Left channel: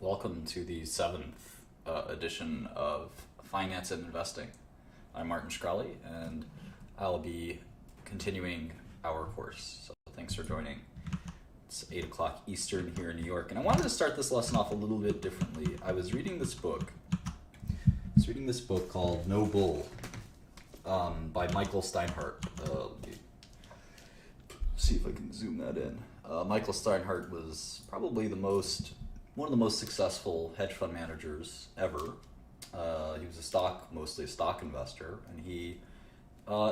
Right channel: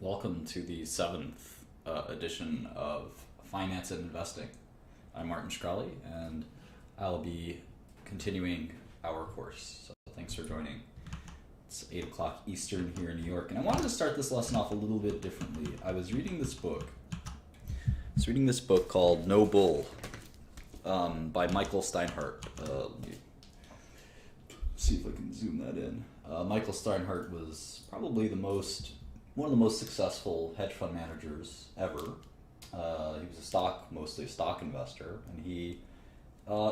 Welcome to the seventh edition of Finance and Investing. I'm Martin Shkreli, and I'll be continuing our course. So thanks for joining. It's 8 o'clock Eastern here in New York, and I wanted to start this lesson off a little bit differently. I was reading this book. Called No Bull by Michael Steinhardt. Let me see if I can zoom that in. Michael Steinhardt was probably one of the most successful hedge fund managers ever. He was mostly a stock investor, and he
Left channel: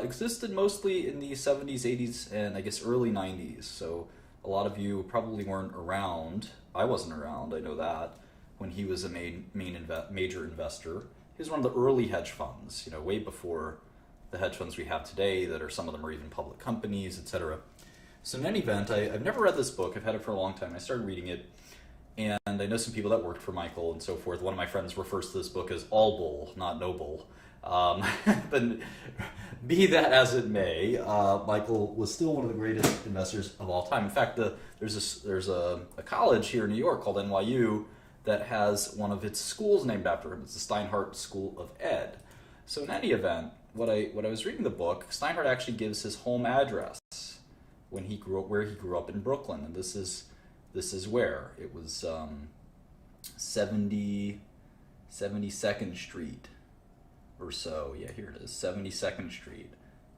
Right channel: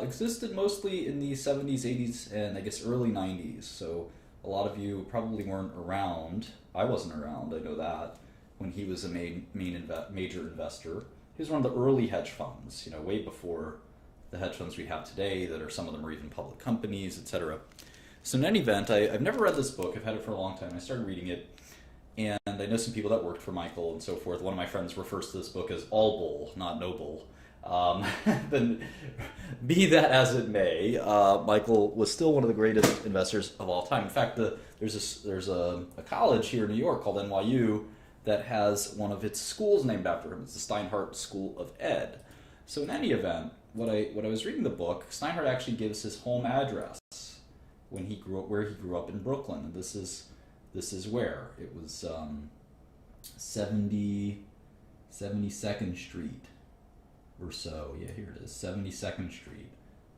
existed mostly in the 70s, 80s, and I guess early 90s. So a lot of you probably weren't around. I wasn't around, I know that, when he was a major investor. He was one of the early hedge funds, way before the hedge funds we have today that are, some of them are even public companies, etc. So in any event, I've never read this book. I've had it for a long time. I started reading it, and I know some people that worked for Michael and so forth. One of my friends refers to this book as All Bull, not No Bull. But be that as it may, Michael was still one of the greatest investors of all time. In fact, there's a college here in New York called NYU that has one of its schools named after him. It's the Steinhardt School of Ed. So in any event, when I was reading the book, Steinhardt actually gives his home address when he grew up, where he grew up in Brooklyn, and this is where it was 72nd Street or so. Yeah, here it is, 72nd Street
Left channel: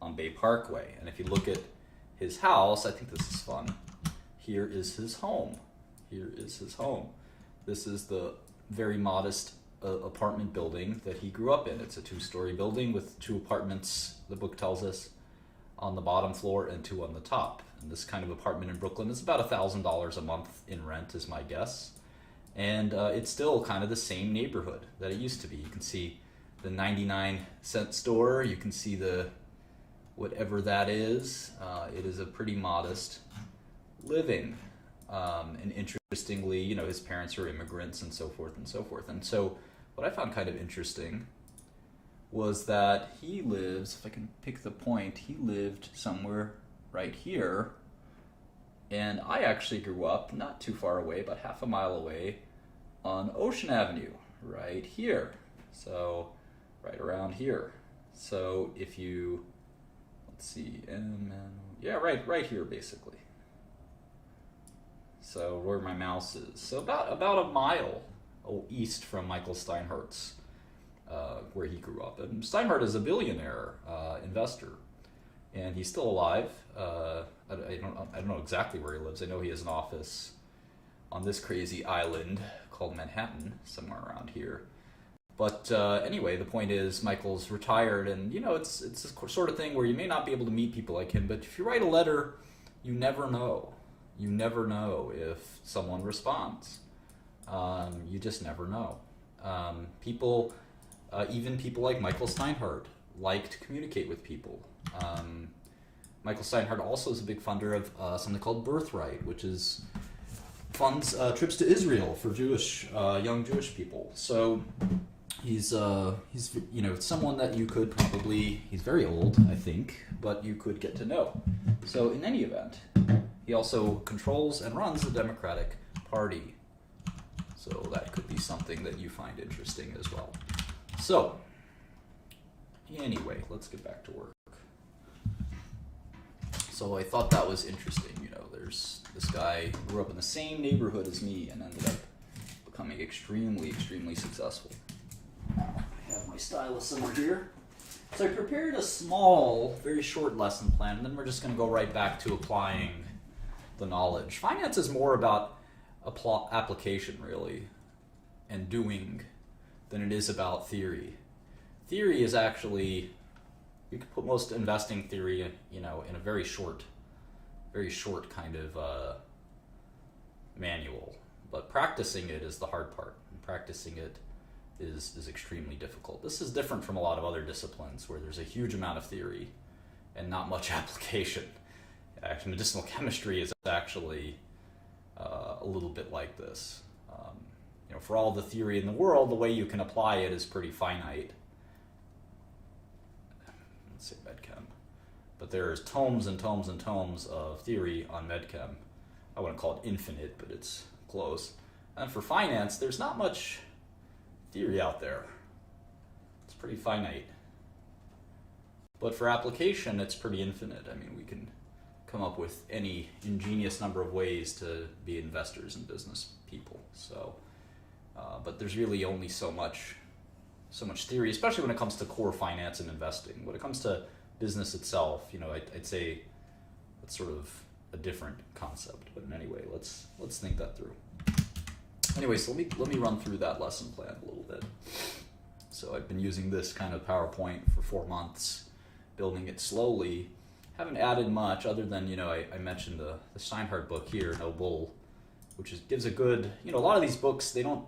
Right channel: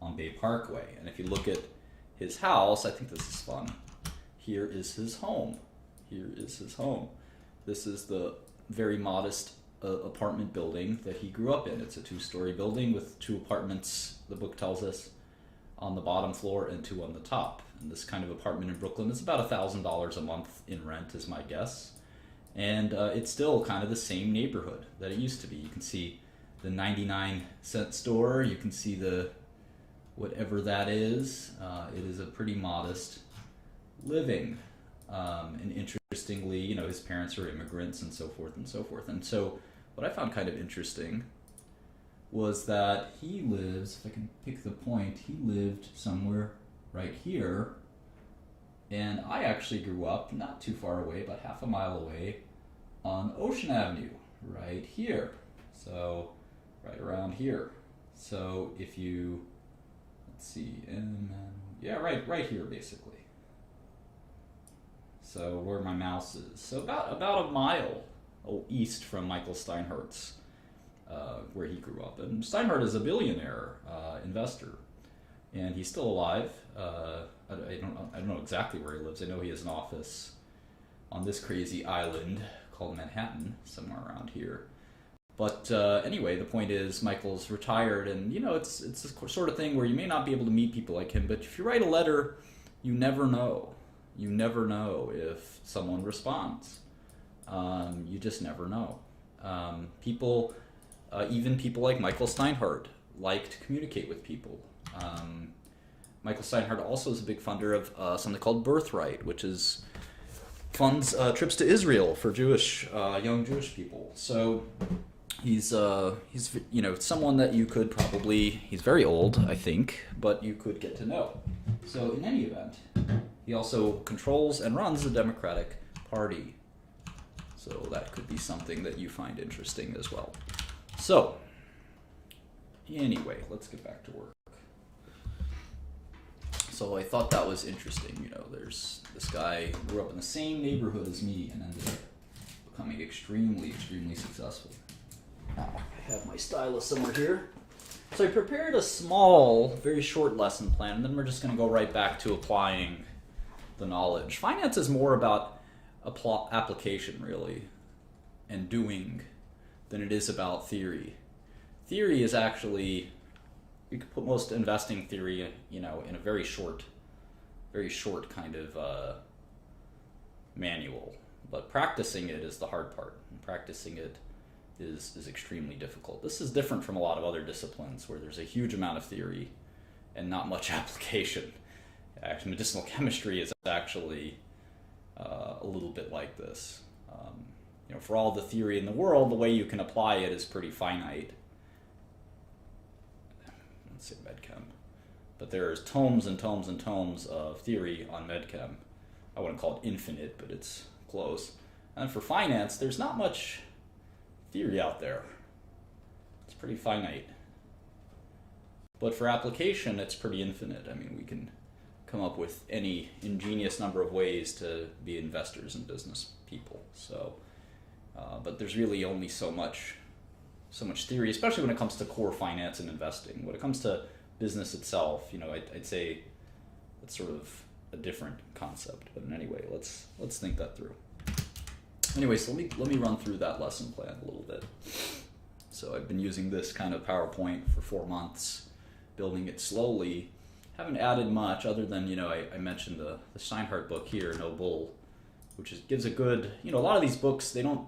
on Bay Parkway. And if you look at his house, I think this is fun. Here is his home. This is the very modest apartment building that he grew up in. It's a 2-story building with 2 apartments, the book tells us, on the bottom floor and 2 on the top. And this kind of apartment in Brooklyn is about $1,000 a month in rent, is my guess. And it's still kind of the same neighborhood that it used to be. You can see the 99-cent store. You can see the whatever that is. It is a pretty modest living. And interestingly, his parents are immigrants and so forth and so forth. And so what I found kind of interesting was that he lives, if I can pick the point, he lived somewhere right here. And I actually grew up not too far away, about half a mile away on Ocean Avenue, right here. So right around here. So if you, let's see, right here basically. So where my mouse is. So about a mile east from Michael Steinhardt's, where he grew up. And Steinhardt is a billionaire investor, and he's still alive. I don't know exactly where he lives. I know he has an office on this crazy island called Manhattan, somewhere around here. But anyway, the point is Michael's retired, and it's the sort of thing where you may not be able to meet people like him, but if you write a letter, you never know. You never know if someone responds. You just never know. Even people like Michael Steinhardt like to communicate with people. Michael Steinhardt also is a big funder of something called Birthright, which funds trips to Israel for young Jewish people. So he's someone that you could probably, he's very old, I think, but you could get to know. So in any event, he also controls and runs the Democratic Party. So that could be something that you find interesting as well. So, anyway, let's get back to work. So I thought that was interesting. There's this guy who grew up in the same neighborhood as me and ended up becoming extremely, extremely successful. I have my stylus somewhere here. So I prepared a small, very short lesson plan, and then we're just going to go right back to applying the knowledge. Finance is more about application, really, and doing, than it is about theory. Theory is actually, you could put most investing theory, in a very short kind of manual. But practicing it is the hard part. And practicing it is extremely difficult. This is different from a lot of other disciplines where there's a huge amount of theory and not much application. Actually, medicinal chemistry is actually a little bit like this. For all the theory in the world, the way you can apply it is pretty finite. Let's say medchem. But there's tomes and tomes and tomes of theory on medchem. I wouldn't call it infinite, but it's close. And for finance, there's not much theory out there. It's pretty finite. But for application, it's pretty infinite. I mean, we can come up with any ingenious number of ways to be investors and business people. So, but there's really only so much theory, especially when it comes to core finance and investing. When it comes to business itself, I'd say it's sort of a different concept. But in any way, let's think that through. Anyway, so let me run through that lesson plan a little bit. So I've been using this kind of PowerPoint for 4 months, building it slowly. Haven't added much other than, I mentioned the Steinhardt book here, No Bull, which gives a good, a lot of these books, they don't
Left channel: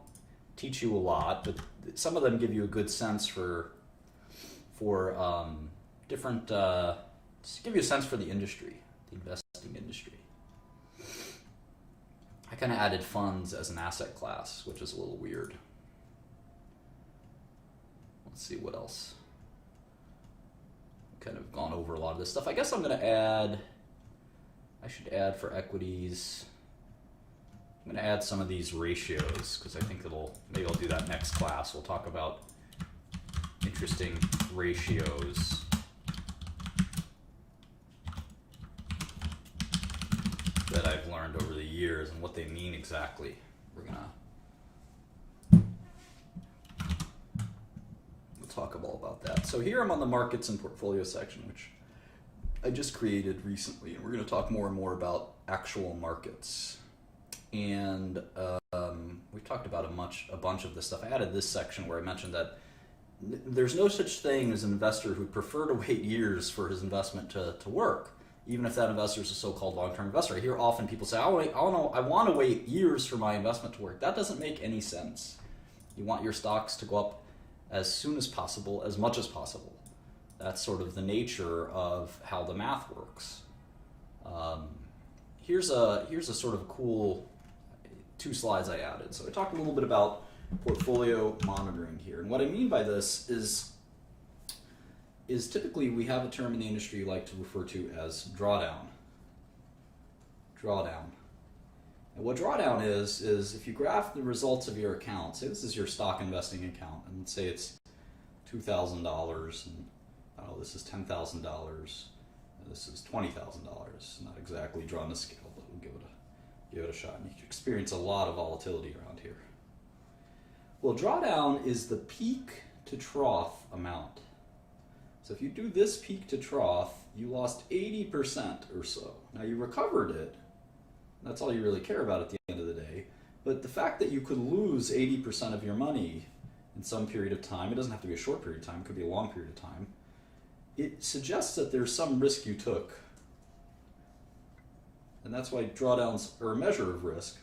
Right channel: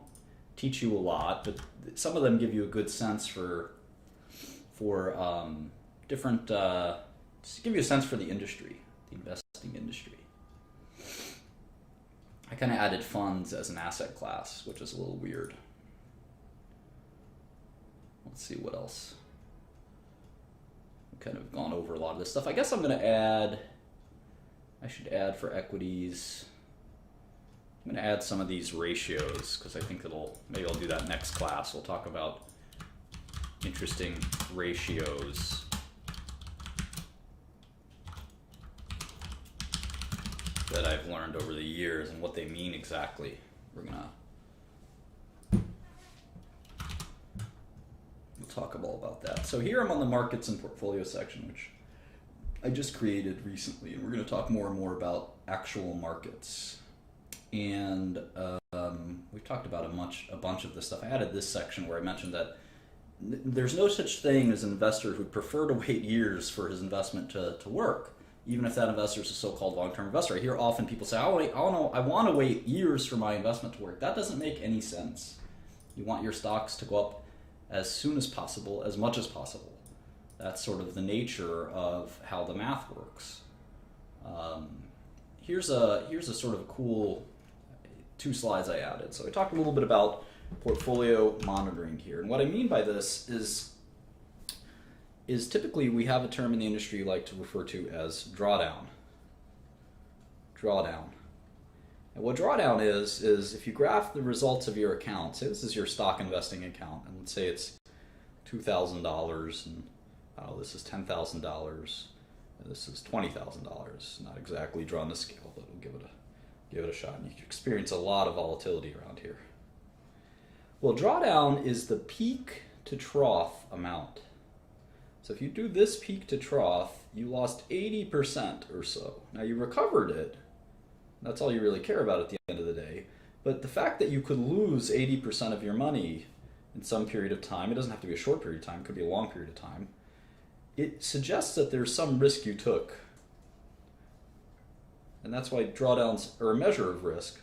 teach you a lot, but some of them give you a good sense for different, just give you a sense for the industry, the investing industry. I kind of added funds as an asset class, which is a little weird. Let's see what else. I've kind of gone over a lot of this stuff. I guess I'm going to add, I should add for equities, I'm going to add some of these ratios because I think maybe I'll do that next class. We'll talk about interesting ratios. That I've learned over the years and what they mean exactly. We'll talk all about that. So here I'm on the markets and portfolio section, which I just created recently, and we're going to talk more and more about actual markets. And we've talked about a bunch of this stuff. I added this section where I mentioned that there's no such thing as an investor who would prefer to wait years for his investment to work, even if that investor is a so-called long-term investor. I hear often people say, I want to wait years for my investment to work. That doesn't make any sense. You want your stocks to go up as soon as possible, as much as possible. That's sort of the nature of how the math works. Here's a sort of cool 2 slides I added. So I talked a little bit about portfolio monitoring here. And what I mean by this is typically we have a term in the industry you like to refer to as drawdown. Drawdown. And what drawdown is if you graph the results of your account, say this is your stock investing account, and let's say it's $2,000, and this is $10,000, and this is $20,000. Not exactly drawn to scale, but we'll give it a shot. You can experience a lot of volatility around here. Well, drawdown is the peak to trough amount. So if you do this peak to trough, you lost 80% or so. Now you recovered it. That's all you really care about at the end of the day. But the fact that you could lose 80% of your money in some period of time, it doesn't have to be a short period of time, it could be a long period of time, it suggests that there's some risk you took. And that's why drawdowns are a measure of risk.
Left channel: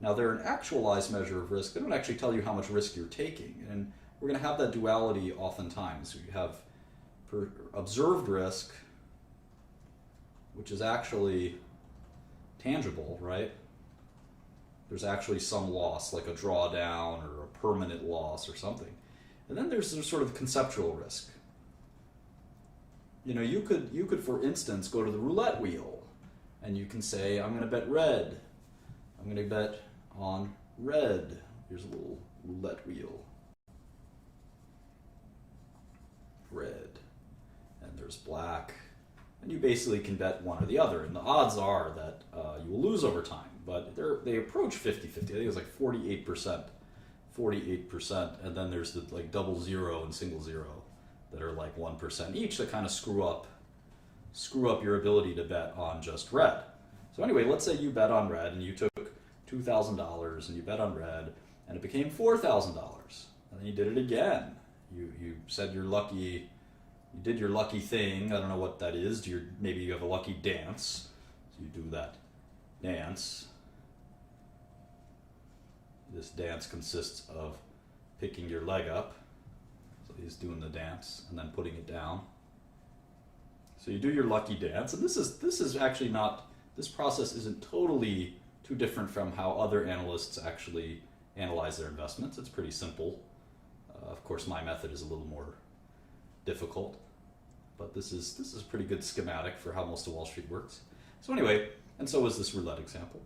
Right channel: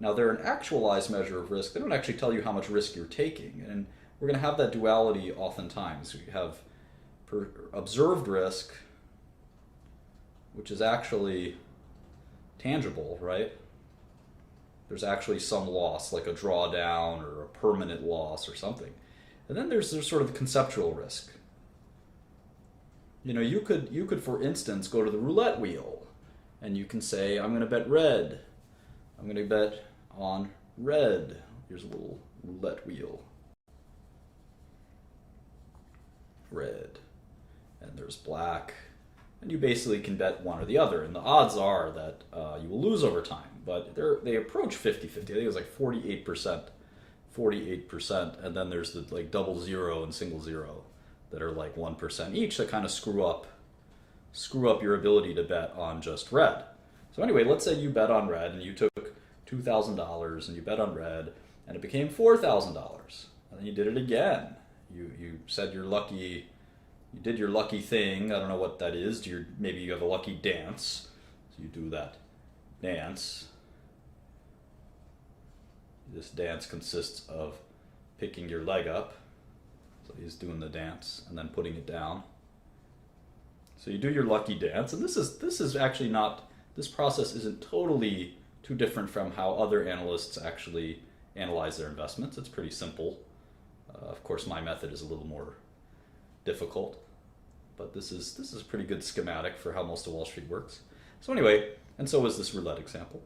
Now they're an actualized measure of risk. They don't actually tell you how much risk you're taking. And we're going to have that duality oftentimes. You have observed risk, which is actually tangible, right? There's actually some loss, like a drawdown or a permanent loss or something. And then there's sort of conceptual risk. You could, for instance, go to the roulette wheel, and you can say, I'm going to bet red. I'm going to bet on red. Here's a little roulette wheel. Red. And there's black. And you basically can bet one or the other. And the odds are that you will lose over time. But they approach 50-50. I think it's like 48%. 48%. And then there's the double zero and single zero that are like 1% each that kind of screw up your ability to bet on just red. So anyway, let's say you bet on red and you took $2,000 and you bet on red and it became $4,000. And then you did it again. You said you're lucky. You did your lucky thing. I don't know what that is. Maybe you have a lucky dance. So you do that dance. This dance consists of picking your leg up. So he's doing the dance and then putting it down. So you do your lucky dance, and this is actually not, this process isn't totally too different from how other analysts actually analyze their investments. It's pretty simple. Of course, my method is a little more difficult, but this is a pretty good schematic for how most of Wall Street works. So anyway, and so was this roulette example.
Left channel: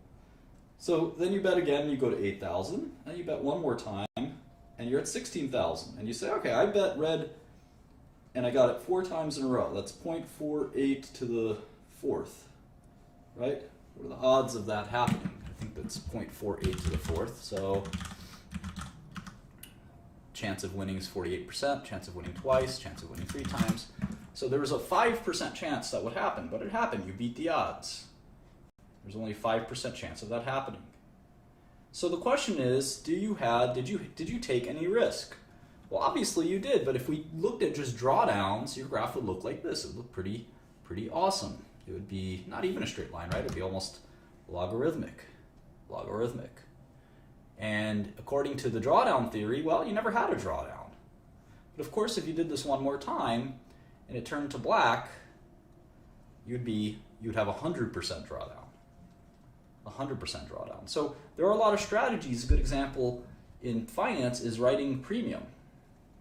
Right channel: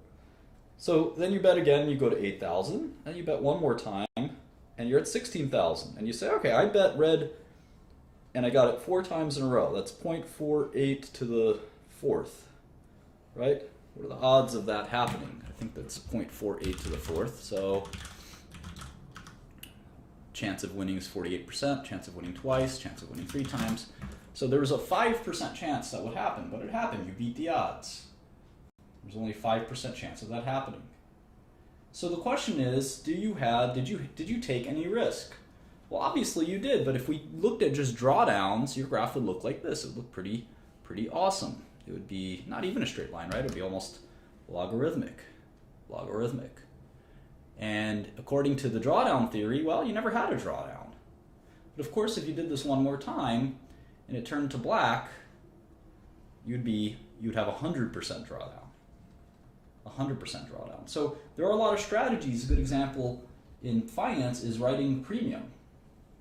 So then you bet again, you go to 8,000, and you bet one more time, and you're at 16,000. And you say, okay, I bet red, and I got it 4 times in a row. That's 0.48 to the fourth, right? What are the odds of that happening? I think that's 0.48 to the fourth. So chance of winning is 48%, chance of winning twice, chance of winning 3 times. So there was a 5% chance that would happen, but it happened. You beat the odds. There's only a 5% chance of that happening. So the question is, did you take any risk? Well, obviously you did, but if we looked at just drawdowns, your graph would look like this. It would look pretty awesome. It would be not even a straight line, right? It would be almost logarithmic. And according to the drawdown theory, well, you never had a drawdown. But of course, if you did this one more time and it turned to black, you'd have 100% drawdown. 100% drawdown. So there are a lot of strategies. A good example in finance is writing premium.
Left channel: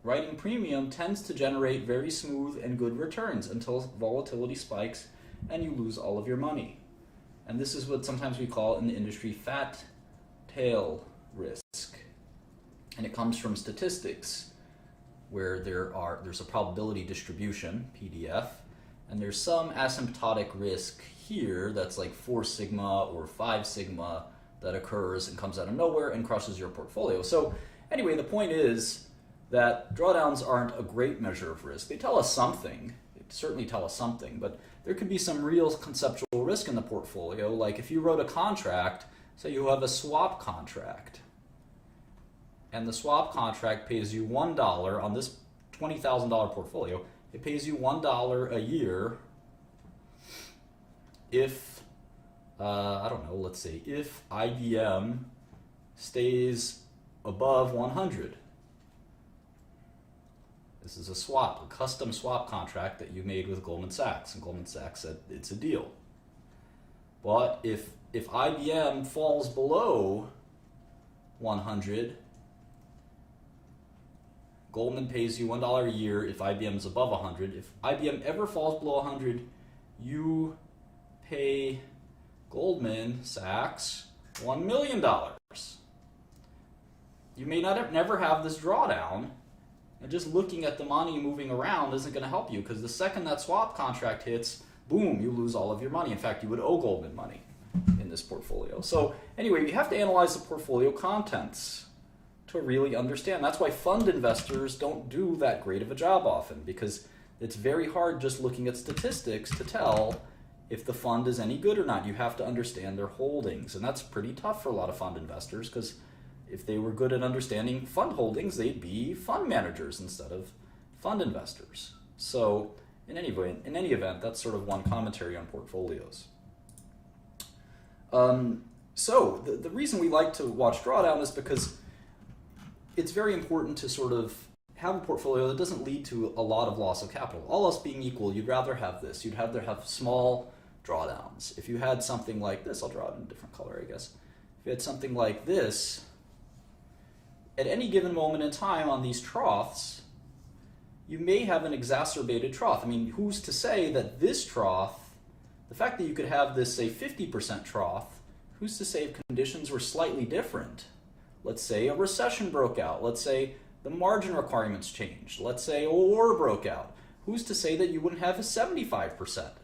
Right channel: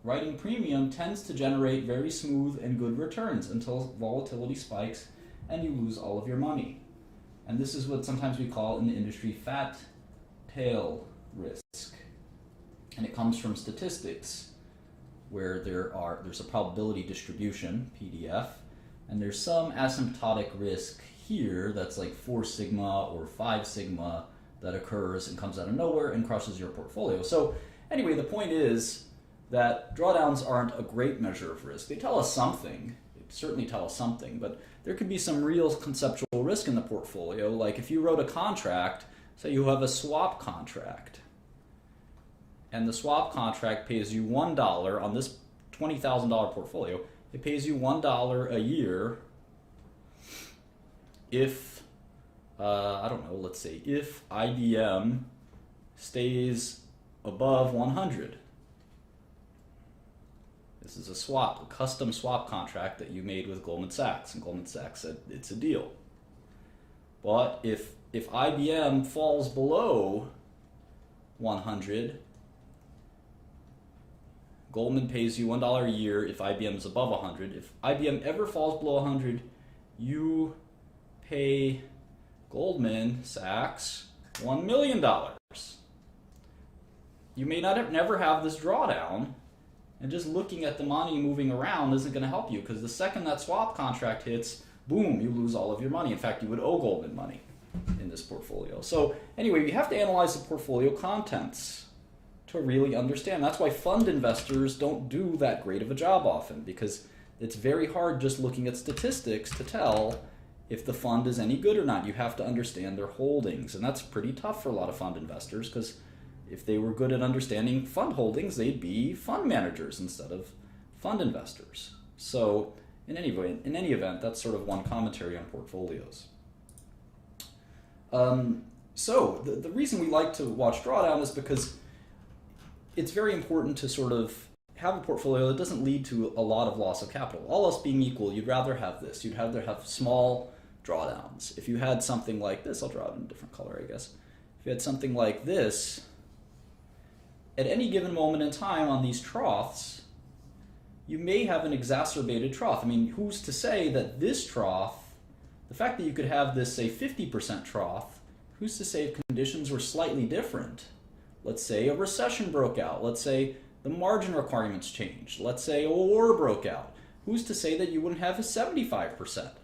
Writing premium tends to generate very smooth and good returns until volatility spikes and you lose all of your money. And this is what sometimes we call in the industry fat tail risk. And it comes from statistics where there's a probability distribution, PDF, and there's some asymptotic risk here that's like 4 sigma or 5 sigma that occurs and comes out of nowhere and crushes your portfolio. So anyway, the point is that drawdowns aren't a great measure of risk. They tell us something. They certainly tell us something, but there could be some real conceptual risk in the portfolio. Like if you wrote a contract, say you have a swap contract, and the swap contract pays you $1 on this $20,000 portfolio. It pays you $1 a year if, I don't know, let's say if IBM stays above 100. This is a swap, a custom swap contract that you made with Goldman Sachs, and Goldman Sachs said it's a deal. But if IBM falls below 100, Goldman pays you $1 a year if IBM is above 100. If IBM ever falls below 100, you pay Goldman Sachs $1 million. You may never have this drawdown, and just looking at the money moving around isn't going to help you, because the second that swap contract hits, boom, you lose all of your money. In fact, you would owe Goldman money in this portfolio. So anyway, you have to analyze the portfolio contents to really understand. That's why fund investors don't do that great of a job often, because it's very hard just looking at statistics to tell if the fund is any good or not. You have to understand their holdings, and that's pretty tough for a lot of fund investors, because if they were good at understanding fund holdings, they'd be fund managers instead of fund investors. So in any event, that's sort of one commentary on portfolios. So the reason we like to watch drawdown is because it's very important to sort of have a portfolio that doesn't lead to a lot of loss of capital. All else being equal, you'd rather have this. You'd rather have small drawdowns. If you had something like this, I'll draw it in a different color, I guess. If you had something like this, at any given moment in time on these troughs, you may have an exacerbated trough. I mean, who's to say that this trough, the fact that you could have this, say, 50% trough, who's to say if conditions were slightly different? Let's say a recession broke out. Let's say the margin requirements changed. Let's say a war broke out. Who's to say that you wouldn't have a 75%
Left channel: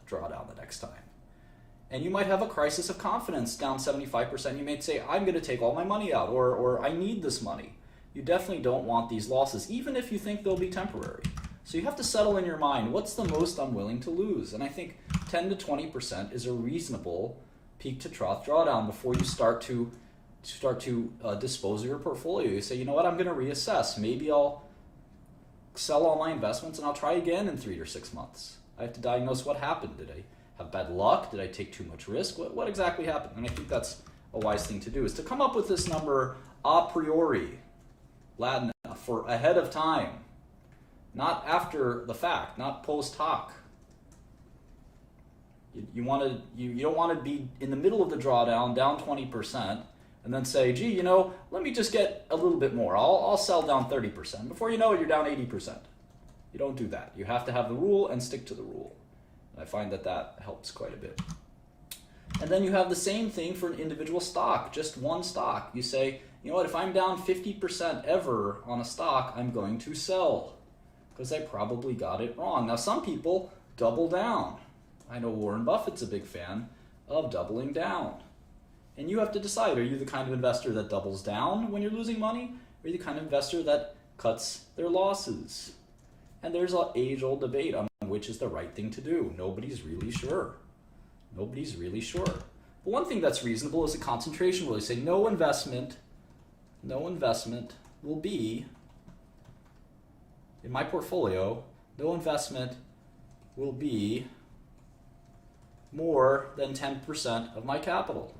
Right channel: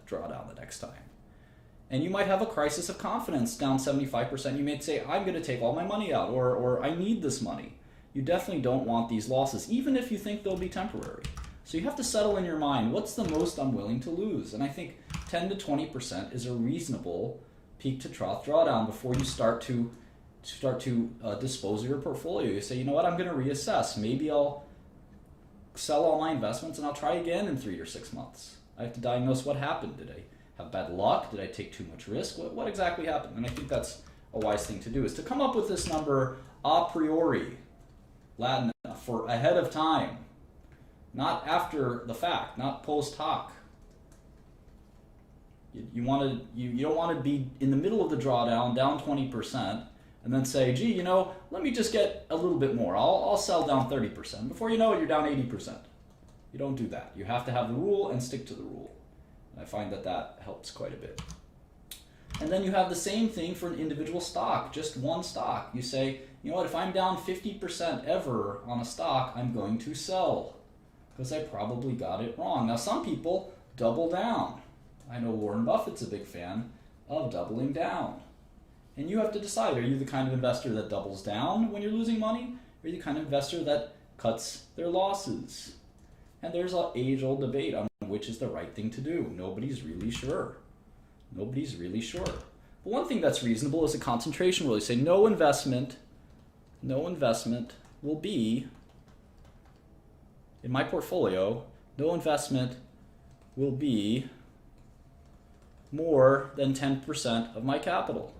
drawdown the next time? And you might have a crisis of confidence down 75%. You may say, I'm going to take all my money out, or I need this money. You definitely don't want these losses, even if you think they'll be temporary. So you have to settle in your mind, what's the most I'm willing to lose? And I think 10 to 20% is a reasonable peak to trough drawdown before you start to dispose of your portfolio. You say, you know what, I'm going to reassess. Maybe I'll sell all my investments and I'll try again in 3 or 6 months. I have to diagnose what happened. Did I have bad luck? Did I take too much risk? What exactly happened? And I think that's a wise thing to do, is to come up with this number a priori, Latin, for ahead of time, not after the fact, not post hoc. You don't want to be in the middle of the drawdown, down 20%, and then say, gee, you know, let me just get a little bit more. I'll sell down 30%. Before you know it, you're down 80%. You don't do that. You have to have the rule and stick to the rule. And I find that helps quite a bit. And then you have the same thing for an individual stock, just one stock. You say, you know what, if I'm down 50% ever on a stock, I'm going to sell because I probably got it wrong. Now, some people double down. I know Warren Buffett's a big fan of doubling down. And you have to decide, are you the kind of investor that doubles down when you're losing money? Or are you the kind of investor that cuts their losses? And there's an age-old debate on which is the right thing to do. Nobody's really sure. Nobody's really sure. But one thing that's reasonable is a concentration rule. You say no investment will be, in my portfolio, no investment will be more than 10% of my capital.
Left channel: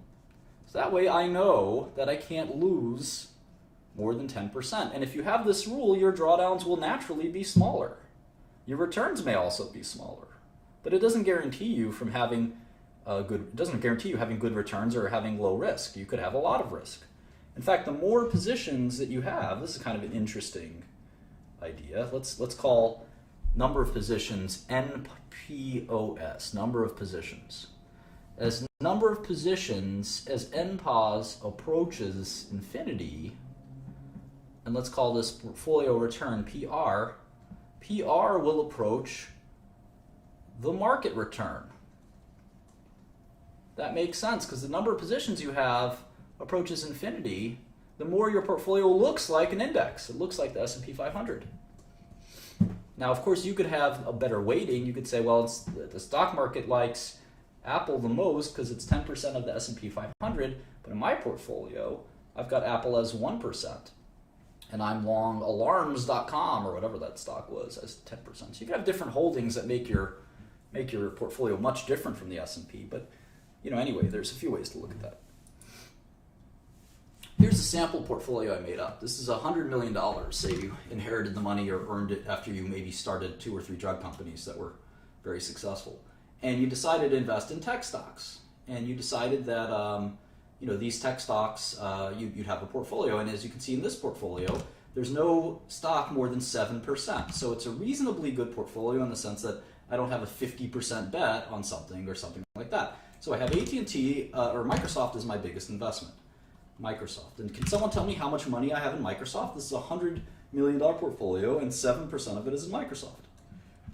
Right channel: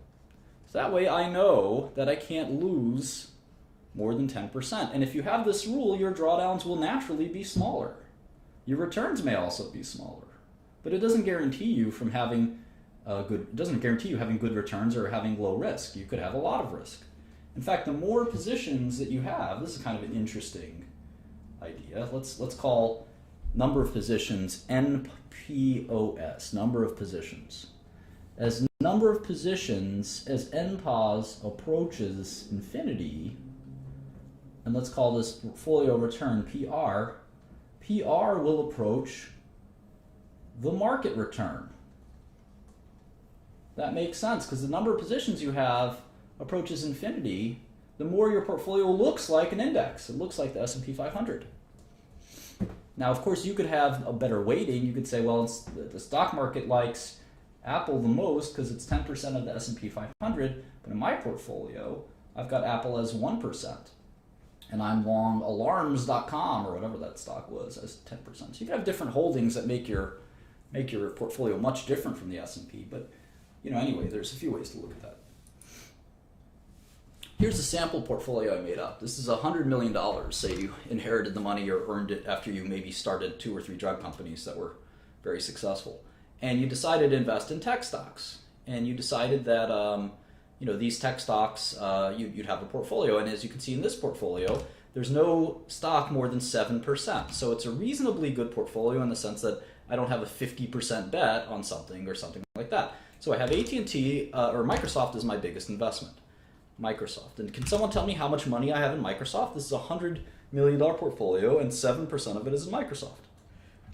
So that way I know that I can't lose more than 10%. And if you have this rule, your drawdowns will naturally be smaller. Your returns may also be smaller. But it doesn't guarantee you from having having good returns or having low risk. You could have a lot of risk. In fact, the more positions that you have, this is kind of an interesting idea. Let's call number of positions NPOS, number of positions. As number of positions, as NPOS approaches infinity, and let's call this portfolio return PR, PR will approach the market return. That makes sense because the number of positions you have approaches infinity, the more your portfolio looks like an index. It looks like the S&P 500. Now, of course, you could have a better weighting. You could say, well, the stock market likes Apple the most because it's 10% of the S&P 500, but in my portfolio, I've got Apple as 1%, and I'm long alarms.com or whatever that stock was as 10%. So you can have different holdings that make your portfolio much different from the S&P, but anyway, there's a few ways to look at that. Here's a sample portfolio I made up. This is $100 million. Say you inherited the money or earned it after you maybe started 2 or 3 drug companies that were very successful. And you decided to invest in tech stocks. And you decided that these tech stocks, you'd have a portfolio. And as you can see in this portfolio, there's no stock more than 7%. So it's a reasonably good portfolio in the sense that I don't have a 50% bet on something or something like that. So I have AT&T, or Microsoft is my biggest investment. Microsoft. And can someone tell me how much money I have in Microsoft? This is a $100 million portfolio, and 7% of it is in Microsoft.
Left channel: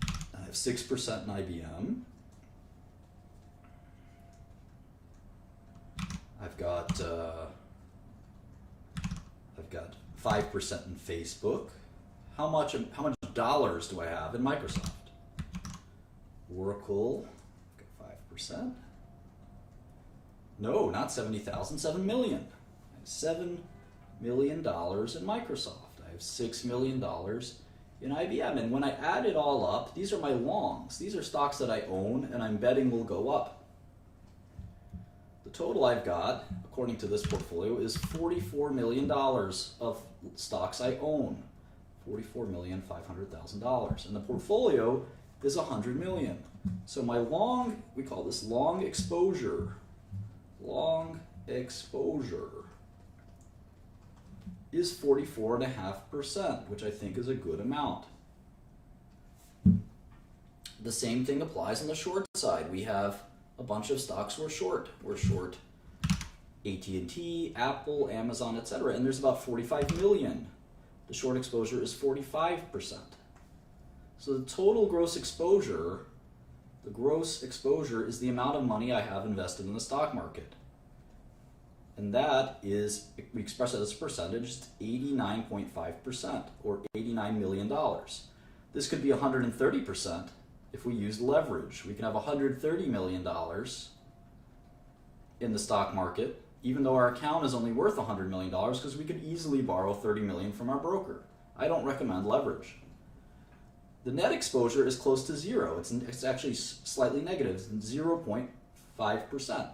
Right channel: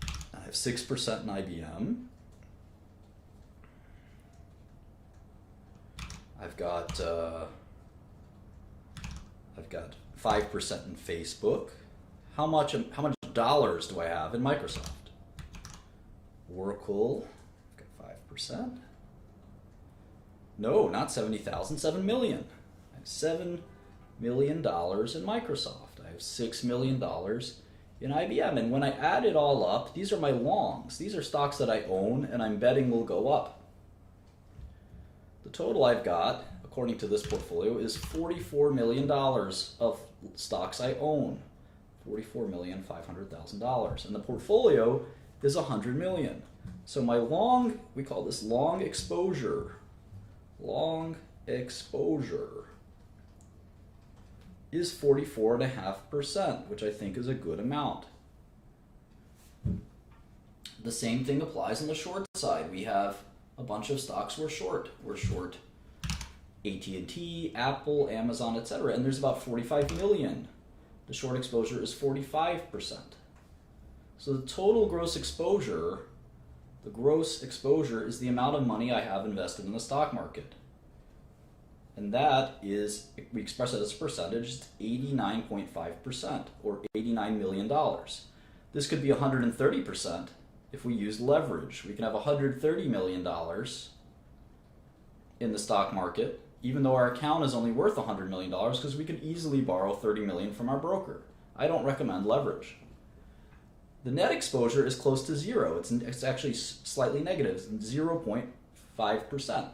I have 6% in IBM. I've got 5% in Facebook. How much dollars do I have in Microsoft? Oracle, I've got 5%. No, not 70,000, 7 million. I have $7 million in Microsoft. I have $6 million in IBM. And when I add it all up, these are my longs. These are stocks that I own and I'm betting will go up. The total I've got, according to this portfolio, is $44 million of stocks I own. $44,500,000. And the portfolio is $100 million. So my long, we call this long exposure. Long exposure is 44.5%, which I think is a good amount. The same thing applies on the short side. We have a bunch of stocks we're short. We're short AT&T, Apple, Amazon, etc. And there's about 45 million. The short exposure is 45%. So the total gross exposure, the gross exposure is the amount of money I have invested in the stock market. And that is, we express it as a percentage, it's 89.5%, or $89 million. This could be 130% if we use leverage. We can have $130 million in the stock market, even though our account is only worth $100 million, because we could easily borrow $30 million from our broker. I don't recommend leverage. The net exposure is close to zero. It's actually slightly negative, it's 0.5%.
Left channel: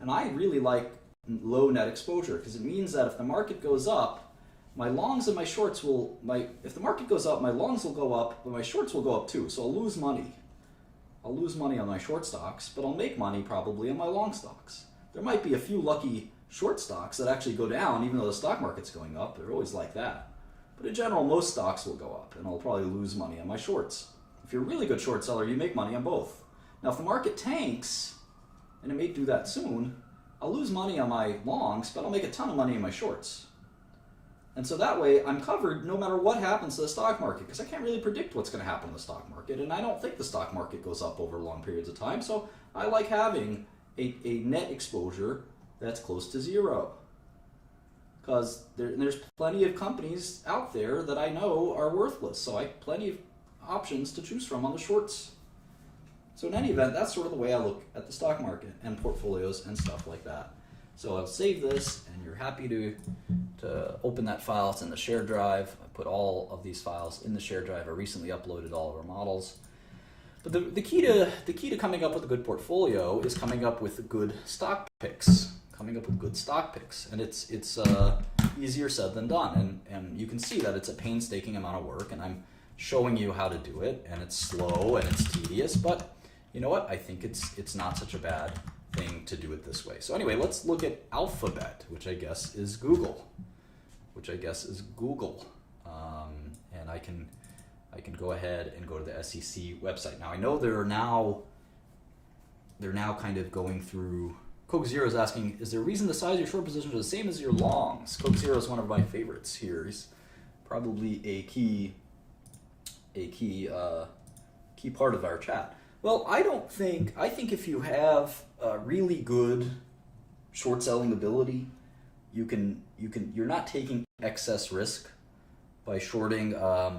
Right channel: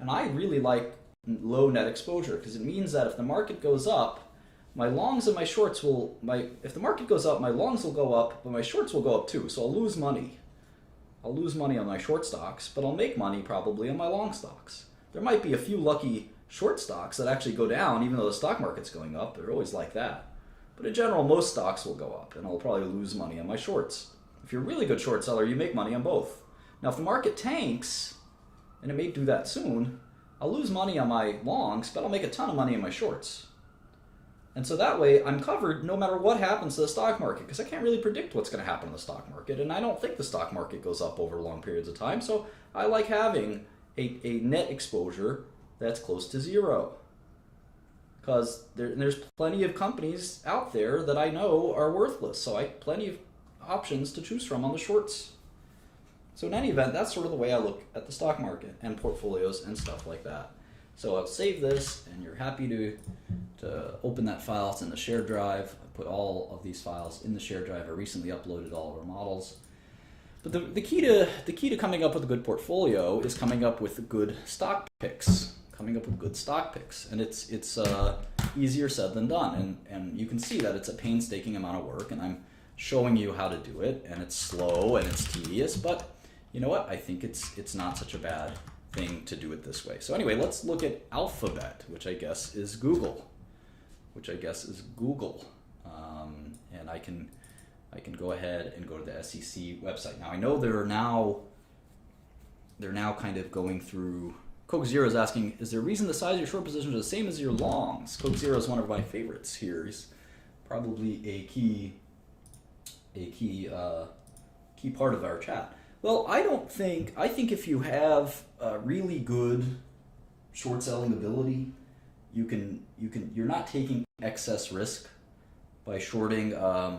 And I really like low net exposure because it means that if the market goes up, my longs and my shorts will, if the market goes up, my longs will go up, but my shorts will go up too. So I'll lose money. I'll lose money on my short stocks, but I'll make money probably on my long stocks. There might be a few lucky short stocks that actually go down even though the stock market's going up. They're always like that. But in general, most stocks will go up, and I'll probably lose money on my shorts. If you're a really good short seller, you make money on both. Now, if the market tanks and it may do that soon, I'll lose money on my longs, but I'll make a ton of money in my shorts. And so that way I'm covered no matter what happens to the stock market, because I can't really predict what's going to happen in the stock market, and I don't think the stock market goes up over long periods of time. So I like having a net exposure that's close to zero, because there's plenty of companies out there that I know are worthless. So I have plenty of options to choose from on the shorts. So in any event, that's sort of the way I look at the stock market and portfolios and stuff like that. So I'll save this, and you're happy to open that file. It's in the shared drive. I put all of these files in the shared drive. I recently uploaded all of our models. But the key to coming up with a good portfolio is coming up with good stock picks. And it's easier said than done. And you can see that it's a painstaking amount of work, and I'm showing you how to do it, and it's slow and it's tedious, but you know what? I think it's not such a bad thing to do it this way. So anyway, let's look at Alphabet, which I guess is Google. And I can go ahead and go to the SEC website. Now I know they're now kind of going through. Coke Zero is asking, is there a reason the size of your short positions are the same as your longs? Coke Zero is one of my favorites here. He's probably a key part of our chat. Well, I think if you have really good short selling ability, you're not taking excess risk by shorting a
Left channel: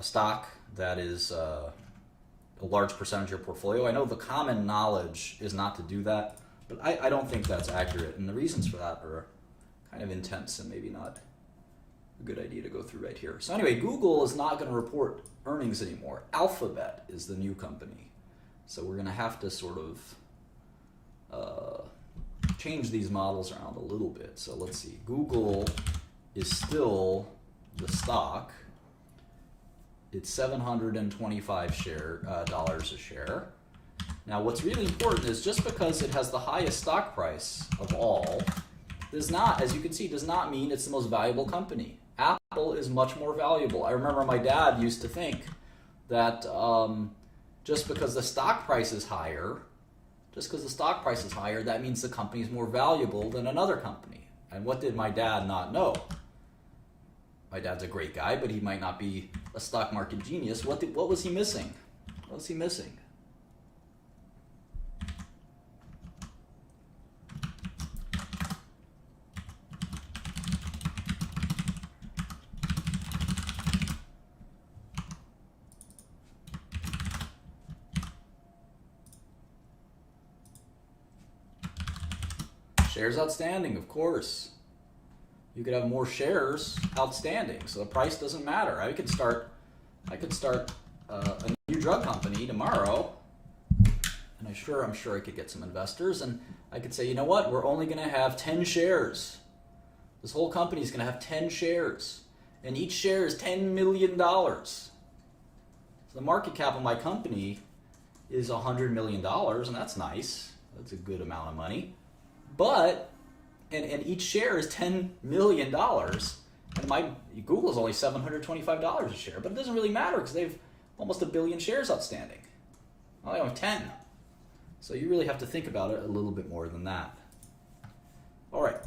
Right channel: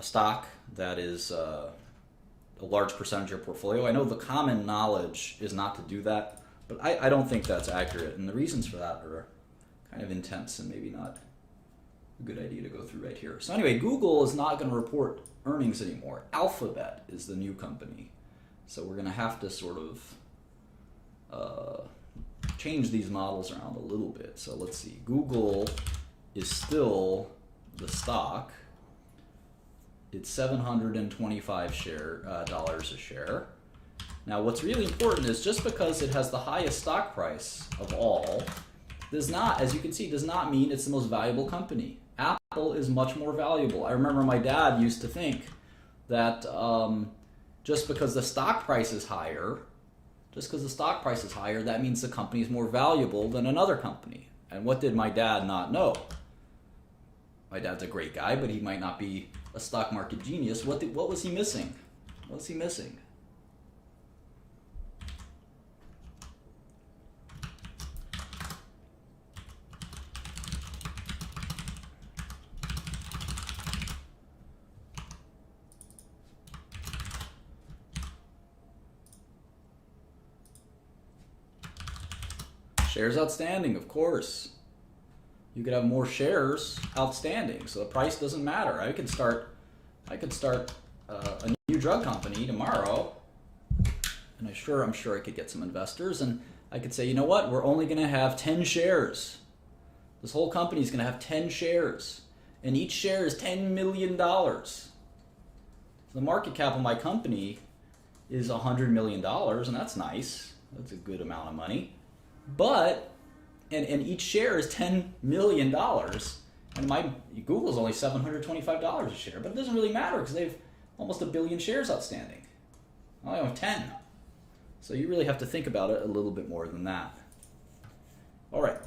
stock that is a large percentage of your portfolio. I know the common knowledge is not to do that, but I don't think that's accurate, and the reasons for that are kind of intense and maybe not a good idea to go through right here. So anyway, Google is not going to report earnings anymore. Alphabet is the new company. So we're going to have to sort of change these models around a little bit. So let's see. Google is still the stock. It's $725 dollars a share. Now what's really important is just because it has the highest stock price of all does not, as you can see, does not mean it's the most valuable company. Apple is much more valuable. I remember my dad used to think that just because the stock price is higher, that means the company is more valuable than another company. And what did my dad not know? My dad's a great guy, but he might not be a stock market genius. What was he missing? What was he missing? Shares outstanding, of course. You could have more shares outstanding, so the price doesn't matter. I could start a new drug company tomorrow, and I'm sure I could get some investors, and I could say, you know what? We're only going to have 10 shares. This whole company is going to have 10 shares, and each share is $10 million. So the market cap of my company is $100 million, and that's nice. That's a good amount of money. But, and each share is $10 million, and my Google is only $725 a share, but it doesn't really matter because they have almost 1 billion shares outstanding. I only have 10. So you really have to think about it a little bit more than that. All right.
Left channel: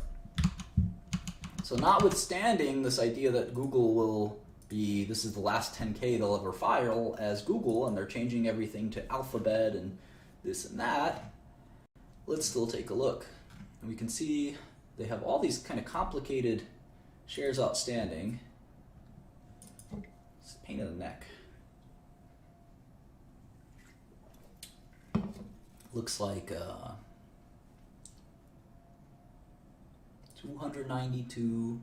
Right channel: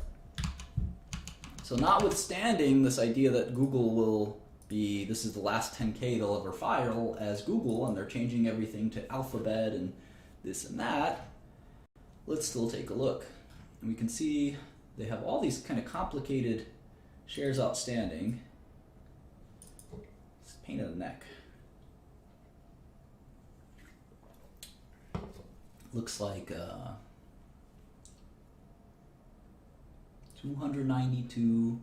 So notwithstanding this idea that Google will be, this is the last 10K they'll ever file as Google, and they're changing everything to Alphabet and this and that, let's still take a look. And we can see they have all these kind of complicated shares outstanding. It's a pain in the neck. Looks like 292,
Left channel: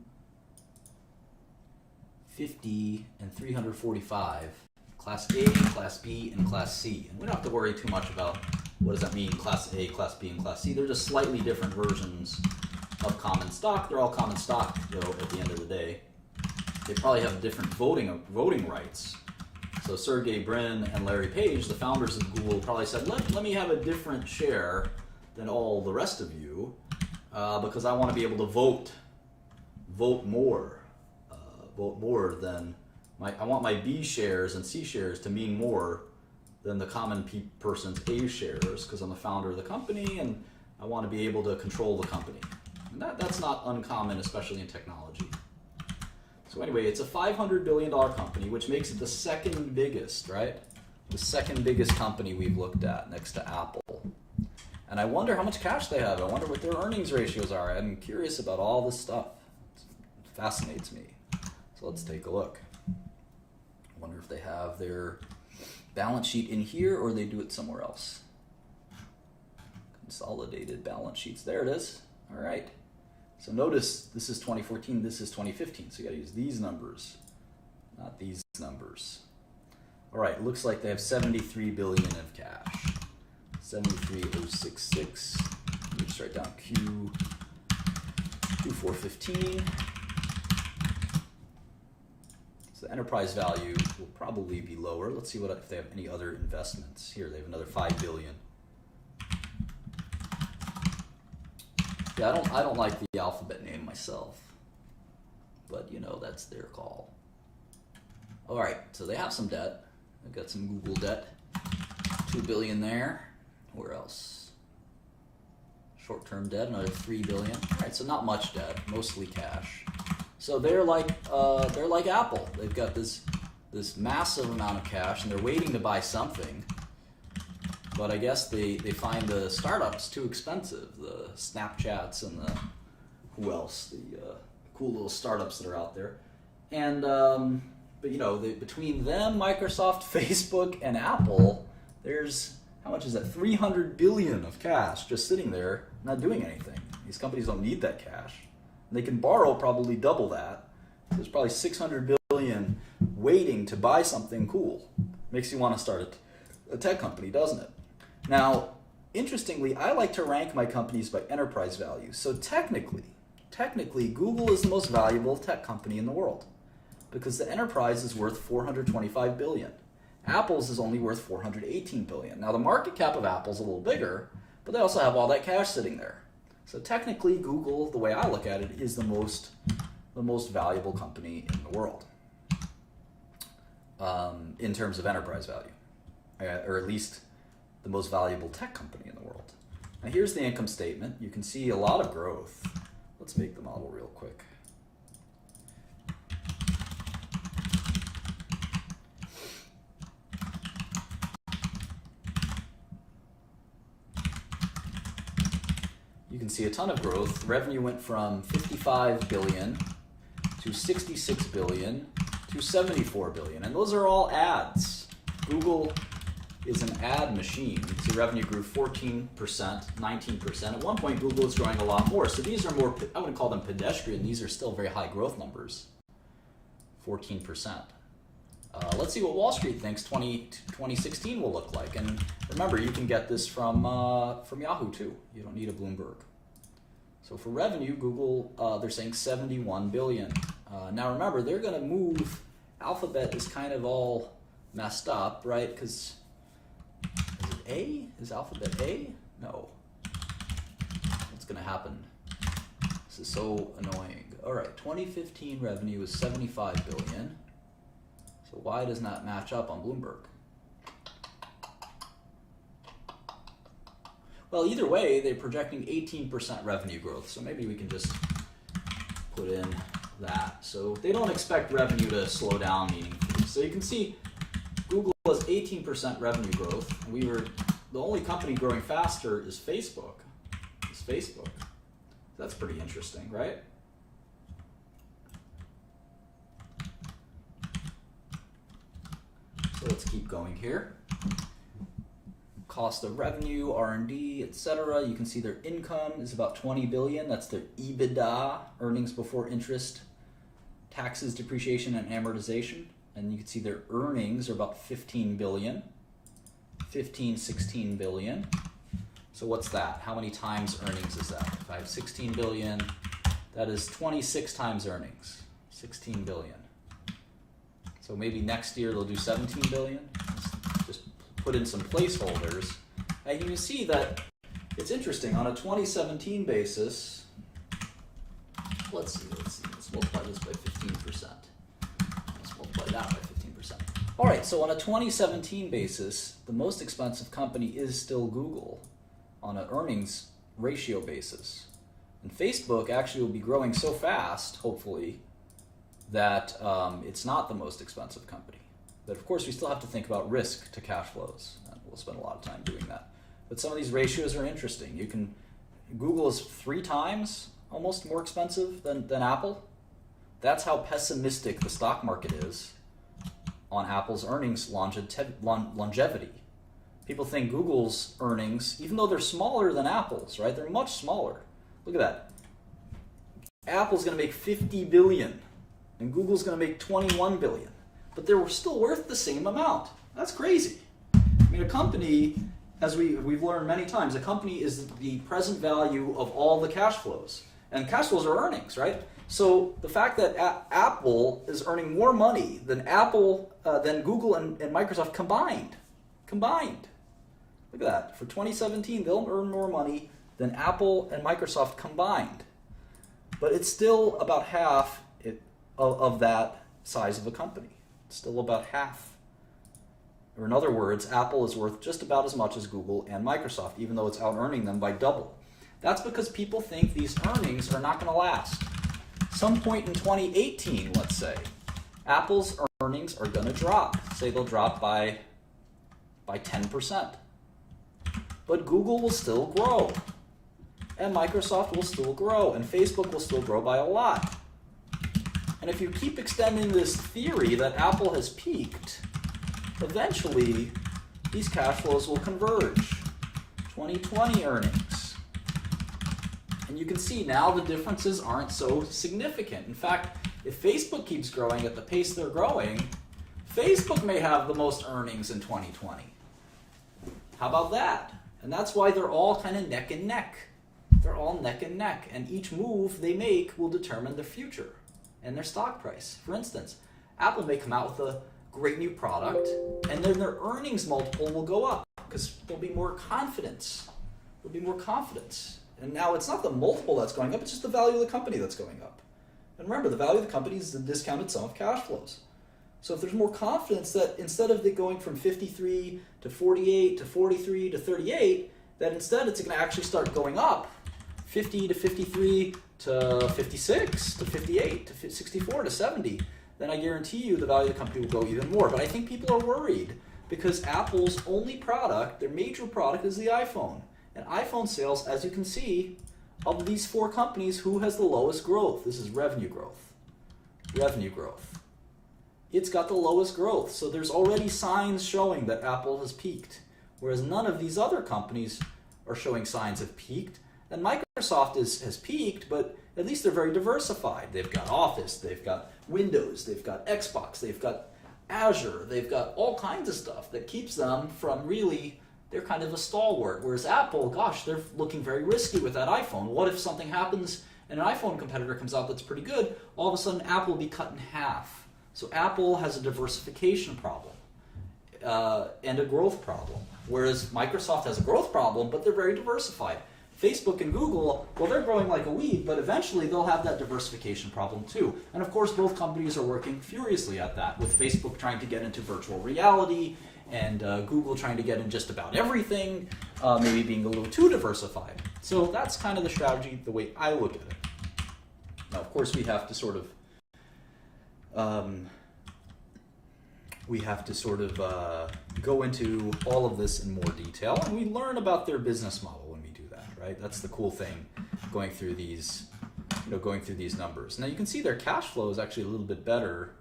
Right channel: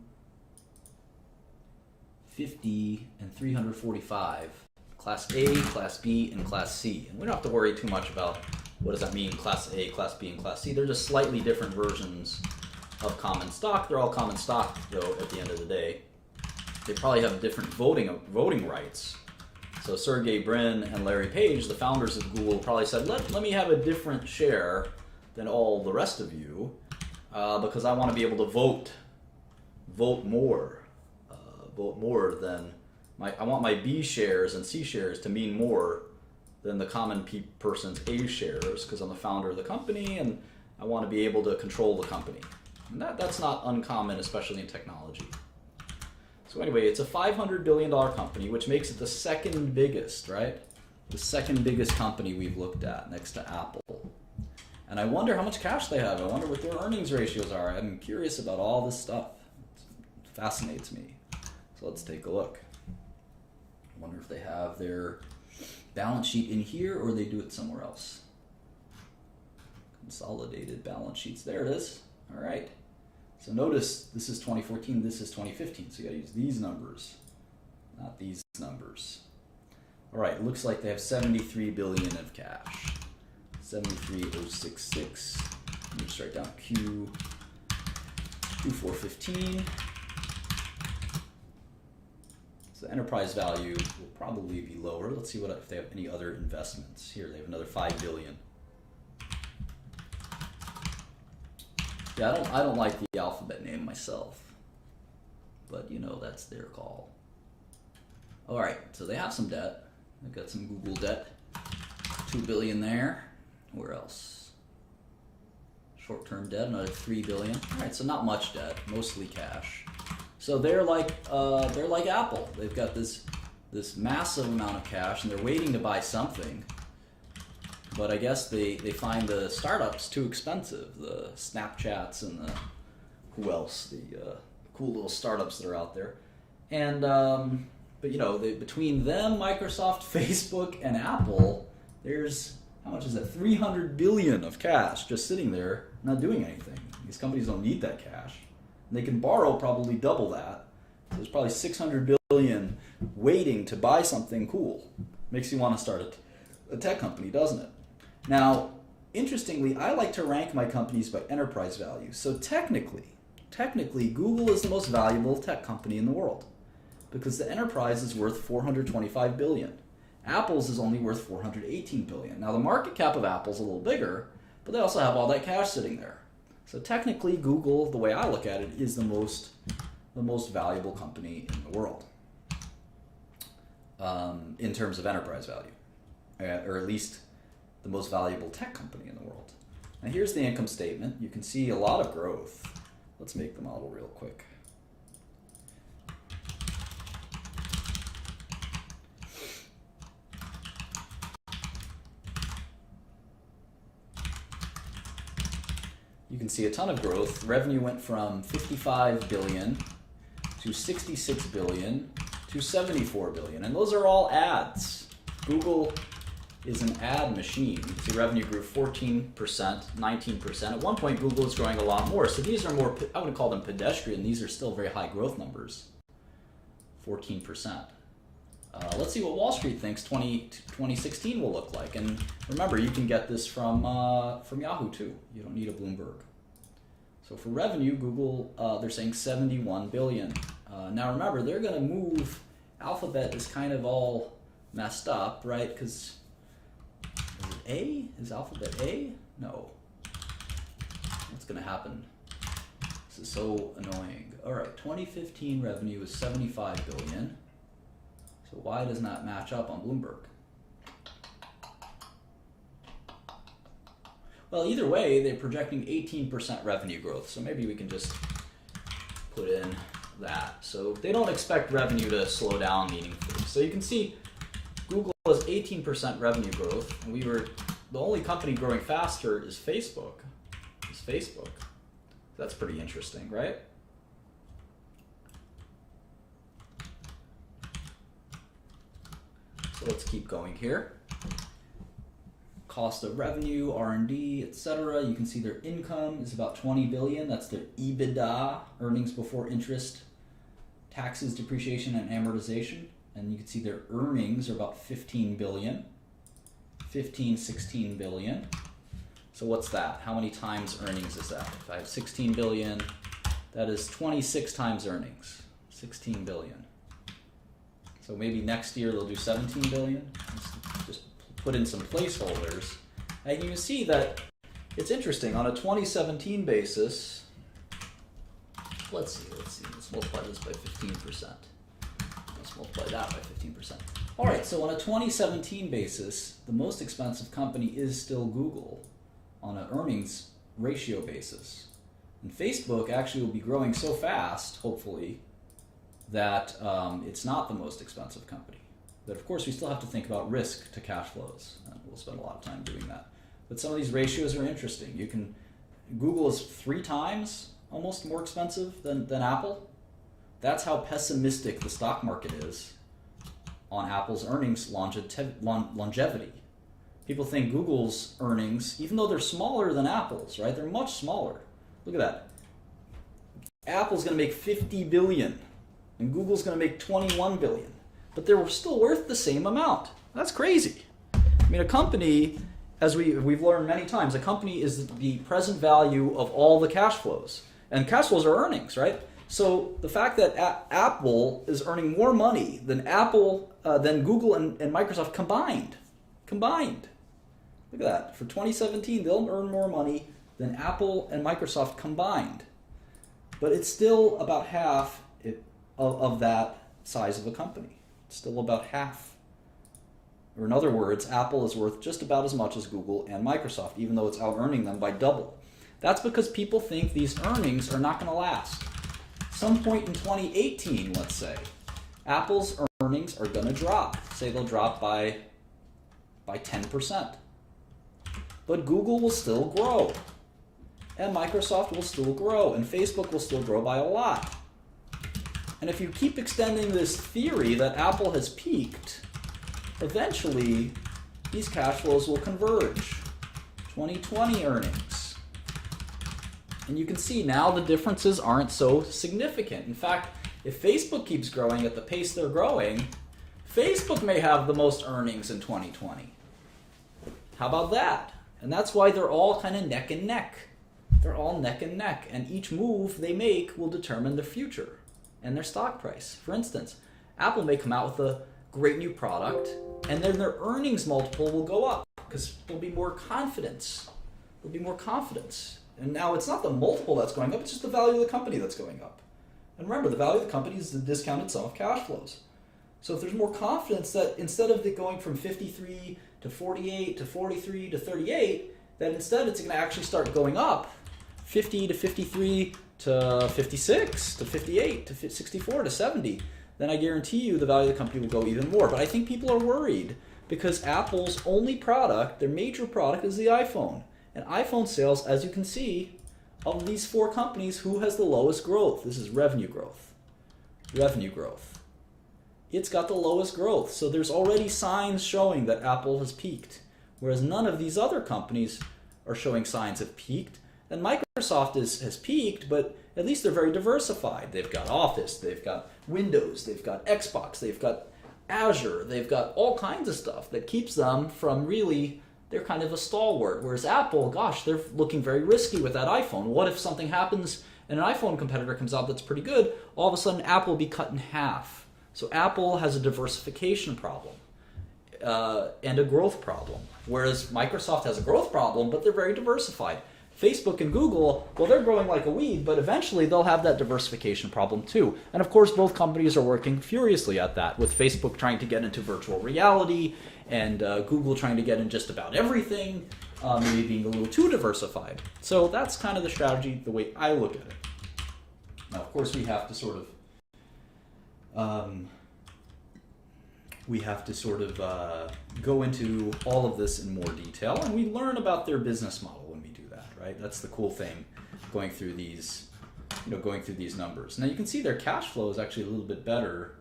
50, and 345. Class A, Class B, and Class C. And we don't have to worry too much about what does that mean, Class A, Class B, and Class C. They're just slightly different versions of common stock. They're all common stock, though, at the end of the day. They probably have different voting rights. So Sergey Brin and Larry Page, the founders of Google, probably said, let me have a different share than all the rest of you because I want to be able to vote more than I want my B shares and C shares to mean more than the common person's A shares because I'm the founder of the company and I want to be able to control the company. And that's not uncommon, especially in technology. So anyway, it's a $500 billion company, which makes it the second biggest, right? The second biggest company we've looked at next to Apple. And I wonder how much cash they have. I wonder what their earnings ratios are. I'm curious about all this stuff. It fascinates me. So let's take a look. I wonder if they have their balance sheet in here or they do it somewhere else. Consolidated balance sheets. There it is. All right. So notice this is 2014, this is 2015. So you got to use these numbers, not these numbers. All right, looks like they have 73 billion of cash. 73066. Let me just write down Q415. So the enterprise value will probably be lower. Let's see what if they have any other investments. Here they have another 5 billion. Yeah, I don't like the alphabet name myself, but you know that's their call. All right, so they have some debt. They've got some Google debt, 2 billion there. Where else? Short-term debt, another 3 billion. All right, so not much debt, mostly cash. So they're like Apple. They've got this massive amount of cash, and they're waiting to buy something. But I guess they find the startups too expensive. The Snapchats and the who else? The cool little startups that are out there. And but you know, between them, Microsoft, Facebook, and Apple, there's how much is that? 300 billion of cash just sitting there, not doing anything. These companies don't need that cash. And they can borrow probably double that. There's probably 600 billion waiting to buy something cool. Makes you want to start a tech company, doesn't it? Now, interestingly, I like to rank my companies by enterprise value. So technically, Google is the most valuable tech company in the world because the enterprise is worth 425 billion. Apple's is only worth 418 billion. Now the market cap of Apple's a little bigger, but they also have all that cash sitting there. So technically Google, the way I look at it, is the most valuable company in the world in terms of enterprise value, or at least the most valuable tech company in the world. Now here's the income statement. You can see a lot of growth. Let's make the model real quick. You can see a ton of growth. Revenue went from 55 billion to 66 billion to 74 billion. And those are all ads. Google is an ad machine. You can see revenue grew 14%, 19%. At one point, Google was growing a lot more. So these are more, I would call them pedestrian. These are still very high growth numbers, 14%. Let's see what Wall Street thinks 2016 will look like. And remember, you can get this from Yahoo too. You don't need a Bloomberg. So for revenue, Google, they're saying 71 billion. Now remember, they're going to move. Alphabet is kind of all messed up, right? Because is it A? Is Alphabet A? No. What's going to happen? This is so annoying. All right, 2015 revenue is 75 billion. So why doesn't that match up on Bloomberg? Well, either way, they're projecting 18% revenue growth. So maybe we can just put in that. So they don't expect revenue to slow down meaningfully. So you can see Google has 18% revenue growth. And the only company growing faster is Facebook. That's pretty interesting, right? So let's keep going here. Cost of revenue, R&D, etc. You can see their income is about 20 billion. That's their EBITDA, earnings before interest, taxes, depreciation, and amortization. And you can see their earnings are about 15 billion, 16 billion. So what's that? How many times earnings is that? If I have 16 billion, that is 26 times earnings, 16 billion. So maybe next year they'll do 17 billion. Just put in some placeholders. And you can see that it's interesting. On a 2017 basis, let's see. Let's multiply this by 15%. Let's multiply that by 15%. All right, so on a 2017 basis, the most expensive company is still Google on an earnings ratio basis. And Facebook actually will be growing so fast, hopefully, that it's not the most expensive company. But of course, we still have to think about risk to cash flows. And we'll spend a lot of time doing that. But some of these ratios are interesting. Google is 3 times almost more expensive than Apple. That's how pessimistic the stock market is on Apple's earnings longevity. People think Google's earnings, even though they're smaller than Apple's, right? They're much smaller. Look at that. Apple's going to make $50 billion, and Google's going to make $21 billion. But they're still worth the same amount. That's crazy. I mean, a company, as we've learned many times, a company is the present value of all the cash flows. And cash flows are earnings, right? So the fact that Apple is earning more money than Google and Microsoft combined. Look at that. For 2017, they'll earn more money than Apple and Microsoft combined. But it's still about half of that size of a company. It's still about half. Or in other words, Apple is worth just about as much as Google and Microsoft, even though it's out-earning them by double. That's because people think these earnings are not going to last. Some point in 2018, let's say, Apple's earnings are going to drop. Say they'll drop by 10%. But Google will still grow. And Microsoft will still grow. And Facebook will still grow by a lot. And if you keep extending this theory that Apple has peaked, eventually these cash flows will converge. 2020 earnings. And you can see now the differences aren't so significant. In fact, if Facebook keeps growing at the pace they're growing, Facebook may have the most earnings in 2020. How about that? And that's why they're all kind of neck and neck. They're all neck and neck. And each move they make will determine the future and their stock price. For instance, Apple may come out with a great new product, and then their earnings multiple will go up because there'll be more confidence. There'll be more confidence. And now it's not the multiple that's going up, it's just the value of the company that's going up. And remember, the value of the company is the discounted sum of cash flows. So if there's more confidence that instead of it going from 53 to 48 to 43 to 38, that instead it's going to actually start going up 50 to 53 to 56 to 58 to 64 to 70, then I guarantee you the value of the company will go even more. But I think people are worried because Apple's only product, their major product, is the iPhone. And iPhone sales, as you can see, of these 4 companies, who has the lowest growth? This is revenue growth. Revenue growth. It's got the lowest growth. So there's already signs showing that Apple has peaked, whereas none of these other companies are showing signs of peaked. And Microsoft has peaked, but at least they're very diversified. They've got Office, they've got Windows, they've got Xbox, they've got Azure, they've got all kinds of stuff that keeps them from really, they're kind of a stalwart. Whereas Apple, gosh, they're looking very risky with that iPhone. What if something happens and an iPhone competitor comes out that's pretty good? All of a sudden, Apple will be cut in half. So Apple has a diversification problem and a growth problem, whereas Microsoft has a growth problem, but they're very diversified. Facebook and Google, well, they're growing like a weed, but eventually they'll have that diversification problem too. And of course, both companies are working furiously at that, with Facebook trying to get into virtual reality and Google trying to get in just about everything, maybe being a little too diversified. So that's kind of the strategy, the way I look at it. Now, of course, we have to sort of go into all of this in more detail, and we learn about their business model when we do that, right? That's the cool thing, going through these numbers. Now you can see their cash flow is actually a little bit better.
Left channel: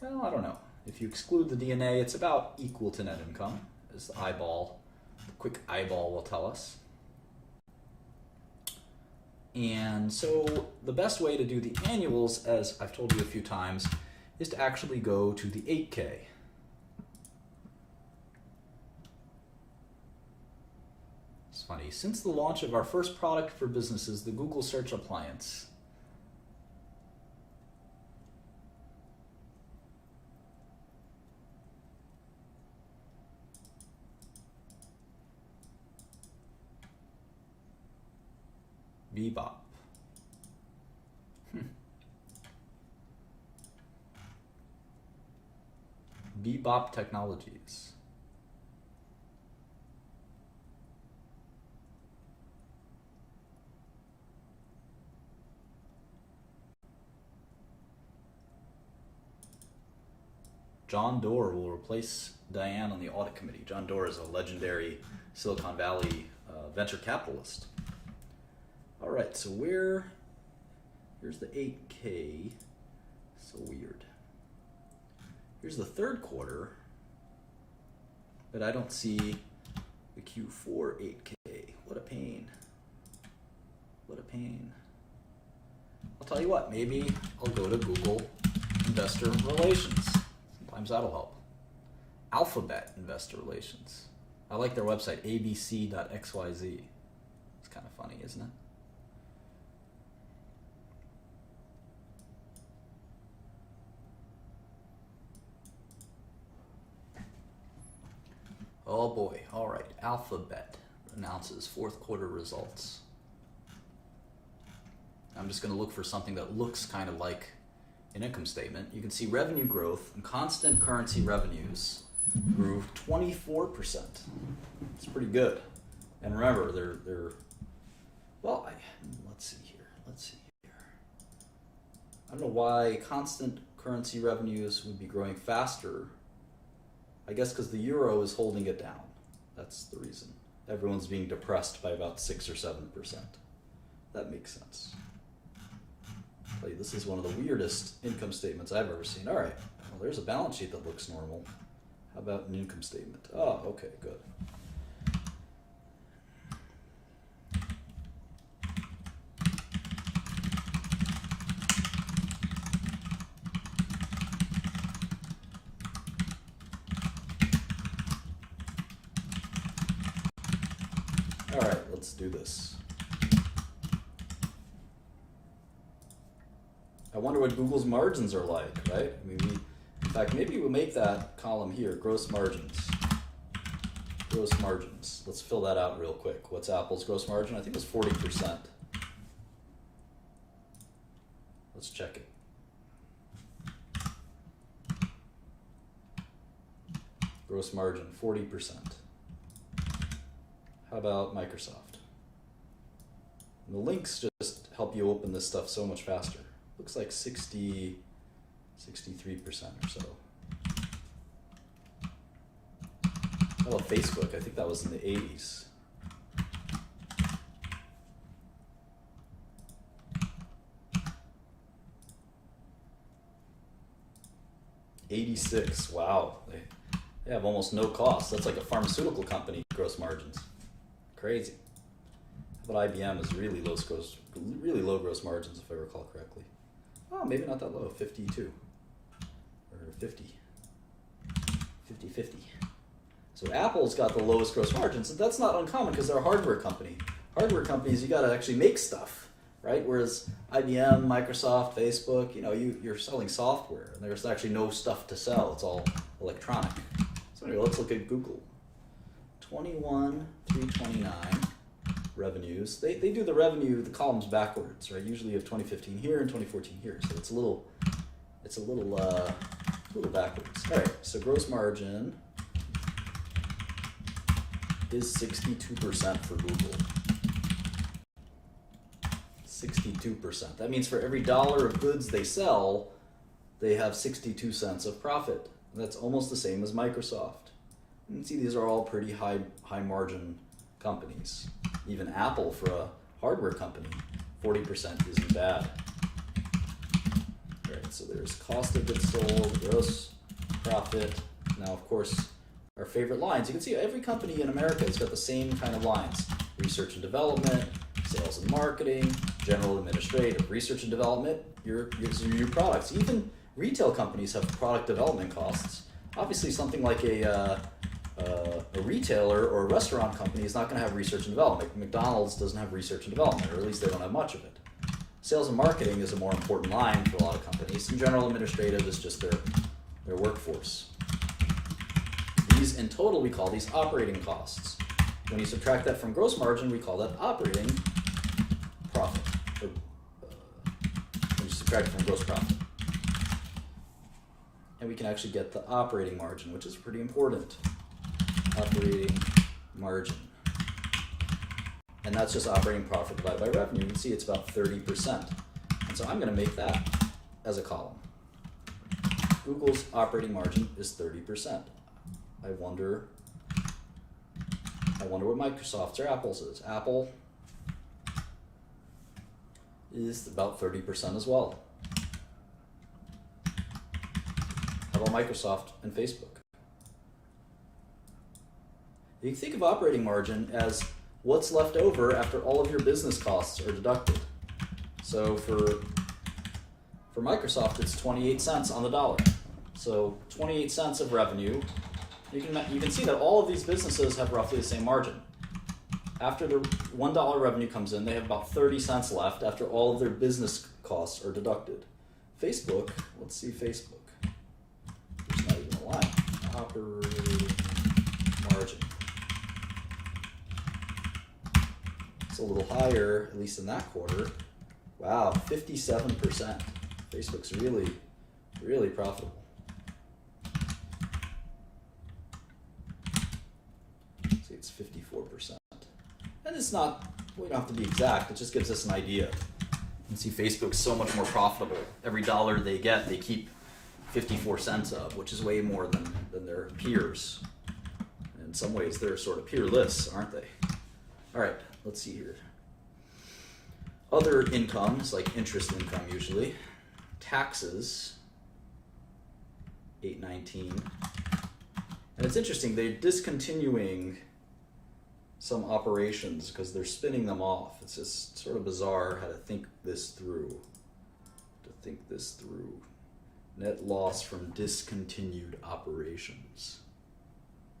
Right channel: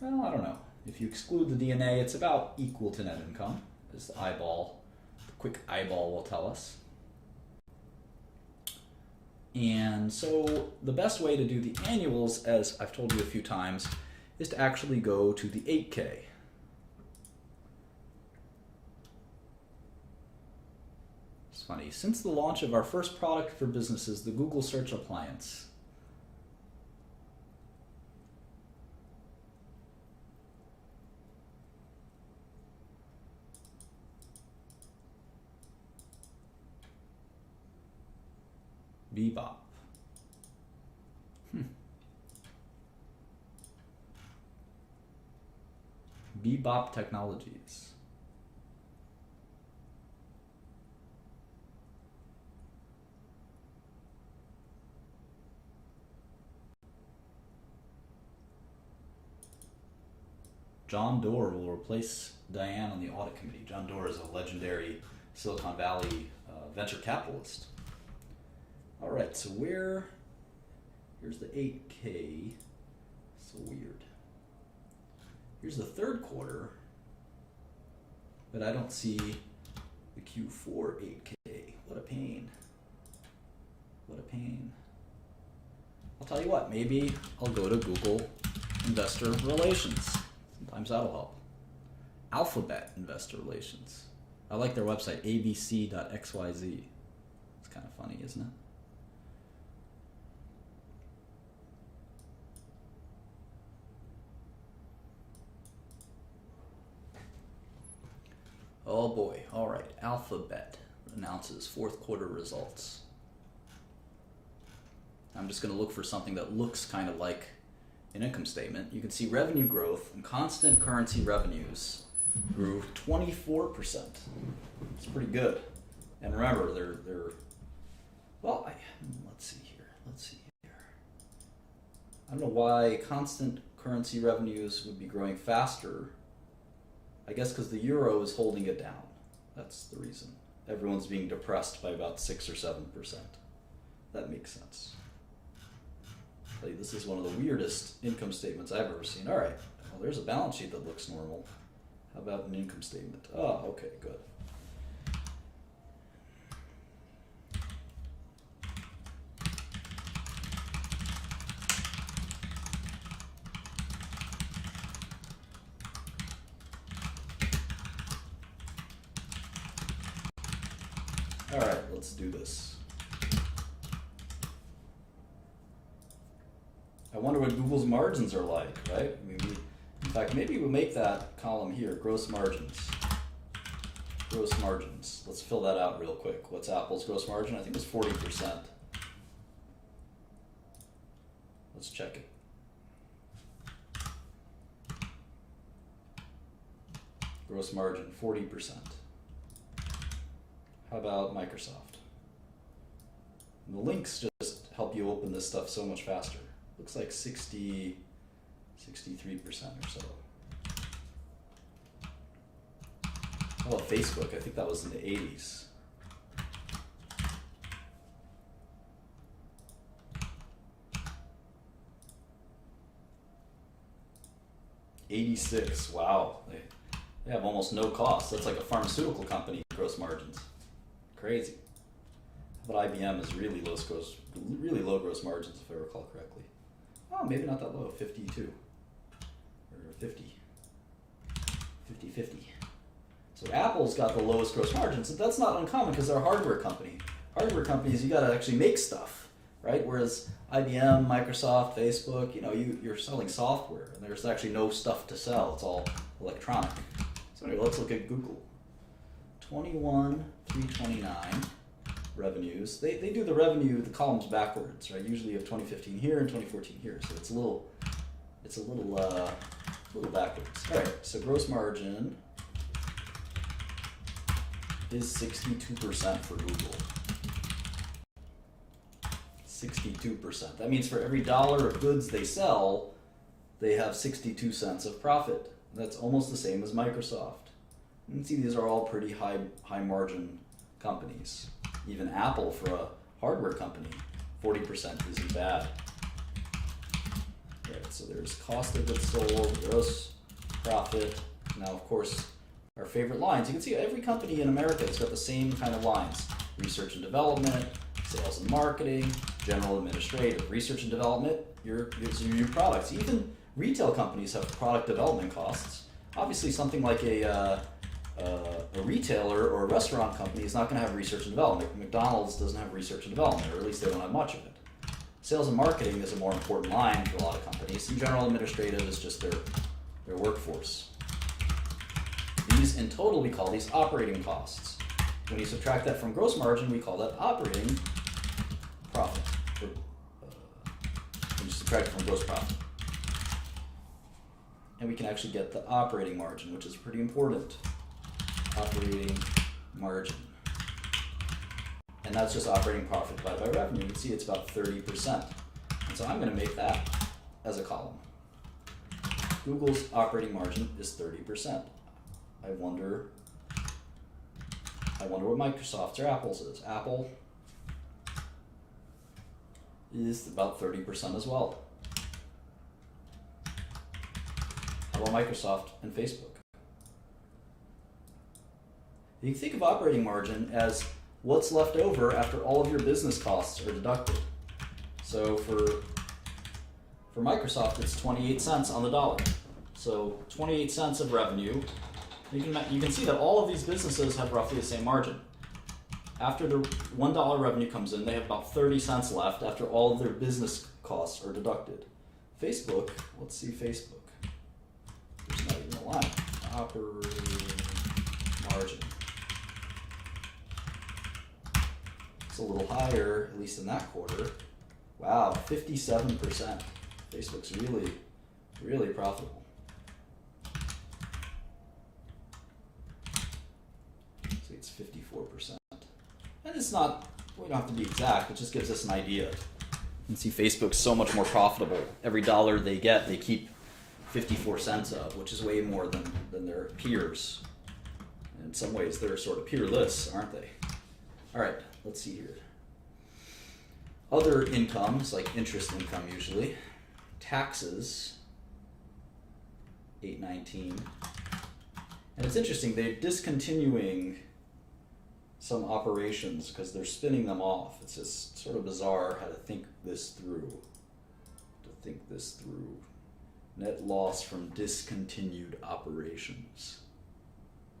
Well, I don't know. If you exclude the DNA, it's about equal to net income, as the quick eyeball will tell us. And so the best way to do the annuals, as I've told you a few times, is to actually go to the 8K. It's funny, since the launch of our first product for businesses, the Google Search Appliance, Bebop. Bebop Technologies. John Doerr will replace Diane on the audit committee. John Doerr is a legendary Silicon Valley venture capitalist. All right, so here's the 8K. So weird. Here's the third quarter, but I don't see the Q4 8K. What a pain. What a pain. I'll tell you what, maybe I'll go to Google Investor Relations. Sometimes that'll help. Alphabet Investor Relations. I like their website, abc.xyz. It's kind of funny, isn't it? Oh boy, all right. Alphabet announces fourth quarter results. I'm just going to look for something that looks kind of like an income statement. You can see revenue growth and constant currency revenues grew 24%. It's pretty good. And remember, they're well, let's see here. I don't know why constant currency revenues would be growing faster. I guess because the euro is holding it down. That's the reason. Everyone's being depressed by about 6 or 7%. That makes sense. This is one of the weirdest income statements I've ever seen. All right, well, there's a balance sheet that looks normal. How about an income statement? Oh, okay, good. All right, let's do this. I wonder what Google's margins are like, right? I mean, in fact, maybe we'll make that column here, gross margins. Gross margins. Let's fill that out real quick. What's Apple's gross margin? I think it's 40%. Let's check it. Gross margin, 40%. How about Microsoft? And the links just help you open this stuff so much faster. Looks like 63% or so. How about Facebook? I think that was in the 80s. $86. Wow. They have almost no cost. That's like a pharmaceutical company gross margins. Crazy. But IBM is really low gross margins, if I recall correctly. Oh, maybe not that low, 52 or 50. So Apple's got the lowest gross margins. That's not uncommon because they're a hardware company. Hardware companies, you got to actually make stuff, right? Whereas IBM, Microsoft, Facebook, you're selling software, and there's actually no stuff to sell. It's all electronic. So anyway, let's look at Google. 21,329 revenues. They do the revenue, the columns backwards, right? Usually you have 2015 here and 2014 here, so it's a little backwards. All right, so gross margin is 62% for Google. 62%. That means for every dollar of goods they sell, they have 62 cents of profit. That's almost the same as Microsoft. You can see these are all pretty high margin companies. Even Apple, for a hardware company, 40% isn't bad. Right, so there's cost of goods sold, gross profit. Now, of course, our favorite lines. You can see every company in America has got the same kind of lines. Research and development, sales and marketing, general administrative, research and development, your new products. Even retail companies have product development costs. Obviously, something like a retailer or a restaurant company is not going to have research and development. McDonald's doesn't have research and development, or at least they don't have much of it. Sales and marketing is a more important line for a lot of companies, and general administrative is just their workforce. These, in total, we call these operating costs. When you subtract that from gross margin, we call that operating profit. When you subtract it from gross profit. and we can actually get the operating margin, which is pretty important. Operating margin. And that's just operating profit divided by revenue. You can see it's about 30%. And so I'm going to make that as a column. Google's operating margin is 30%. I wonder what Microsoft's or Apple's is. Apple is about 30% as well. How about Microsoft and Facebook? You can think of operating margin as what's left over after all of your business costs are deducted. So for Microsoft, it's 28 cents on the dollar. So 28 cents of revenue. You can see that all of these businesses have roughly the same margin. After the $1 revenue comes in, they have about 30 cents left after all of their business costs are deducted. Facebook, let's see Facebook. There's not even a line. Operating margin. It's a little higher, at least in that quarter. Wow, 57%. Facebook's really, really profitable. See, it's 54%. And it's not, we don't have to be exact, it just gives us an idea. You can see Facebook's so much more profitable. Every dollar they get, they keep 54 cents of, which is way more than their peers. In some ways, they're sort of peerless, aren't they? All right, let's see here. Other incomes, like interest income usually. Taxes, 819. And it's interesting, they're discontinuing some operations because they're spinning them off. It's just sort of bizarre how to think this through. Net loss from discontinued operations.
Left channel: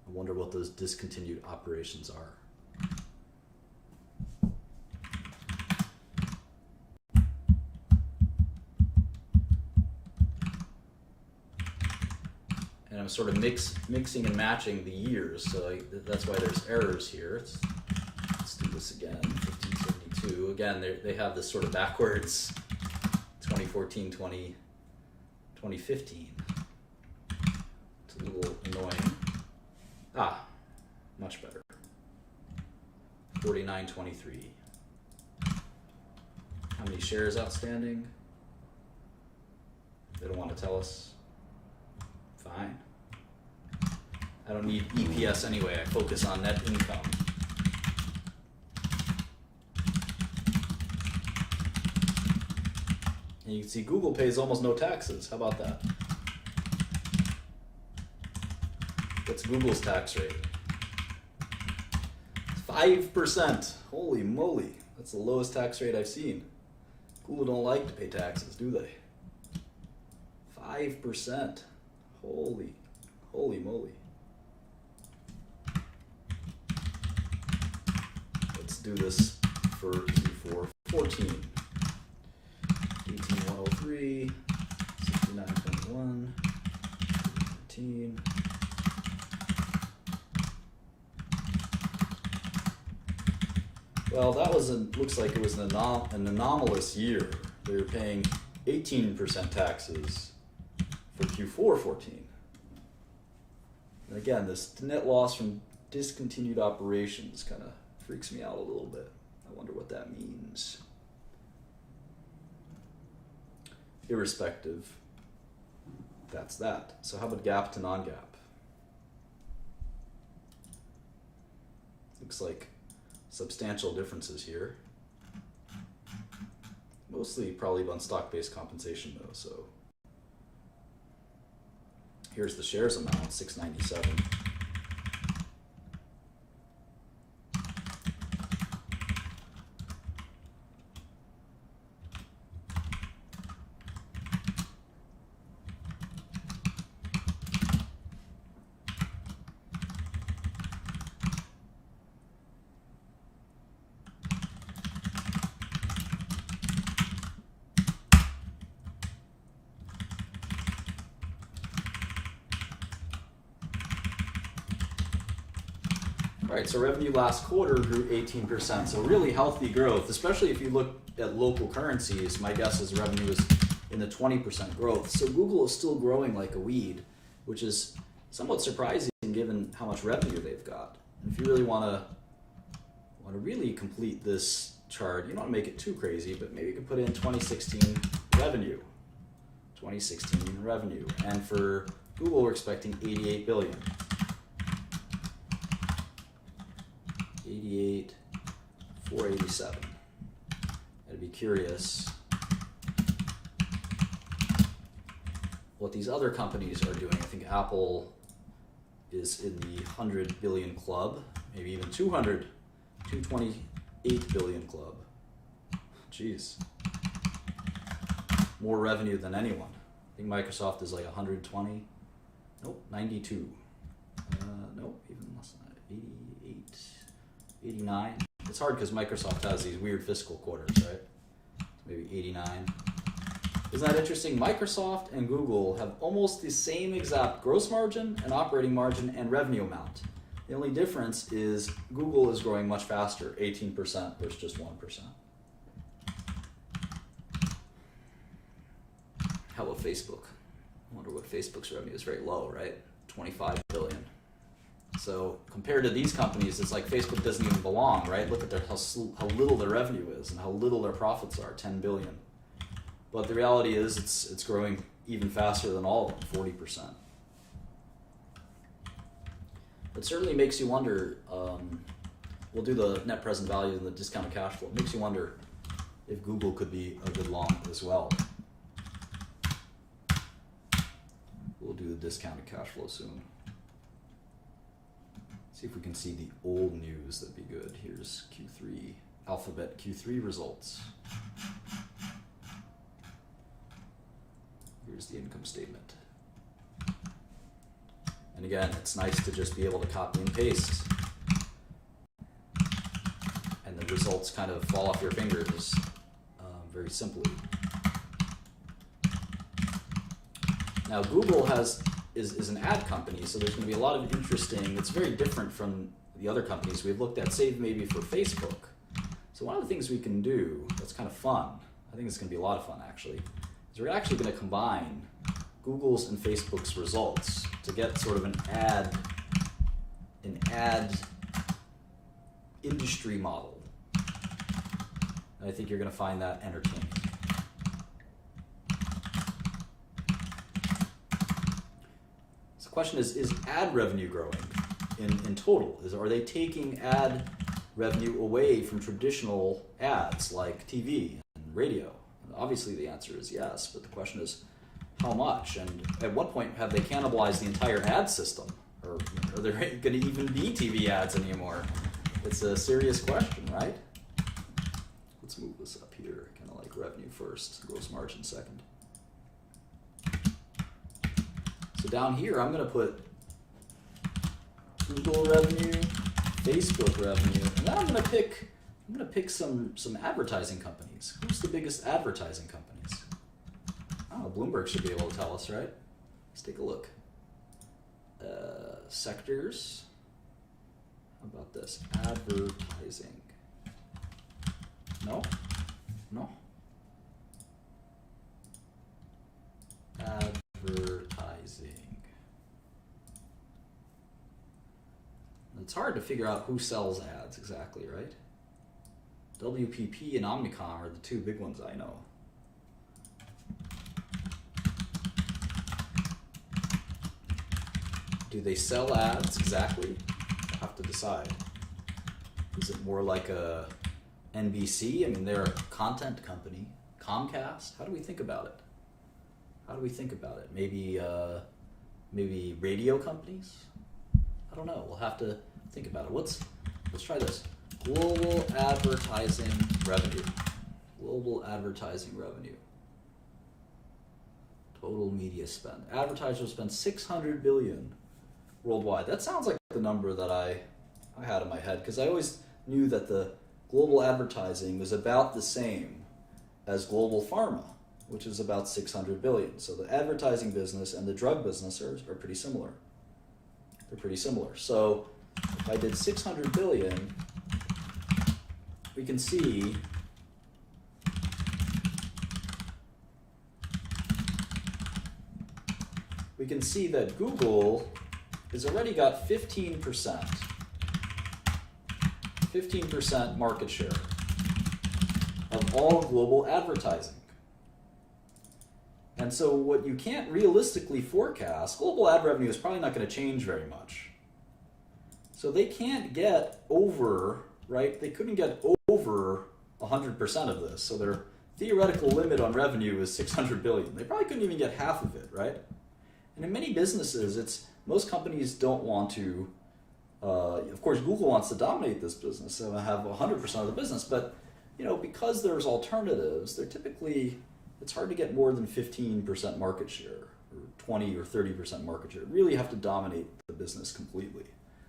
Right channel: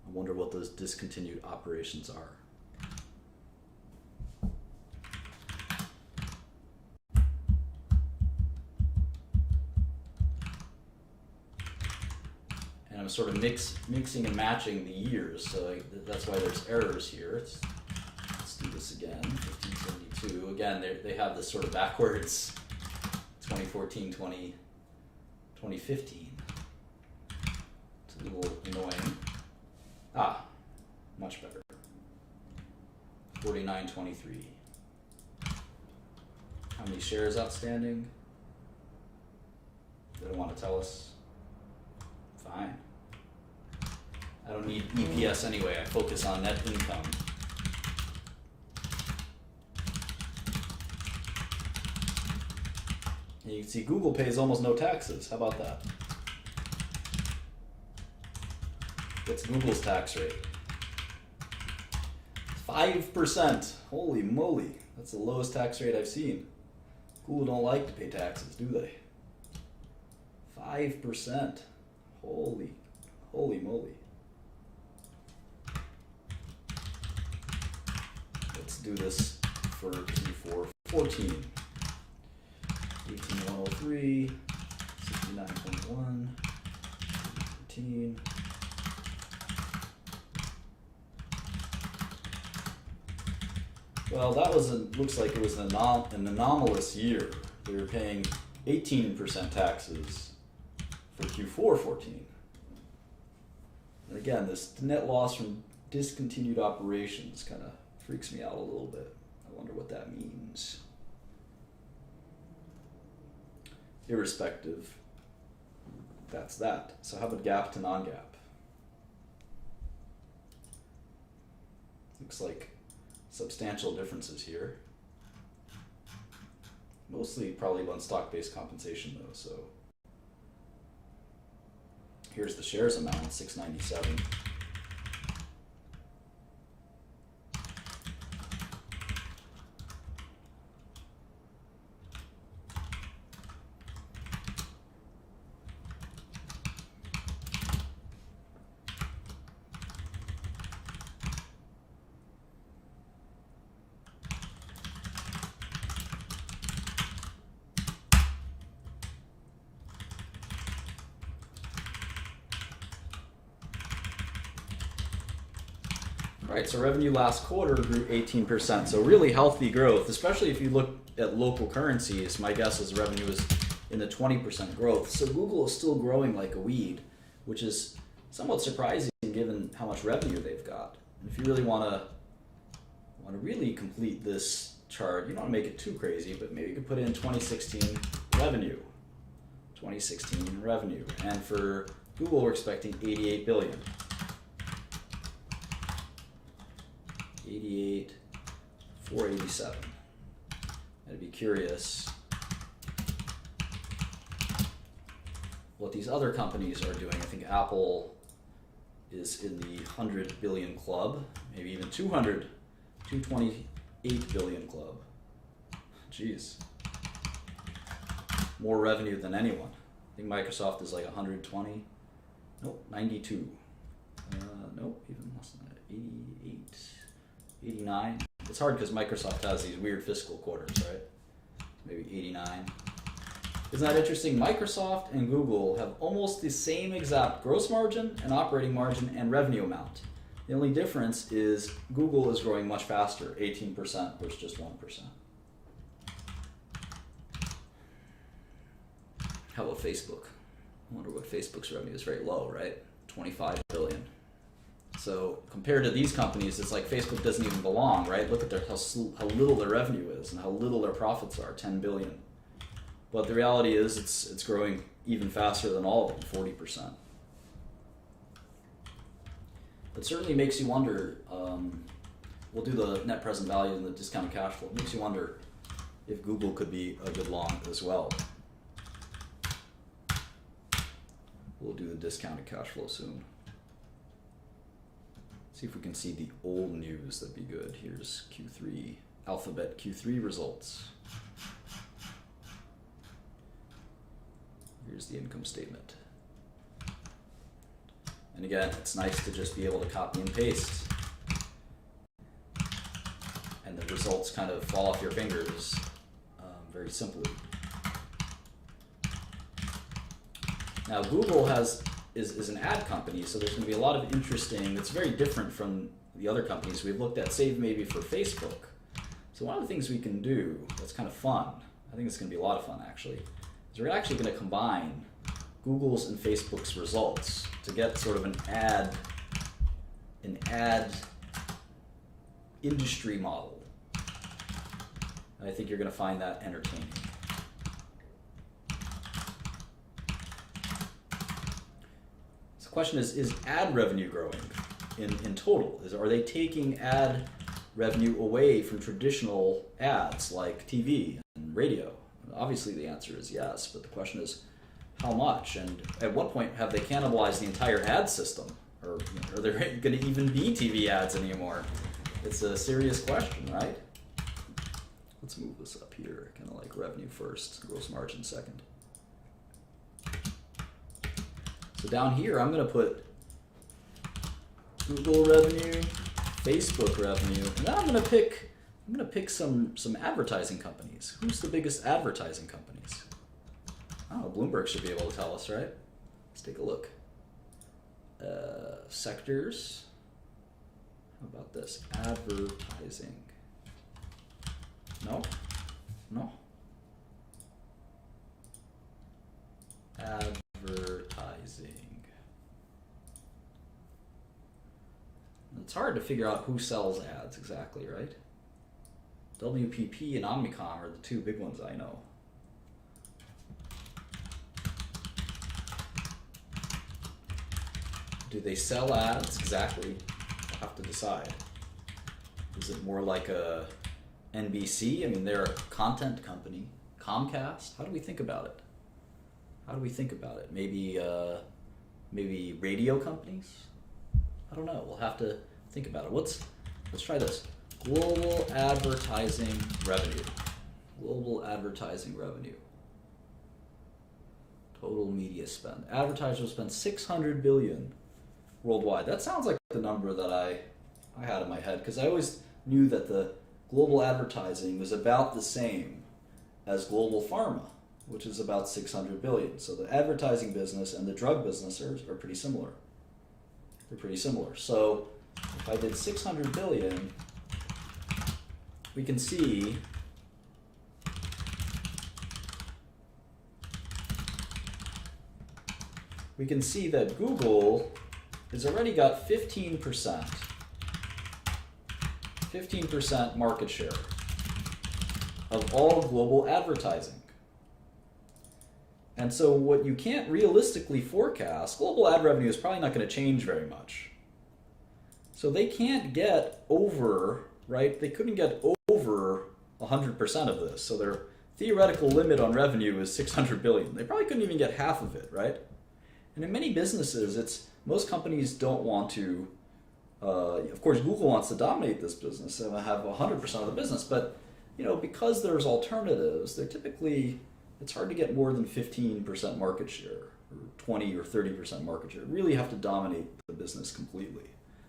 I wonder what those discontinued operations are. And I'm sort of mixing and matching the years, so that's why there's errors here. Let's do this again. 1572. Again, they have this sort of backwards 2014, 2015. It's a little annoying. Much better. 4923. How many shares outstanding? They don't want to tell us. Fine. I don't need EPS anyway. I focus on net income. And you can see Google pays almost no taxes. How about that? What's Google's tax rate? 5%. Holy moly. That's the lowest tax rate I've seen. Google don't like to pay taxes, do they? 5%. Holy moly. Let's do this for Q4 14. 18103, 69.1, 13. Well, that was looks like it was an anomalous year. They were paying 18% taxes for Q4 14. And again, this net loss from discontinued operations kind of freaks me out a little bit. I wonder what that means. Irrespective, that's that. So how about GAAP to non-GAAP? Looks like substantial differences here. Mostly probably on stock-based compensation though, so. Here's the shares amount, 697. All right, so revenue last quarter grew 18%, so really healthy growth, especially if you look at local currencies. My guess is revenue is in the 20% growth. So Google is still growing like a weed, which is somewhat surprising given how much revenue they've got. And if you really want to really complete this chart, you don't want to make it too crazy, but maybe you could put in 2016 revenue. 2016 revenue. And for Google, we're expecting 88 billion. 88,487. I'd be curious what these other companies are doing. I think Apple is in the 100 billion club, maybe even 228 billion club. Jeez. More revenue than anyone. I think Microsoft is like 120. Nope, 92. Nope, even less than that. 88, 89. It's hard because Microsoft has these weird fiscal quarters, right? Maybe 89. Isn't that interesting? Microsoft and Google have almost the same exact gross margin and operating margin and revenue amount. The only difference is Google is growing much faster, 18% versus just 1%. How about Facebook? I wonder what Facebook's revenue is. Very low, right? 25 billion. So compared to these companies, it's like Facebook doesn't even belong, right? Look at how little their revenue is and how little their profits are, 10 billion. But the reality is it's growing even faster than all of them, 40%. It certainly makes you wonder, we'll do the net present value and the discounted cash flow. It makes you wonder if Google could be a good long as well. We'll do the discounted cash flow soon. See if we can see the old news, that'd be good. Here's Q3, Alphabet Q3 results. Here's the income statement. And again, it's nice to just be able to copy and paste. And the results kind of fall off your fingers very simply. Now Google is an ad company, so there's going to be a lot of interesting, it's very different from the other companies we've looked at, save maybe for Facebook. So one of the things we can do that's kind of fun, I think it's going to be a lot of fun actually, is we're actually going to combine Google's and Facebook's results to get sort of an ad industry model. And I think you're going to find that entertaining. So the question is ad revenue growing in total? Are they taking ad revenue away from traditional ads like TV and radio? Obviously the answer is yes, but the question is how much, and at what point have they cannibalized the entire ad system? Or are there going to even be TV ads anymore? It's a serious question, right? Let's move this up here, kind of like revenue first, gross margin second. So down here I'm going to put Google revenue, Facebook revenue, and then I'm going to pick some advertising companies. Who's the biggest advertising companies? Oh, Bloomberg should be able to tell us, right? Let's take a look. Sectors. How about this? Advertising. No? No? Advertising. It's hard to figure out who sells ads exactly, right? WPP and Omnicom are the two big ones I know. Do they sell ads exactly? I'll have to decide. Is it more like a NBC? I mean, they're a content company. Comcast? How do we think about it? How do we think about it? Maybe radio companies? I don't know. We'll have to think about it. Let's try this. Global advertising revenue. Global advertising revenue. Total media spend. Advertisers spend $600 billion worldwide. That sounds like the number that I had in my head, because I always knew that the global advertising was about the same as global pharma, which is about 600 billion. So the advertising business and the drug business are pretty similar. They're pretty similar. So if I did 600 billion, we can see we can see that Google has already got 15% market share of all global advertising. And so what you can't realistically forecast, global ad revenue is probably not going to change very much. So they can't get over, right? They couldn't get over 100% of this. So their theoretical limit on revenue is 600 billion. They probably couldn't even get half of it, right? And in many businesses, most companies don't want to, of course, Google wants to dominate this business and have 100% of the business, but because there's alternatives, they're typically, it's hard to get more than 15% market share, or 20 or 30% market share. You really have to dominate the business completely.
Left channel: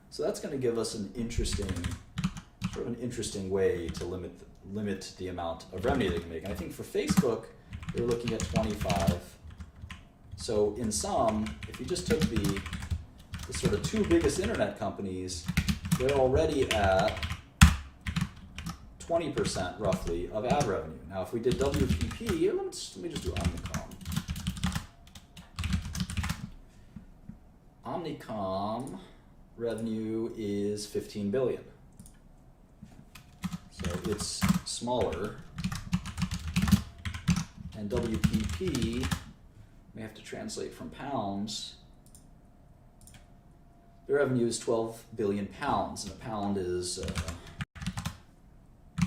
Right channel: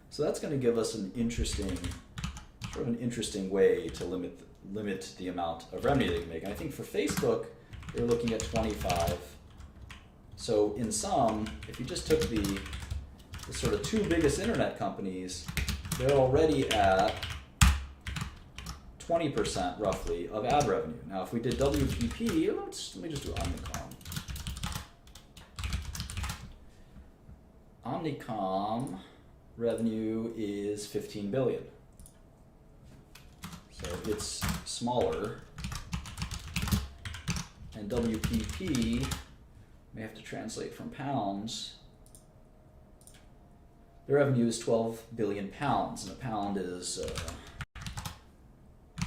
So that's going to give us an interesting way to limit the amount of revenue they can make. And I think for Facebook, they're looking at 25. So in sum, if you just took the sort of two biggest internet companies, they're already at 20% roughly of ad revenue. Now, if we did WPP, let me just do Omnicom. Omnicom revenue is 15 billion. So it's smaller. And WPP, may have to translate from pounds. The revenue is 12 billion pounds, and a pound is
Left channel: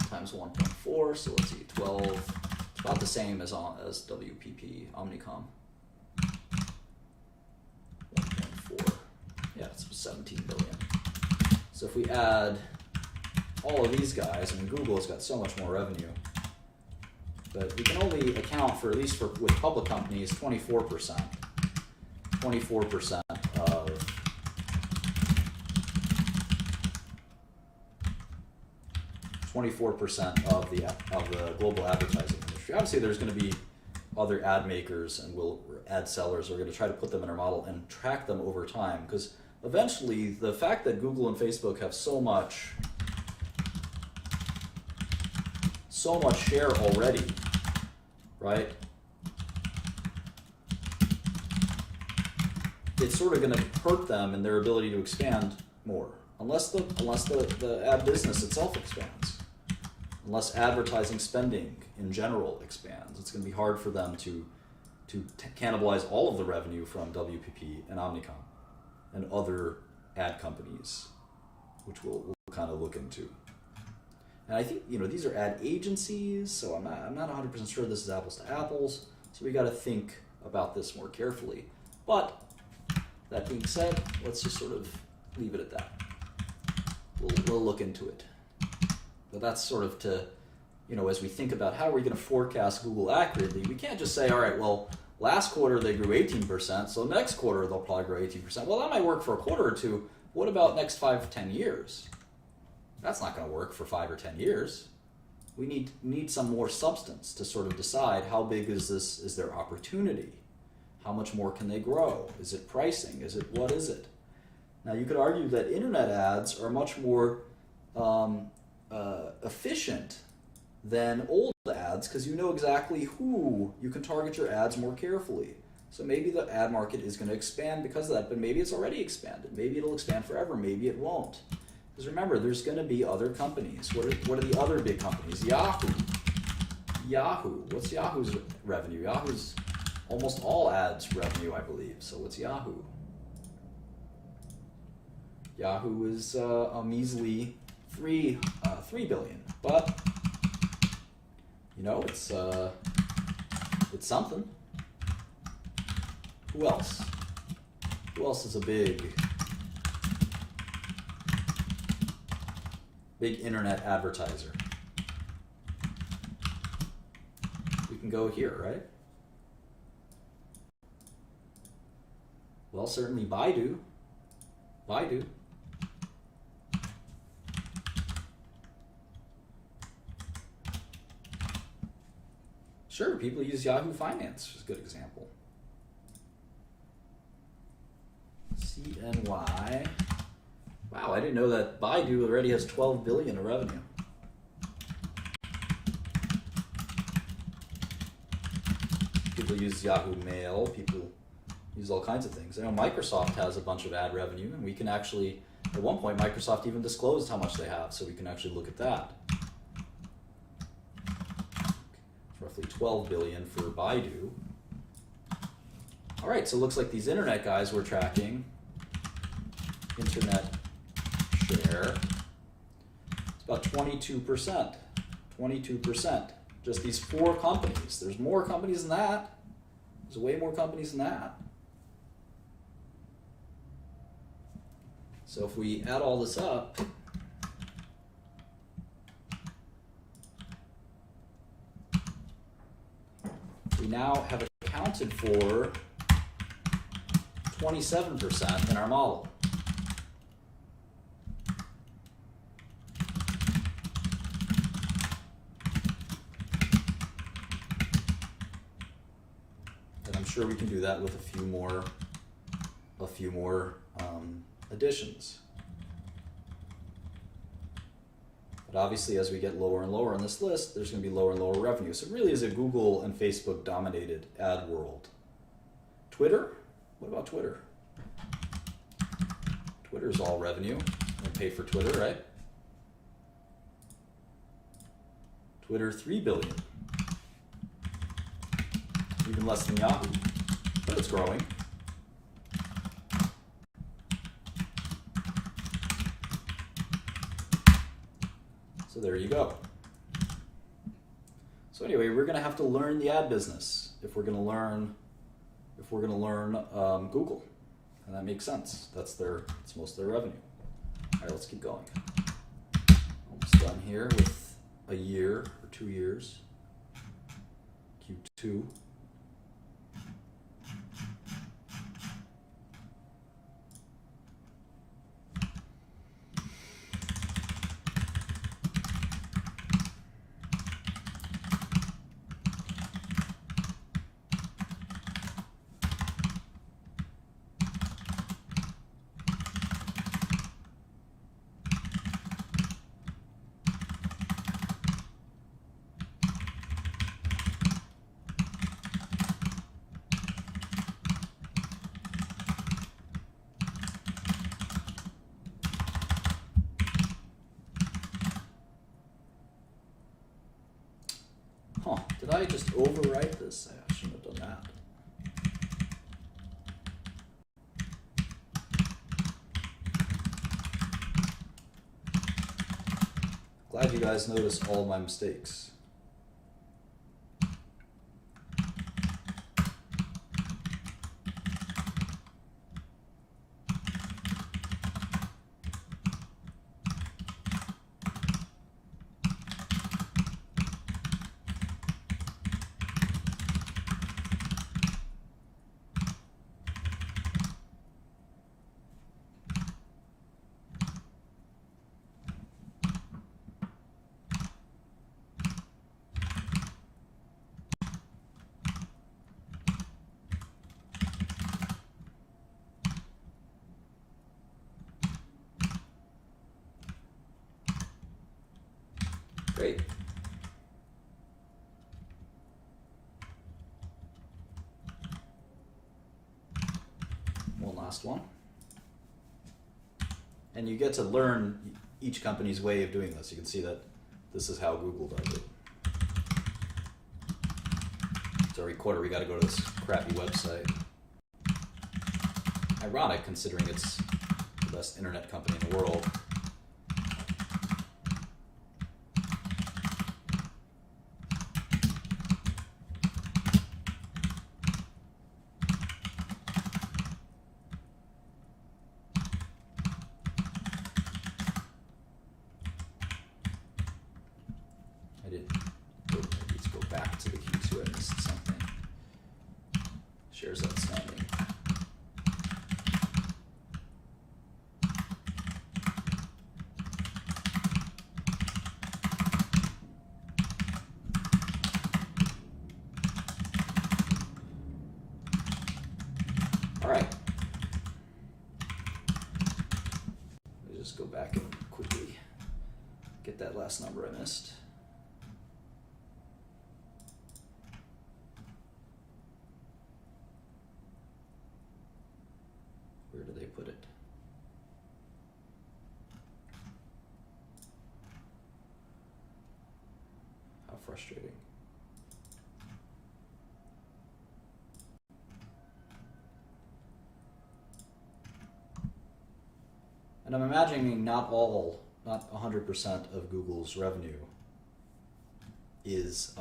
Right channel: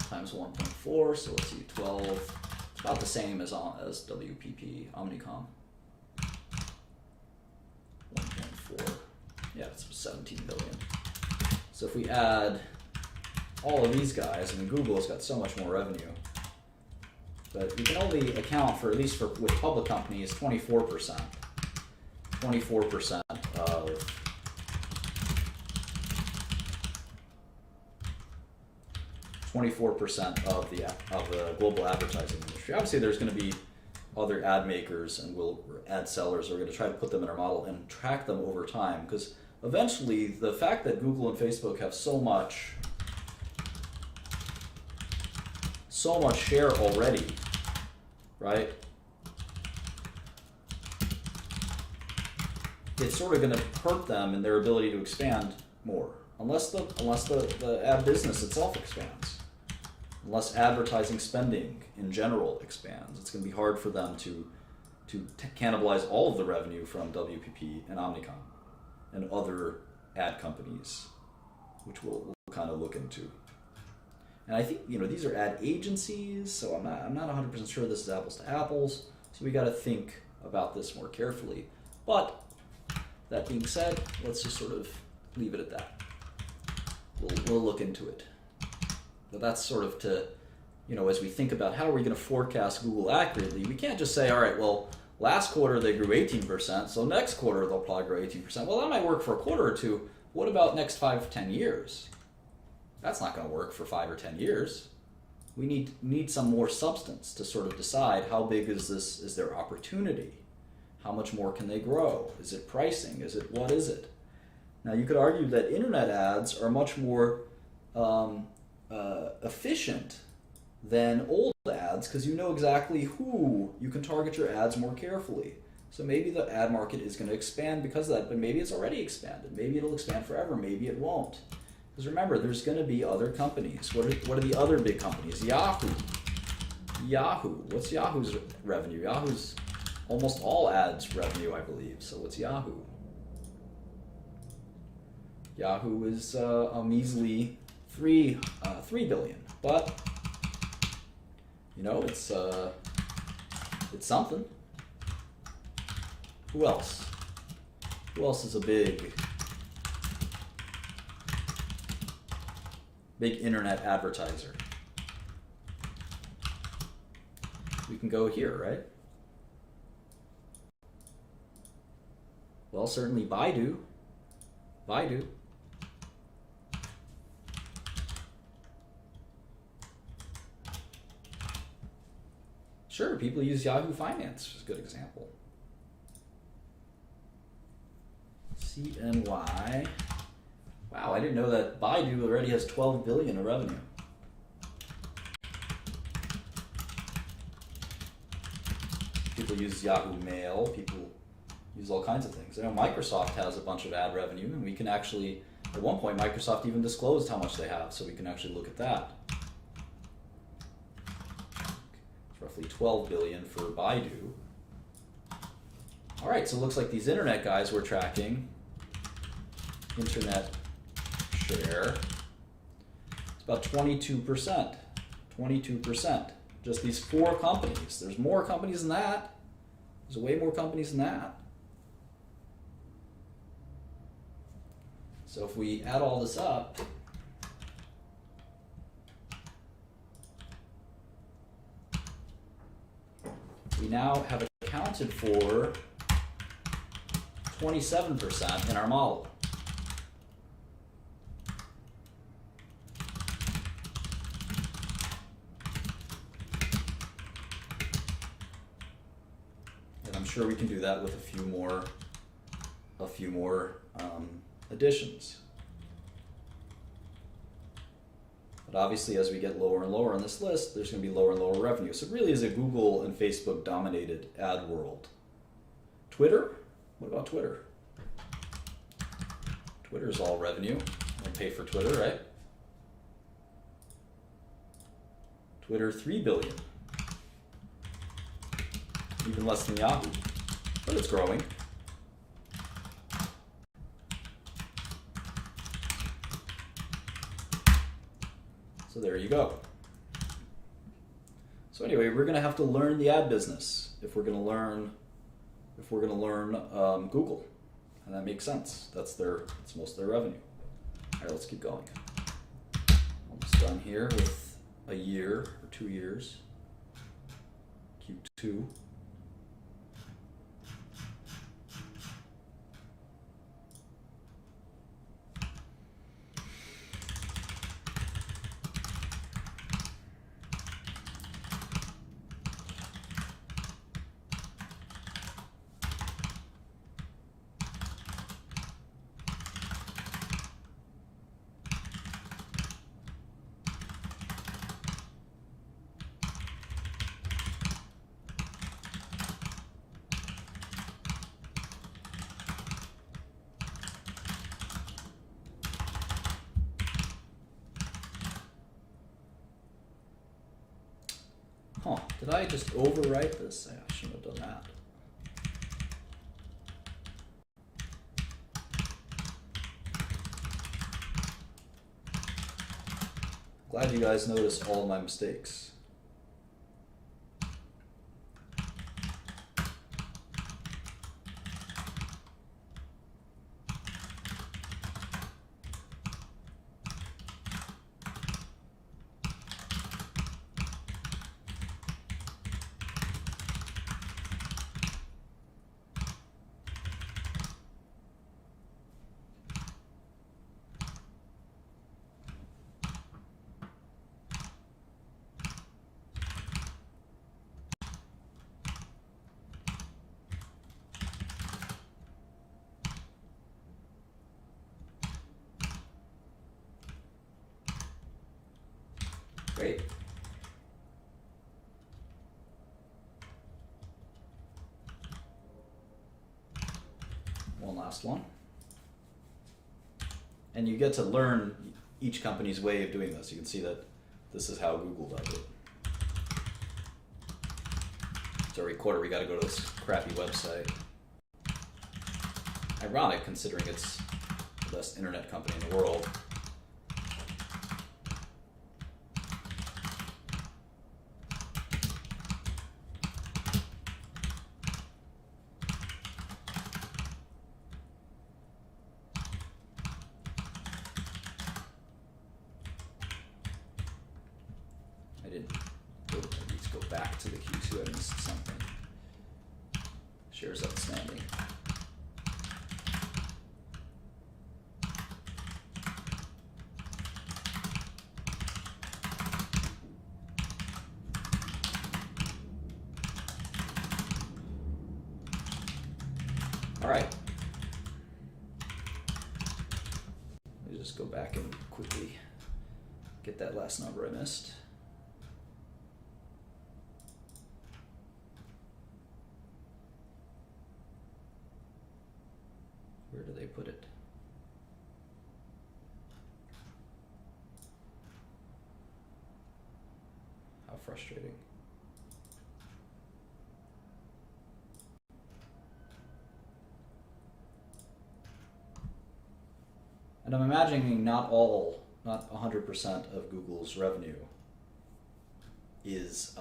times 1.4, so let's see, 12, it's about the same as WPP, Omnicom. 1.4, yeah, it's 17 billion. So if we add all of these guys, I mean, Google's got so much more revenue, but we can only account for, at least with public companies, 24%. 24% of 24% of the global advertising industry. Obviously, there's going to be other ad makers and ad sellers are going to try to put them in our model and track them over time, because eventually the fact that Google and Facebook have so much share already, right? It's sort of going to hurt them in their ability to expand more, unless the ad business itself expands. Unless advertising spending in general expands, it's going to be hard for them to cannibalize all of the revenue from WPP and Omnicom and other ad companies, which we'll kind of look into. And I think these are ad agencies, so I'm not 100% sure this is apples to apples. So we got to think about this more carefully. But that being said, let's just sort of leave it at that. We'll look into it. But that's sort of to, as we think about how are we going to forecast Google accurately, we can't just say, all right, well, last quarter they grew 18%, so next quarter they'll probably grow 18%. Well, that might work for a quarter or two. What about next 5 or 10 years? That's not going to work for 5 or 10 years. We need some more substance to sort of decide how big is their opportunity? How much more can they grow? Is it pricing? What is it? Now, you could argue that internet ads are much more efficient than old ads, because you know exactly who you can target your ads more carefully. So maybe the ad market is going to expand because of that, but maybe it's already expanded. Maybe it'll expand forever. Maybe it won't. Because remember, there's going to be other companies. What are the other big companies? Yahoo. What's Yahoo's revenue? Yahoo's almost all ads revenue, I believe. So what's Yahoo? Yahoo is a measly 3 billion, but it's something. Who else? Who else is a big internet advertiser? We can go here, right? Well, certainly Baidu. Sure, people use Yahoo Finance, which is a good example. CNY. Wow, I didn't know that Baidu already has 12 billion of revenue. People use Yahoo Mail. People use all kinds of things. I know Microsoft has a bunch of ad revenue, and we can actually, at one point, Microsoft even disclosed how much they have, so we can actually look at that. It's roughly 12 billion for Baidu. All right, so it looks like these internet guys we're tracking, internet share, it's about 22%. 22%. Just these 4 companies. There's more companies than that. There's way more companies than that. So if we add all this up, we now have accounted for 27% in our model. And I'm sure we can do that with a few more additions. But obviously, as we get lower and lower on this list, there's going to be lower and lower revenue. So it really is a Google and Facebook dominated ad world. Twitter? What about Twitter? Twitter's all revenue. We pay for Twitter, right? Twitter, 3 billion. Even less than Yahoo, but it's growing. So there you go. So anyway, we're going to have to learn the ad business if we're going to learn Google, and that makes sense. That's most of their revenue. All right, let's keep going. Almost done here with a year or 2 years. Q2. Did I just overwrite this? I shouldn't have done that. Glad you guys noticed all my mistakes. Great. One last one. And you get to learn each company's way of doing this. You can see that this is how Google does it. So every quarter we got to go to this crappy website. Ironic, considering it's the best internet company in the world. To the Q2, I missed something. Shares outstanding. All right. Let me just go back and quickly get that last number I missed. put it? How frustrating. And I'm imagining not 100% of Google's revenue is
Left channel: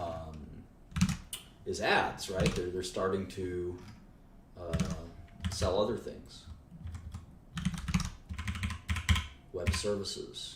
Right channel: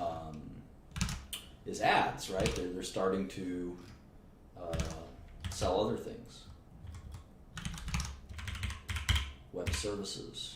ads, right? They're starting to sell other things, web services.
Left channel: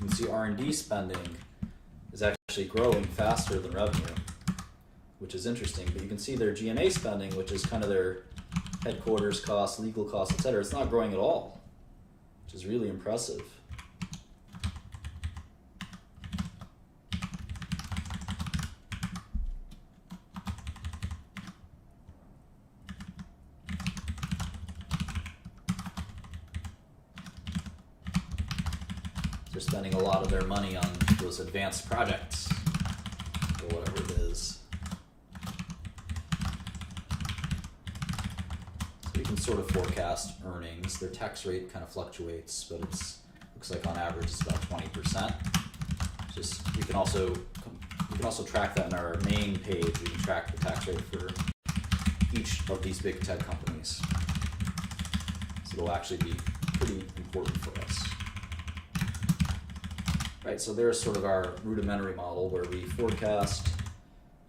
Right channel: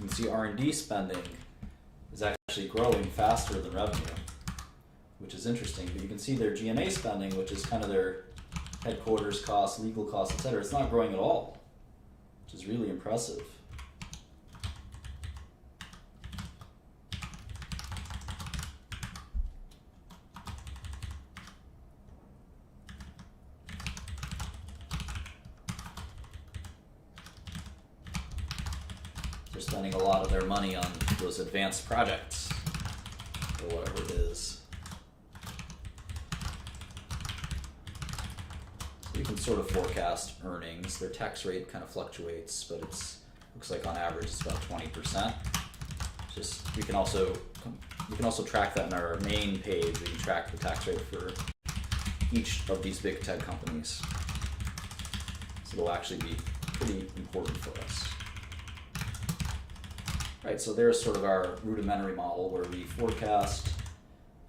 You can see R&D spending is actually growing faster than revenue, which is interesting. But you can see their G&A spending, which is kind of their headquarters costs, legal costs, etc. It's not growing at all, which is really impressive. They're spending a lot of their money on those advanced projects, or whatever it is. So you can sort of forecast earnings. Their tax rate kind of fluctuates, but looks like on average it's about 20%. Just you can also track that in our main page. We can track the tax rate for each of these big tech companies. So it'll actually be pretty important for us. Right, so there's sort of our rudimentary model where we forecast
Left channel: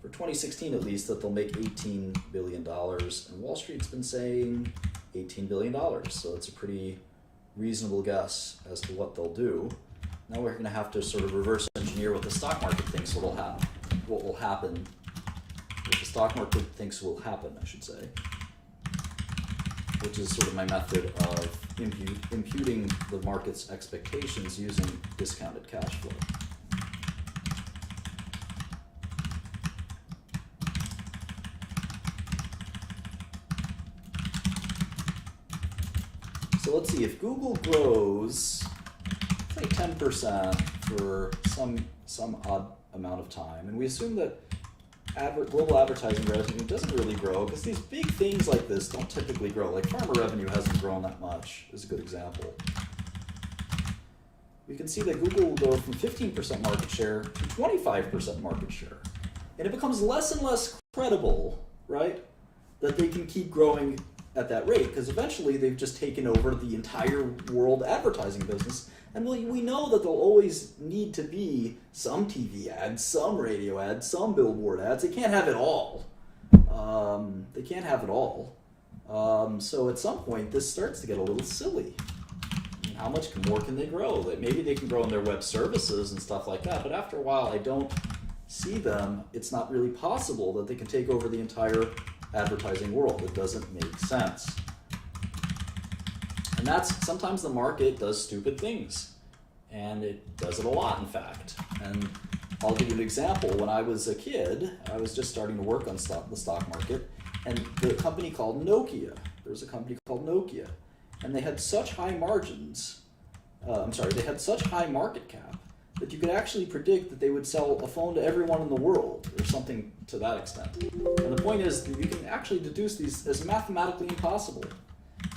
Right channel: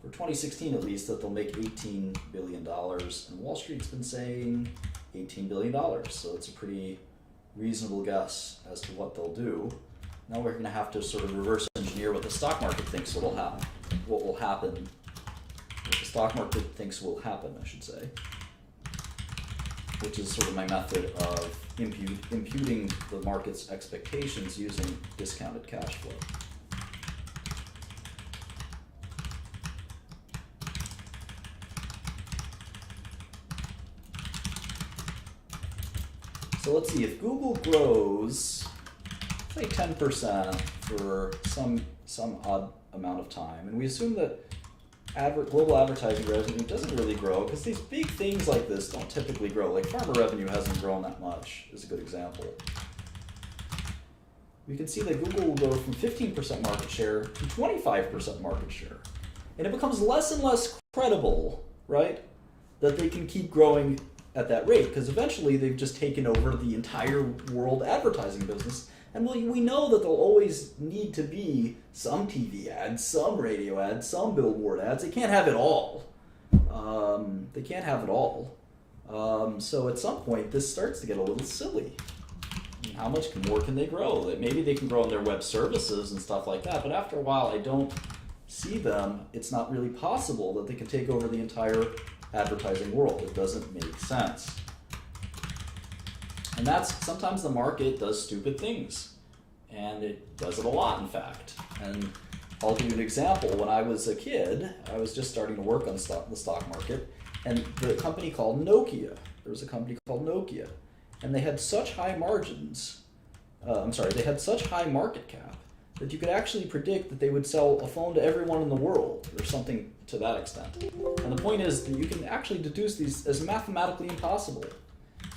for 2016 at least that they'll make $18 billion, and Wall Street's been saying $18 billion, so it's a pretty reasonable guess as to what they'll do. Now we're going to have to sort of reverse engineer what the stock market thinks will happen, what the stock market thinks will happen, I should say, which is sort of my method of imputing the market's expectations using discounted cash flow. So let's see, if Google grows, say 10% for some odd amount of time, and we assume that global advertising revenue doesn't really grow because these big things like this don't typically grow. Like pharma revenue hasn't grown that much, is a good example. We can see that Google will go from 15% market share to 25% market share. And it becomes less and less credible, right, that they can keep growing at that rate, because eventually they've just taken over the entire world advertising business. And we know that there'll always need to be some TV ads, some radio ads, some billboard ads. They can't have it all. So at some point, this starts to get a little silly. How much more can they grow? Maybe they can grow in their web services and stuff like that, but after a while, I don't see them. It's not really possible that they can take over the entire advertising world. It doesn't make sense. And sometimes the market does stupid things, and it does it a lot, in fact. And I'll give you an example. When I was a kid, I was just starting to work on the stock market, and the company called Nokia. There was a company called Nokia, and they had such high margins. They had such high market cap that you could actually predict that they would sell a phone to everyone in the world, or something to that extent. And the point is, you can actually deduce these as mathematically impossible.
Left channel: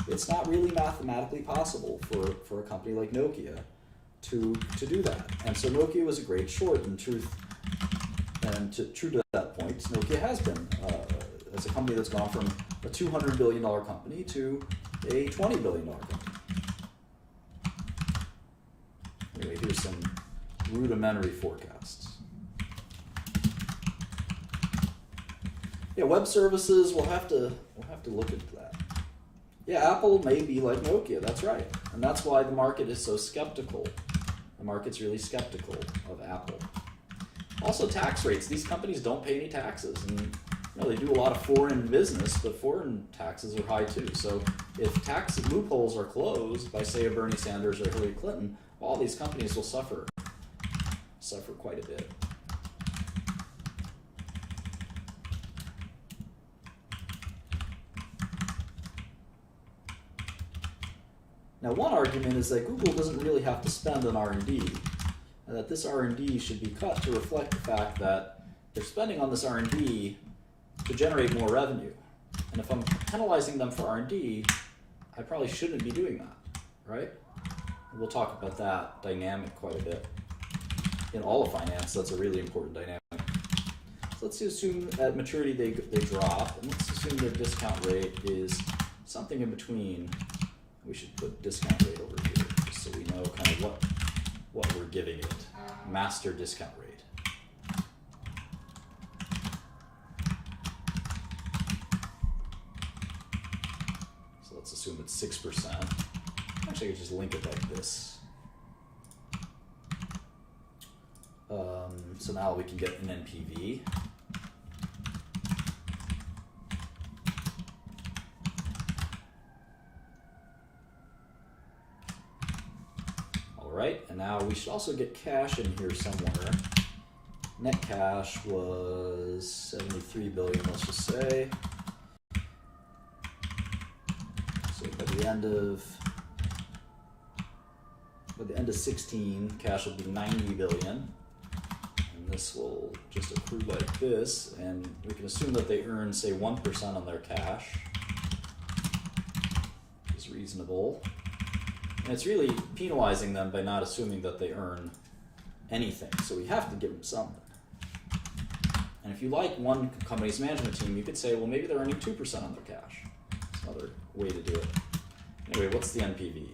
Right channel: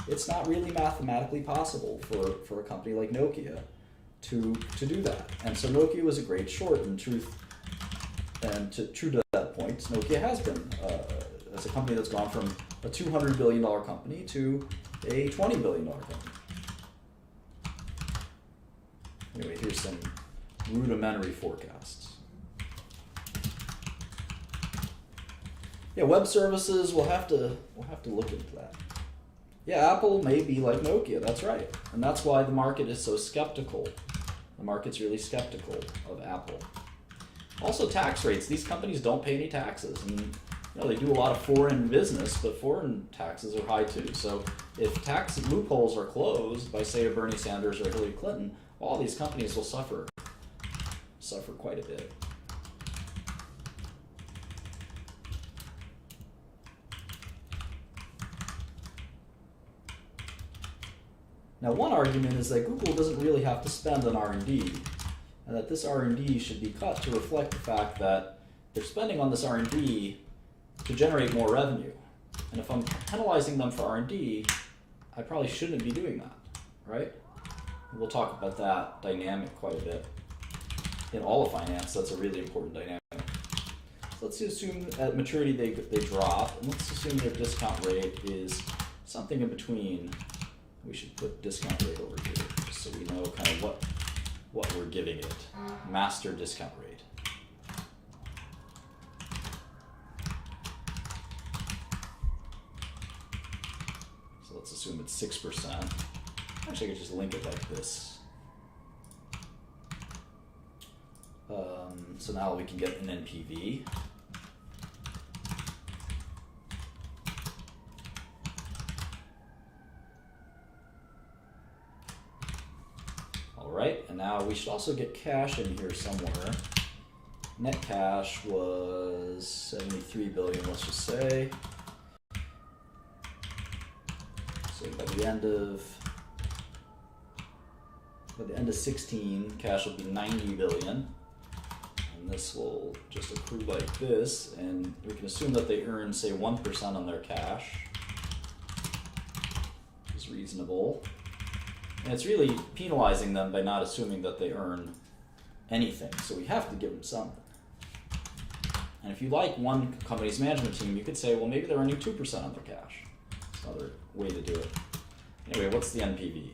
it's not really mathematically possible for a company like Nokia to do that. And so Nokia was a great short in truth. And true to that point, Nokia has been as a company that's gone from a $200 billion company to a $20 billion company. Anyway, here's some rudimentary forecasts. Yeah, web services, we'll have to look into that. Yeah, Apple may be like Nokia, that's right. And that's why the market is so skeptical. The market's really skeptical of Apple. Also, tax rates. These companies don't pay any taxes, and they do a lot of foreign business, but foreign taxes are high too. So if tax loopholes are closed by, say, a Bernie Sanders or Hillary Clinton, all these companies will suffer quite a bit. Now, one argument is that Google doesn't really have to spend on R&D, and that this R&D should be cut to reflect the fact that they're spending on this R&D to generate more revenue. And if I'm penalizing them for R&D, I probably shouldn't be doing that, right? And we'll talk about that dynamic quite a bit. In all of finance, that's a really important dynamic. So let's assume at maturity they drop, and let's assume their discount rate is something in between. We should put discount rate over here, just so we know kind of what we're giving it. Master discount rate. So let's assume it's 6%. Actually, I could just link it like this. So now we can get an NPV. Right, and now we should also get cash in here somewhere. Net cash was 73 billion, let's just say. So by the end of 16, cash will be 90 billion. And this will just accrue like this, and we can assume that they earn, say, 1% on their cash. Which is reasonable. And it's really penalizing them by not assuming that they earn anything. So we have to give them something. And if you like one company's management team, you could say, well, maybe they're earning 2% on their cash. That's another way to do it. Anyway, what's the NPV?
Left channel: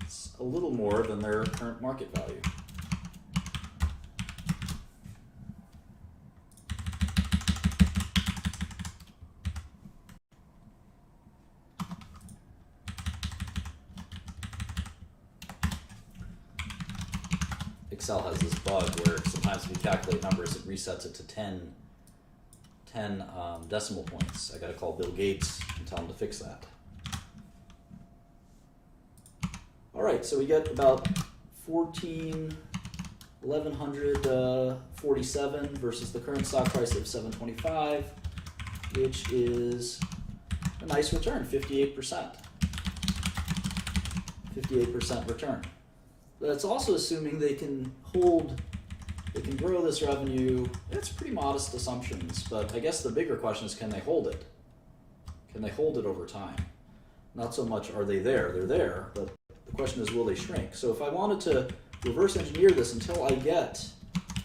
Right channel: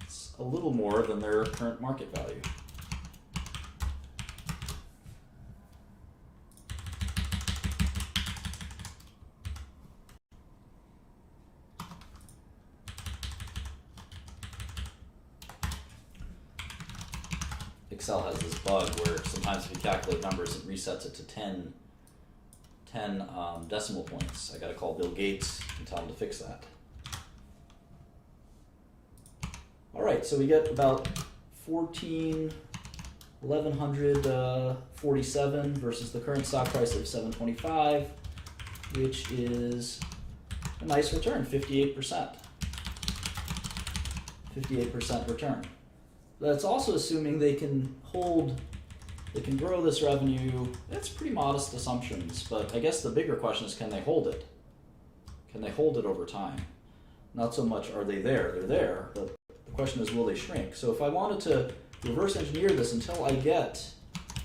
It's a little more than their current market value. Excel has this bug where sometimes if you calculate numbers, it resets it to 10 decimal points. I gotta call Bill Gates and tell him to fix that. All right, so we get about 1147 versus the current stock price of 725, which is a nice return, 58%. 58% return. That's also assuming they can grow this revenue. It's pretty modest assumptions, but I guess the bigger question is, can they hold it? Can they hold it over time? Not so much are they there, they're there, but the question is, will they shrink? So if I wanted to reverse engineer this until I get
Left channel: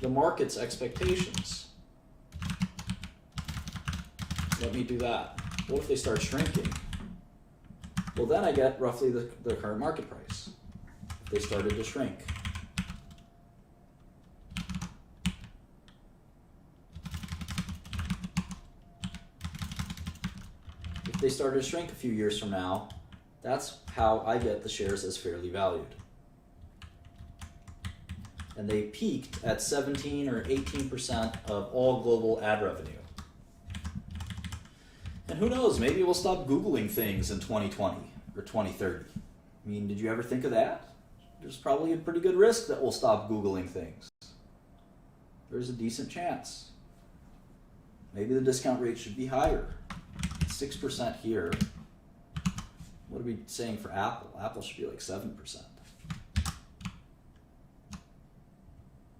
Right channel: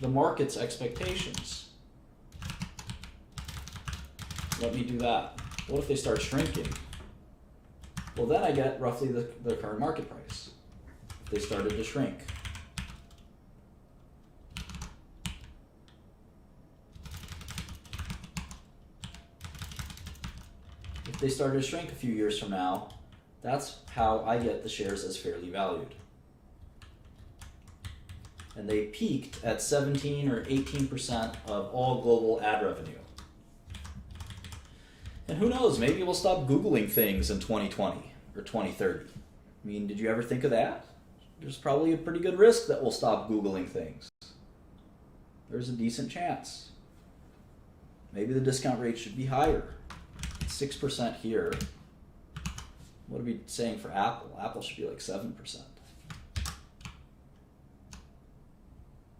the market's expectations, let me do that. What if they start shrinking? Well, then I get roughly the current market price. They started to shrink. If they started to shrink a few years from now, that's how I get the shares as fairly valued. And they peaked at 17 or 18% of all global ad revenue. And who knows, maybe we'll stop Googling things in 2020 or 2030. I mean, did you ever think of that? There's probably a pretty good risk that we'll stop Googling things. There's a decent chance. Maybe the discount rate should be higher. 6% here. What are we saying for Apple? Apple should be like 7%.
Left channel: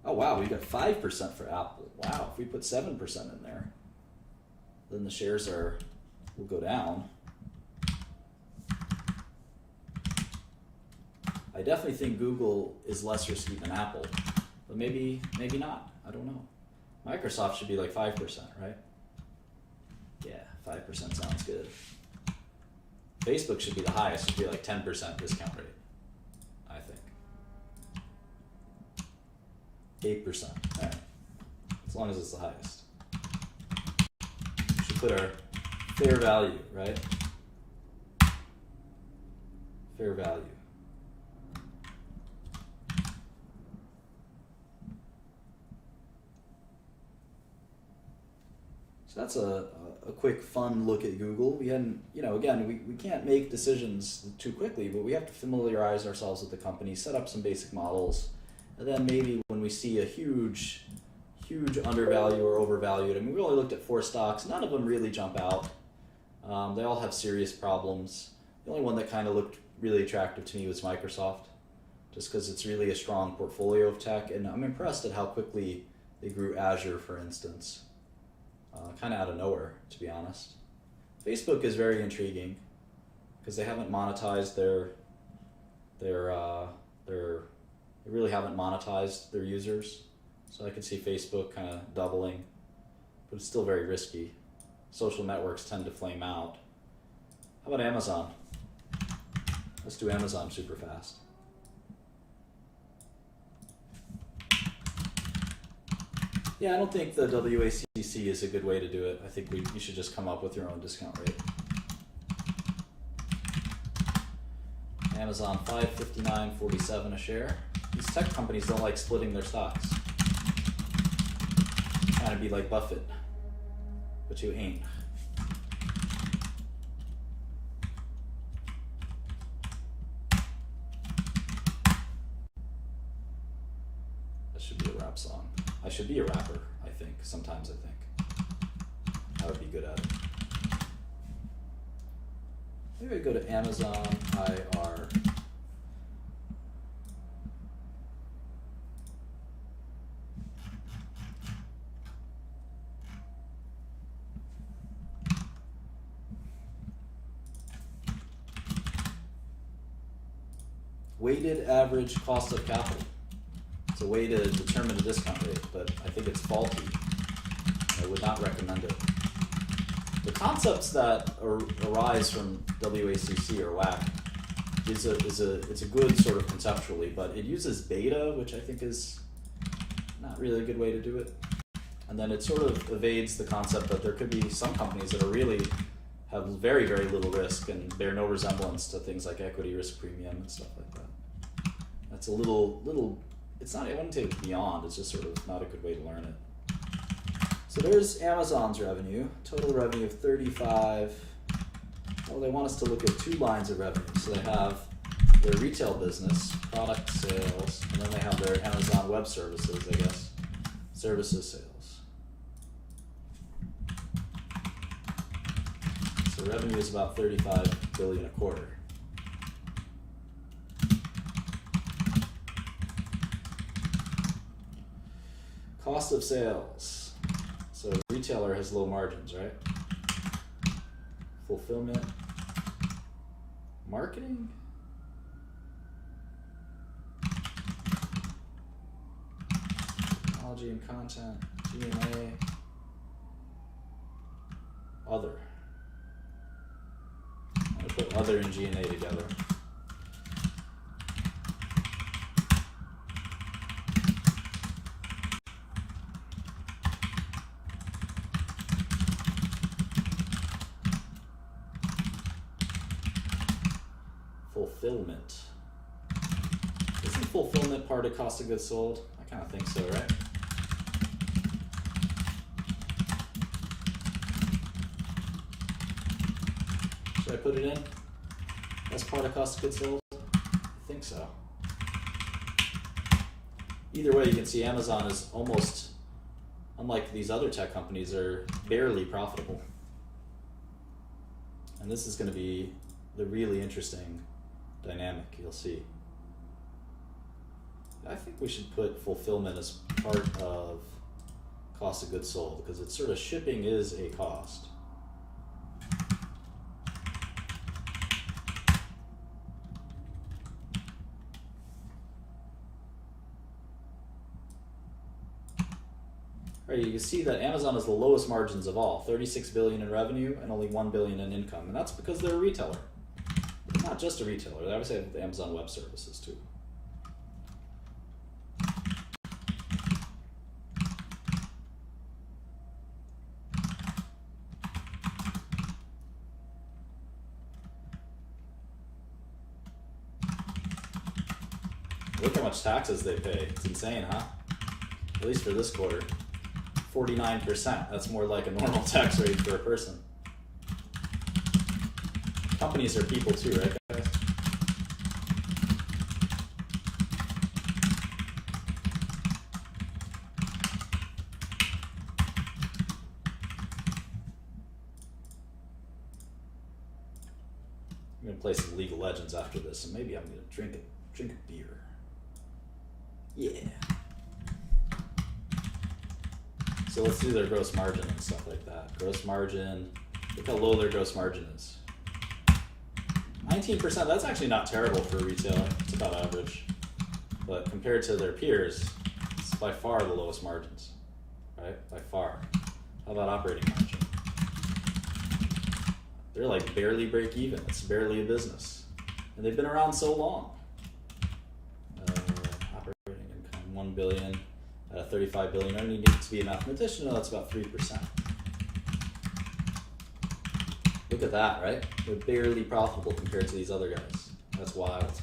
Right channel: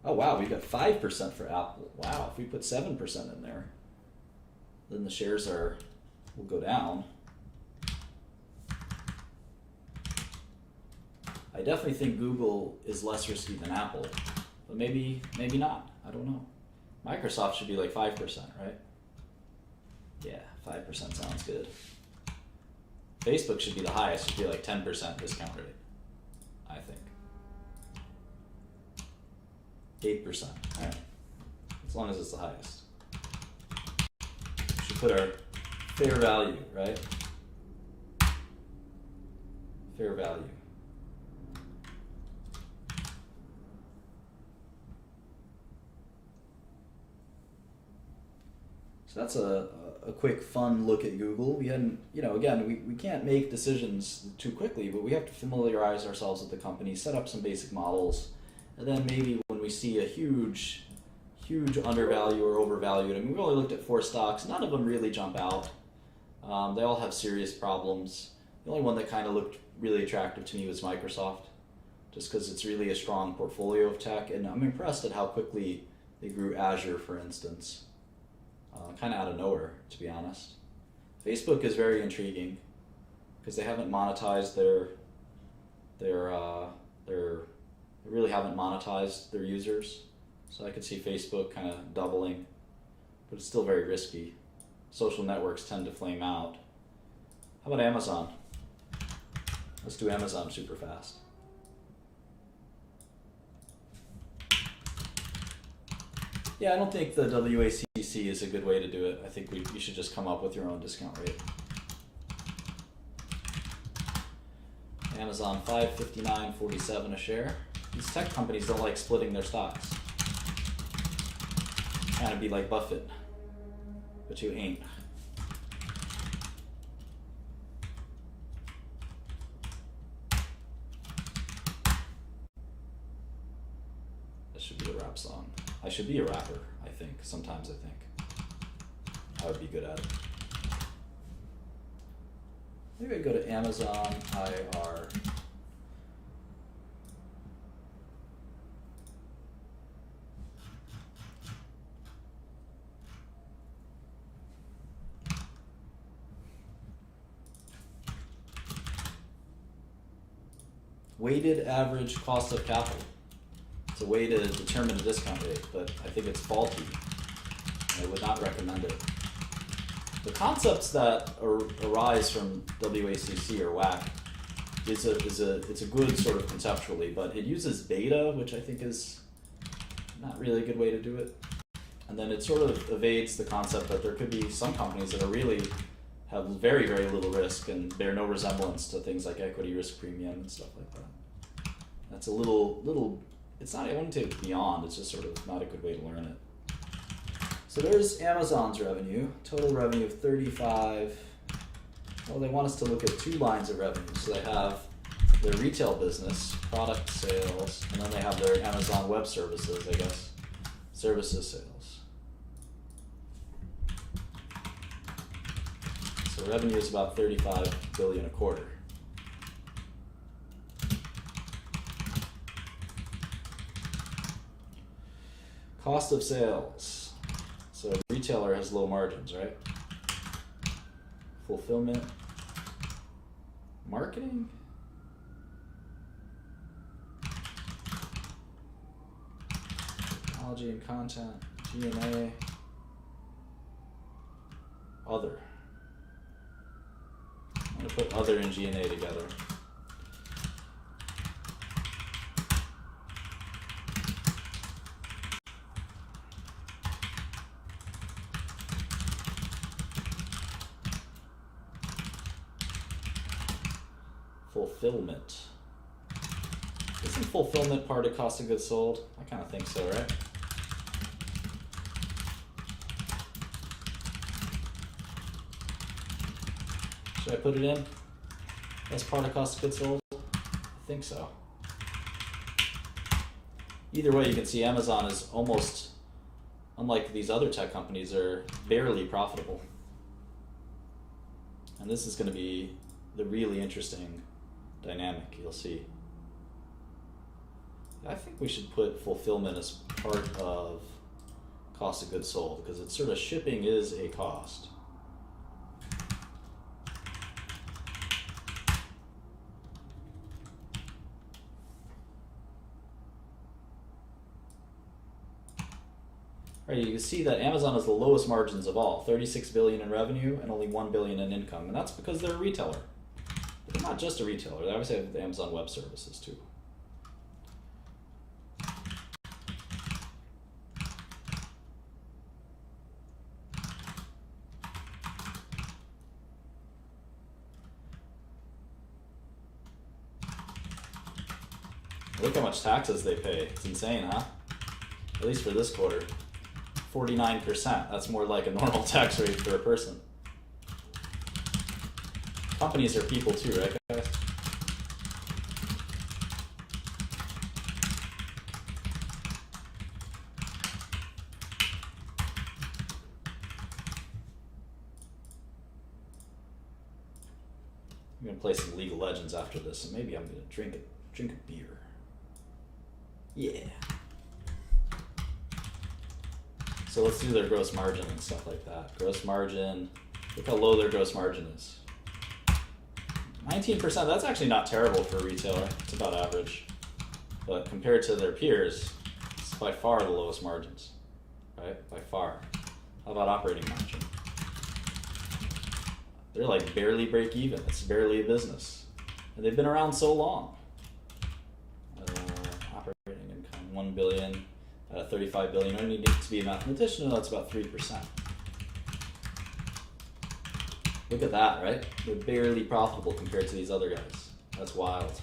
Oh wow, we got 5% for Apple. Wow, if we put 7% in there, then the shares will go down. I definitely think Google is less risky than Apple, but maybe not. I don't know. Microsoft should be like 5%, right? Yeah, 5% sounds good. Facebook should be the highest. Should be like 10% discount rate, I think. 8%, right? As long as it's the highest. We should put our fair value, right? Fair value. So that's a quick, fun look at Google. We hadn't, again, we can't make decisions too quickly, but we have to familiarize ourselves with the company, set up some basic models, and then maybe when we see a huge undervalue or overvalued, I mean, we only looked at 4 stocks. None of them really jump out. They all have serious problems. The only one that kind of looked really attractive to me was Microsoft, just because it's really a strong portfolio of tech, and I'm impressed at how quickly they grew Azure, for instance. Kind of out of nowhere, to be honest. Facebook is very intriguing because they haven't monetized they really haven't monetized their users. So I could see Facebook kind of doubling, but it's still very risky. Social networks tend to flame out. How about Amazon? Let's do Amazon super fast. Yeah, I don't think the WACC is a good way to do it. I think you should just come up with your own discount rate. Amazon, $559.47 a share. These tech companies don't like splitting their stocks. Trying to be like Buffett, but you ain't. That should be a rap song. I should be a rapper, I think. Sometimes I think. I would be good at it. Maybe I go to Amazon IR. Weighted average cost of capital. It's a way to determine a discount rate, but I think it's faulty. I would not recommend it. The concepts that arise from WACC or WACC it's a good sort of conceptually, but it uses beta, which I think is not really a good way to do it. And then it sort of evades the concept that there could be some companies that are really have very, very little risk and bear no resemblance to things like equity risk premium and stuff like that. That's a little. It's not, I wouldn't take it beyond, it's just sort of not a good way to learn it. So there's Amazon's revenue, total revenue of 35. Well, they want us to look at 2 lines of revenue. So they have their retail business, product sales, and then they have their Amazon Web Services, I guess, services sales. So revenue is about $35 billion a quarter. Cost of sales. So a retailer has low margins, right? Fulfillment. Marketing? Technology and content. G&A. Other. I'm going to put other and G&A together. Fulfillment. Isn't fulfillment part of cost of goods sold? I kind of think so, right? Should I put it in as part of cost of goods sold? I think so. Either way, you can see Amazon is almost, unlike these other tech companies, are barely profitable. And this is going to be the really interesting dynamic, you'll see. I think we should put fulfillment as part of cost of goods sold, because it's sort of shipping is a cost. right, you can see that Amazon has the lowest margins of all, 36 billion in revenue and only 1 billion in income, and that's because they're a retailer. But they're not just a retailer; they obviously have the Amazon Web Services too. Look how much taxes they pay. It's insane, huh? At least for this quarter. 49%. That's more like a normal tax rate for a person. Companies are people too, right, guys? I'm gonna play some League of Legends after this, and maybe I'm gonna drink a beer. Yeah. So let's do their gross margin and stuff like that. Gross margin, look how low their gross margin is. 19%, that's actually not terrible for a retailer. It's about average. But compared to their peers, it's by far the lowest margins, right? By far. How about operating margin? They're like barely break even. It's barely a business. And they've been around so long. Operating income, 1 billion. 35 billion. I don't need to be a mathematician. No, that's about 3%. Look at that, right? They're barely profitable compared to these other guys. That's wild.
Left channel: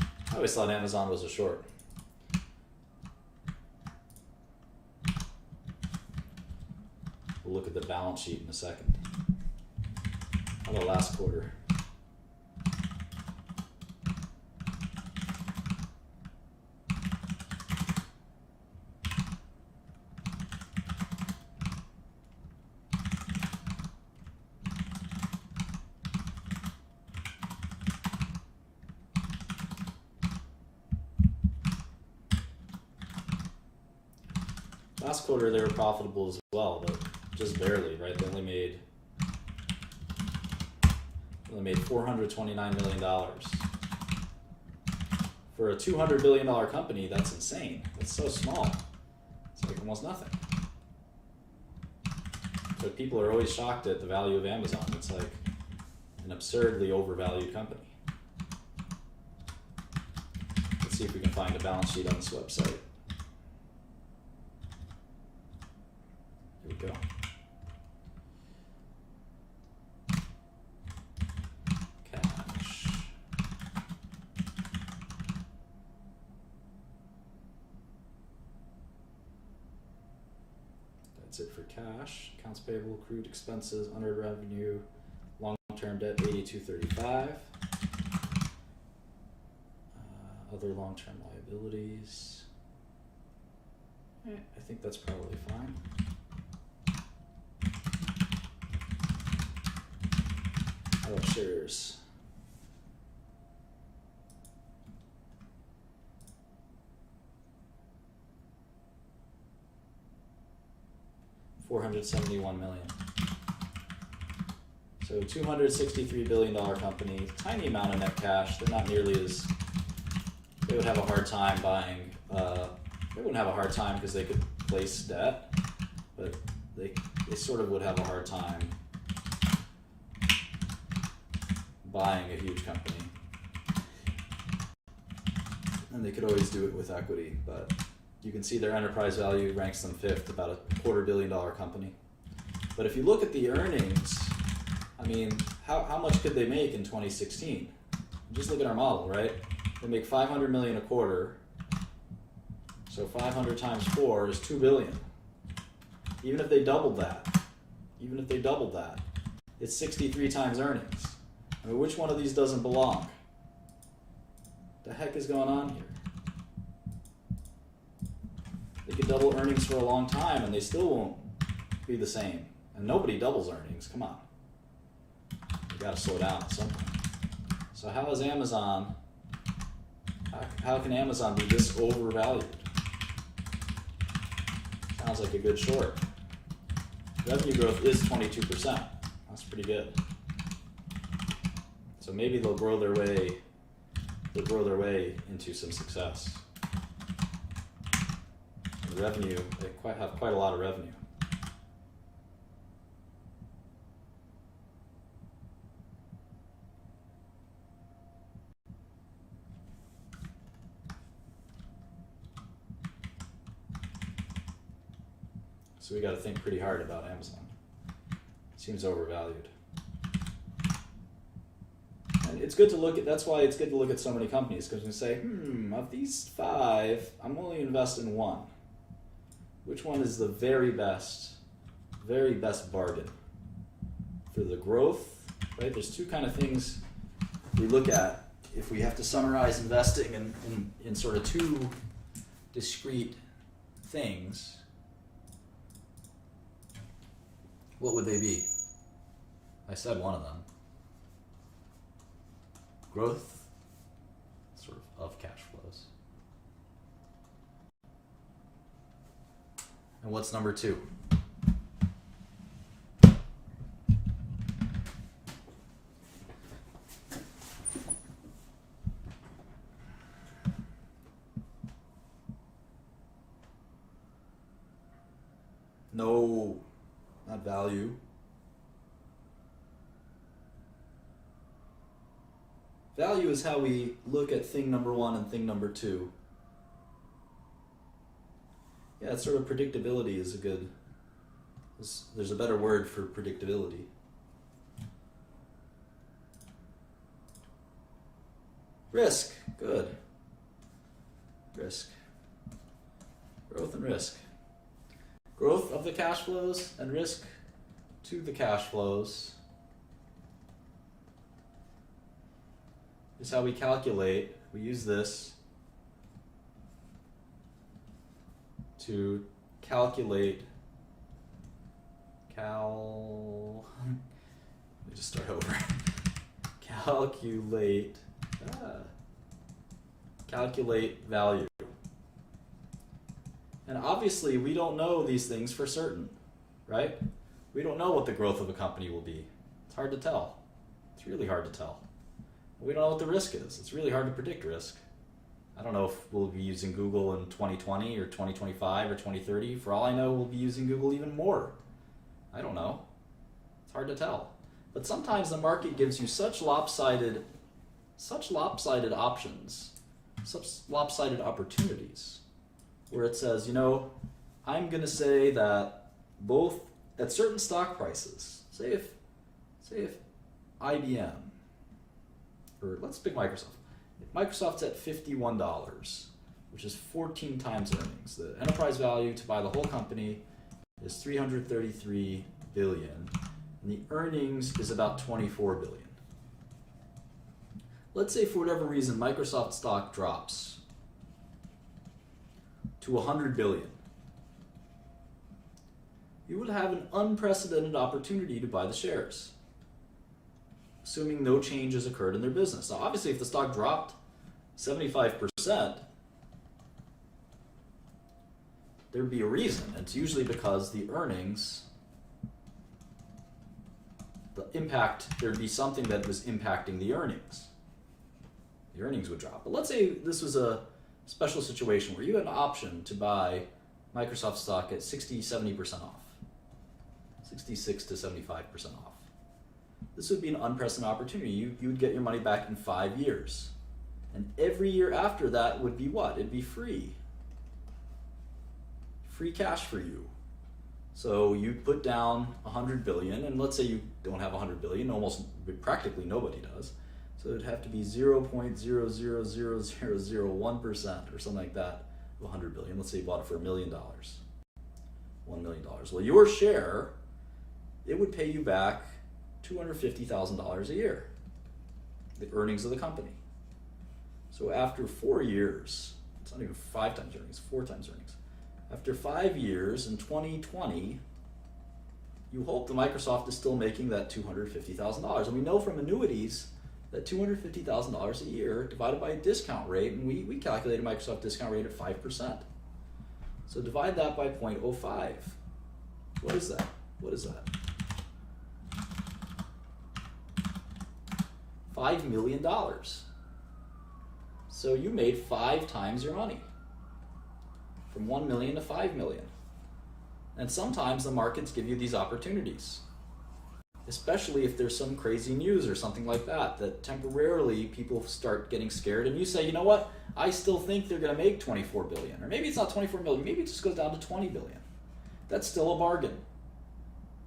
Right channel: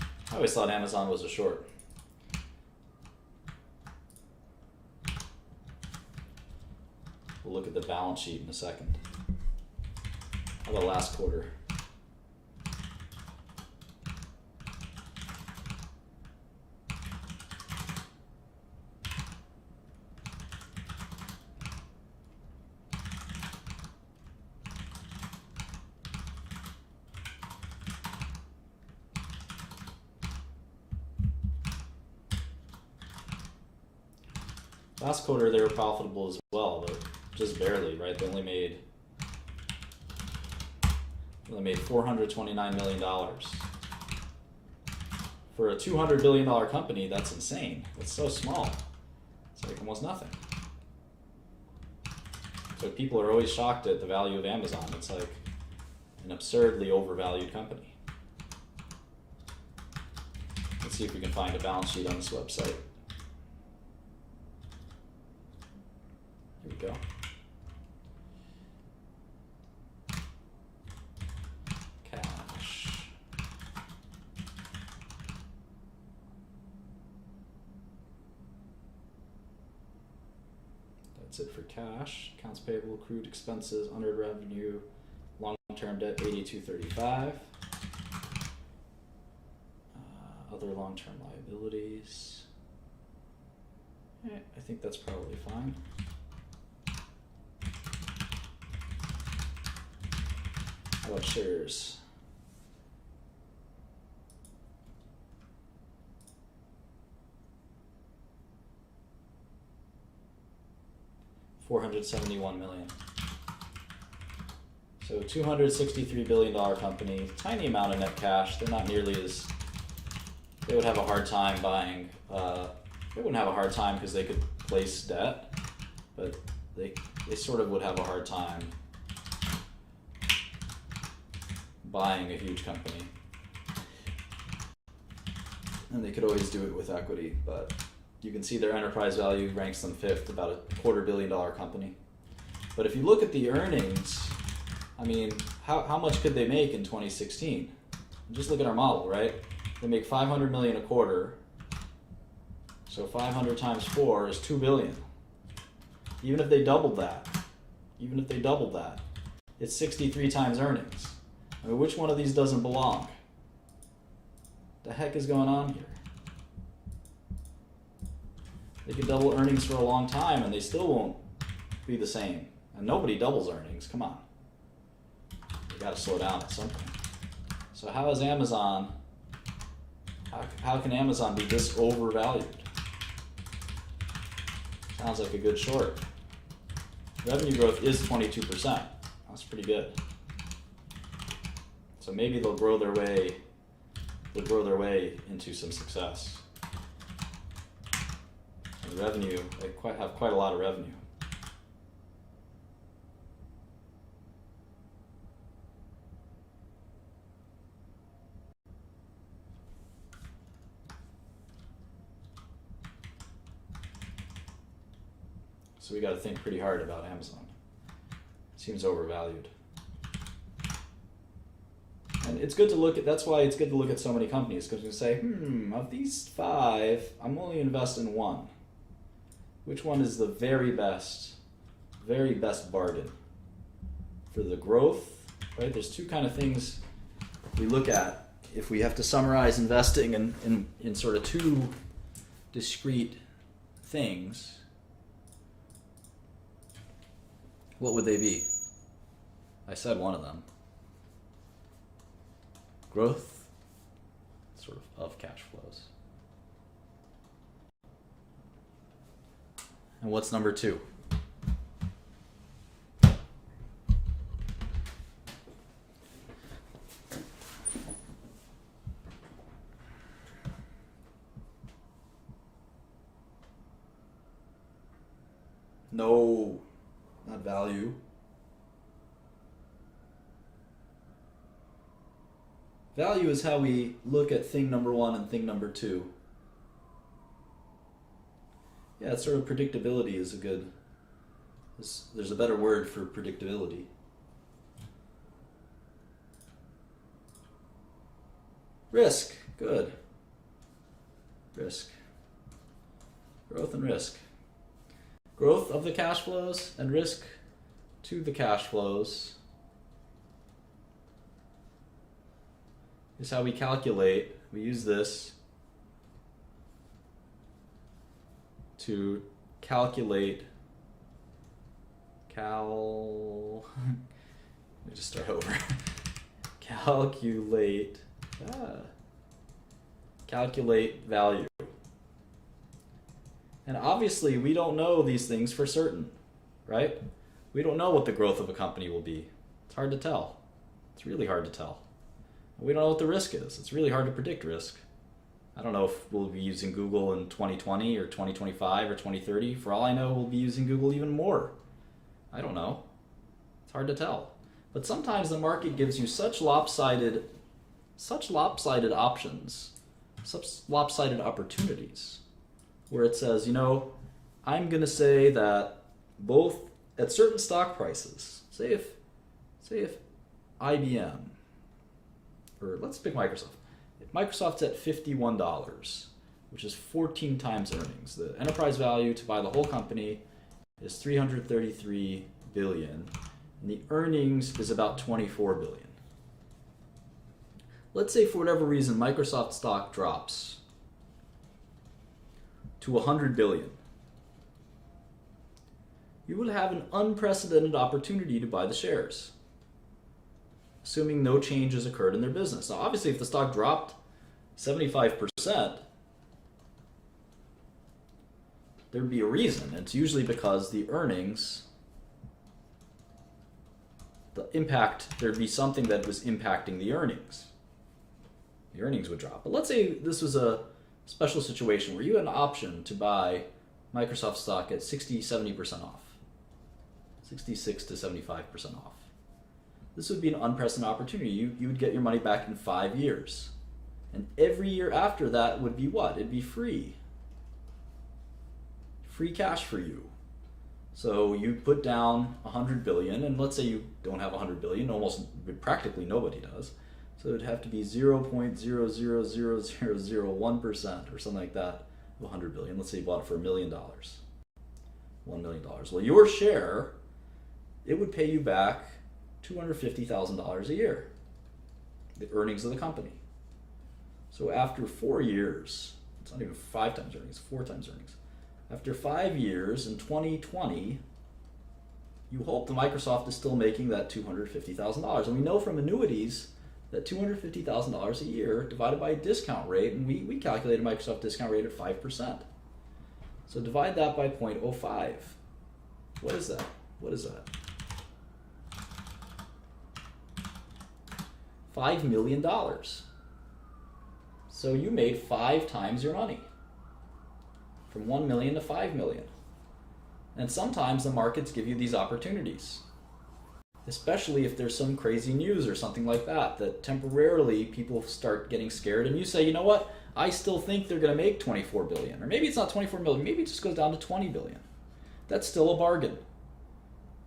I always thought Amazon was a short. We'll look at the balance sheet in a second. How about last quarter? Last quarter they were profitable as well, but just barely, right? They only made $429 million. For a $200 billion company, that's insane. That's so small. It's like almost nothing. So people are always shocked at the value of Amazon. It's like an absurdly overvalued company. Let's see if we can find a balance sheet on this website. Here we go. Cash. That's it for cash. Accounts payable, accrued expenses, unearned revenue, long-term debt 8235. Other long-term liabilities. I think that's probably fine. How about shares? $471 million. So $263 billion company, tiny amount of net cash. They're not nearly as, they would have a hard time buying, they wouldn't have a hard time because they could place debt, but they sort of would have a hard time buying a huge company. And they could always do it with equity, but you can see their enterprise value ranks them fifth, about a $250 million company. But if you look at the earnings, I mean, how much could they make in 2016? Just look at our model, right? They make 500 million a quarter. So 500 times 4 is 2 billion. Even if they doubled that, it's 63 times earnings. I mean, which one of these doesn't belong? The heck is going on here? They could double earnings for a long time and they still won't be the same. And nobody doubles earnings, come on. You gotta slow down at some point. So how is Amazon, how can Amazon be this overvalued? Sounds like a good short. Revenue growth is 22%. That's pretty good. So maybe they'll grow their way into some success. revenue, they have quite a lot of revenue. So we got to think pretty hard about Amazon. It seems overvalued. And it's good to look at, that's why it's good to look at so many companies, because you say, of these 5, I'm only invest in one. Which one is the very best bargain? For the growth, right? There's two kind of things we look at if we have to summarize investing in sort of two discrete things. What would they be? I said one of them. Growth, sort of cash flows. And what's number 2? No, not value. Value is how we look at thing number 1 and thing number 2. Yeah, it's sort of predictability is a good, there's a better word for predictability. Risk, good. Risk. Growth and risk. Growth of the cash flows and risk to the cash flows is how we calculate. We use this to calculate let me just start over. Calculate value. And obviously we don't know these things for certain, right? We don't know what the growth of a company will be. It's hard to tell. It's really hard to tell. We don't know what the risk is. It's really hard to predict risk. I don't know if we'll be using Google in 2020 or 2025 or 2030. For all I know, we'll be using Google even more. I don't know. It's hard to tell. But sometimes the market gives you such lopsided options, such lopsided opportunities, where it says, I'm going to say that both at certain stock prices, say if IBM, or let's pick Microsoft. If Microsoft's at $51, which is 14 times earnings, the enterprise value to buy the whole company is $333 billion, and the earnings is about $24 billion. Let's say for whatever reason Microsoft stock drops to $100 billion. You will have an unprecedented opportunity to buy the shares, assuming no change has occurred in their business. Now, obviously, if the stock dropped 75%, there'd be a reason. It's usually because the earnings, there'd be something that was impacting the earnings. The earnings would drop. But let's say this was a special situation where you had an option to buy Microsoft stock at 70% off, 66 to 75% off. This would be an unprecedented opportunity. You would get your money back in 5 years. And every year after that would be what? It'd be free. Free cash for you. So you put down $100 billion, and let's say you don't have $100 billion, practically nobody does. So it'd have to be 0.0000001% or something like that of $100 billion. Let's say you bought it for $1 million. $1 million. Well, your share, it would pay you back $250,000 a year, the earnings of the company. So after 4 years, it's not even 5 times earnings, 4 times earnings. After 5 years, in 2020, you hope the Microsoft is still making that $250,000. And we know from annuities that $250,000 a year divided by a discount rate, and we calculated a Microsoft discount rate at 5%. So divide that by 0.05. What is that? $5 million. So you made 5 times your money. from 1 million to 5 million. And sometimes the markets give you these opportunities, especially if there's some crazy news or something like that, that temporarily people start getting scared and you say, you know what, I still think they're going to make 24 billion. Or maybe it's not 24 million, maybe it just goes down to 20 billion. That's still a bargain.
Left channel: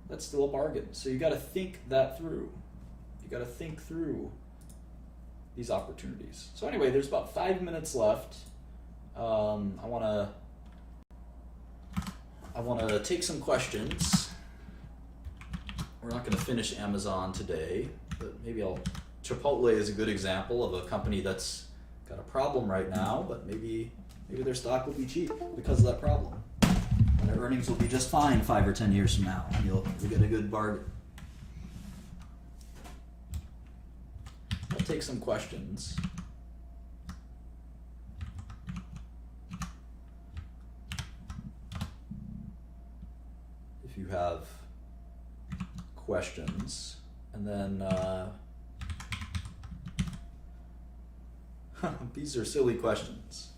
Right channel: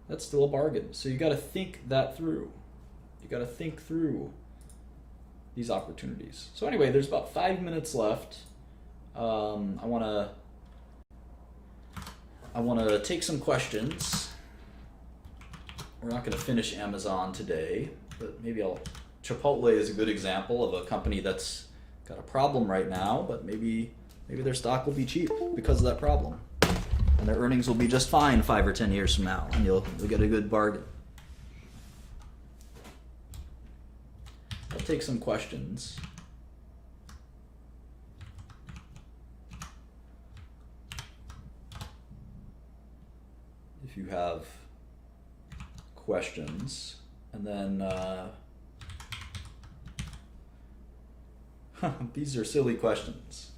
That's still a bargain. So you got to think that through. You got to think through these opportunities. So anyway, there's about 5 minutes left. I want to take some questions. We're not going to finish Amazon today, but maybe Chipotle is a good example of a company that's got a problem right now, but maybe their stock will be cheap because of that problem. And their earnings will be just fine 5 or 10 years from now, and you'll get a good bargain. I'll take some questions. If you have questions, and then these are silly questions.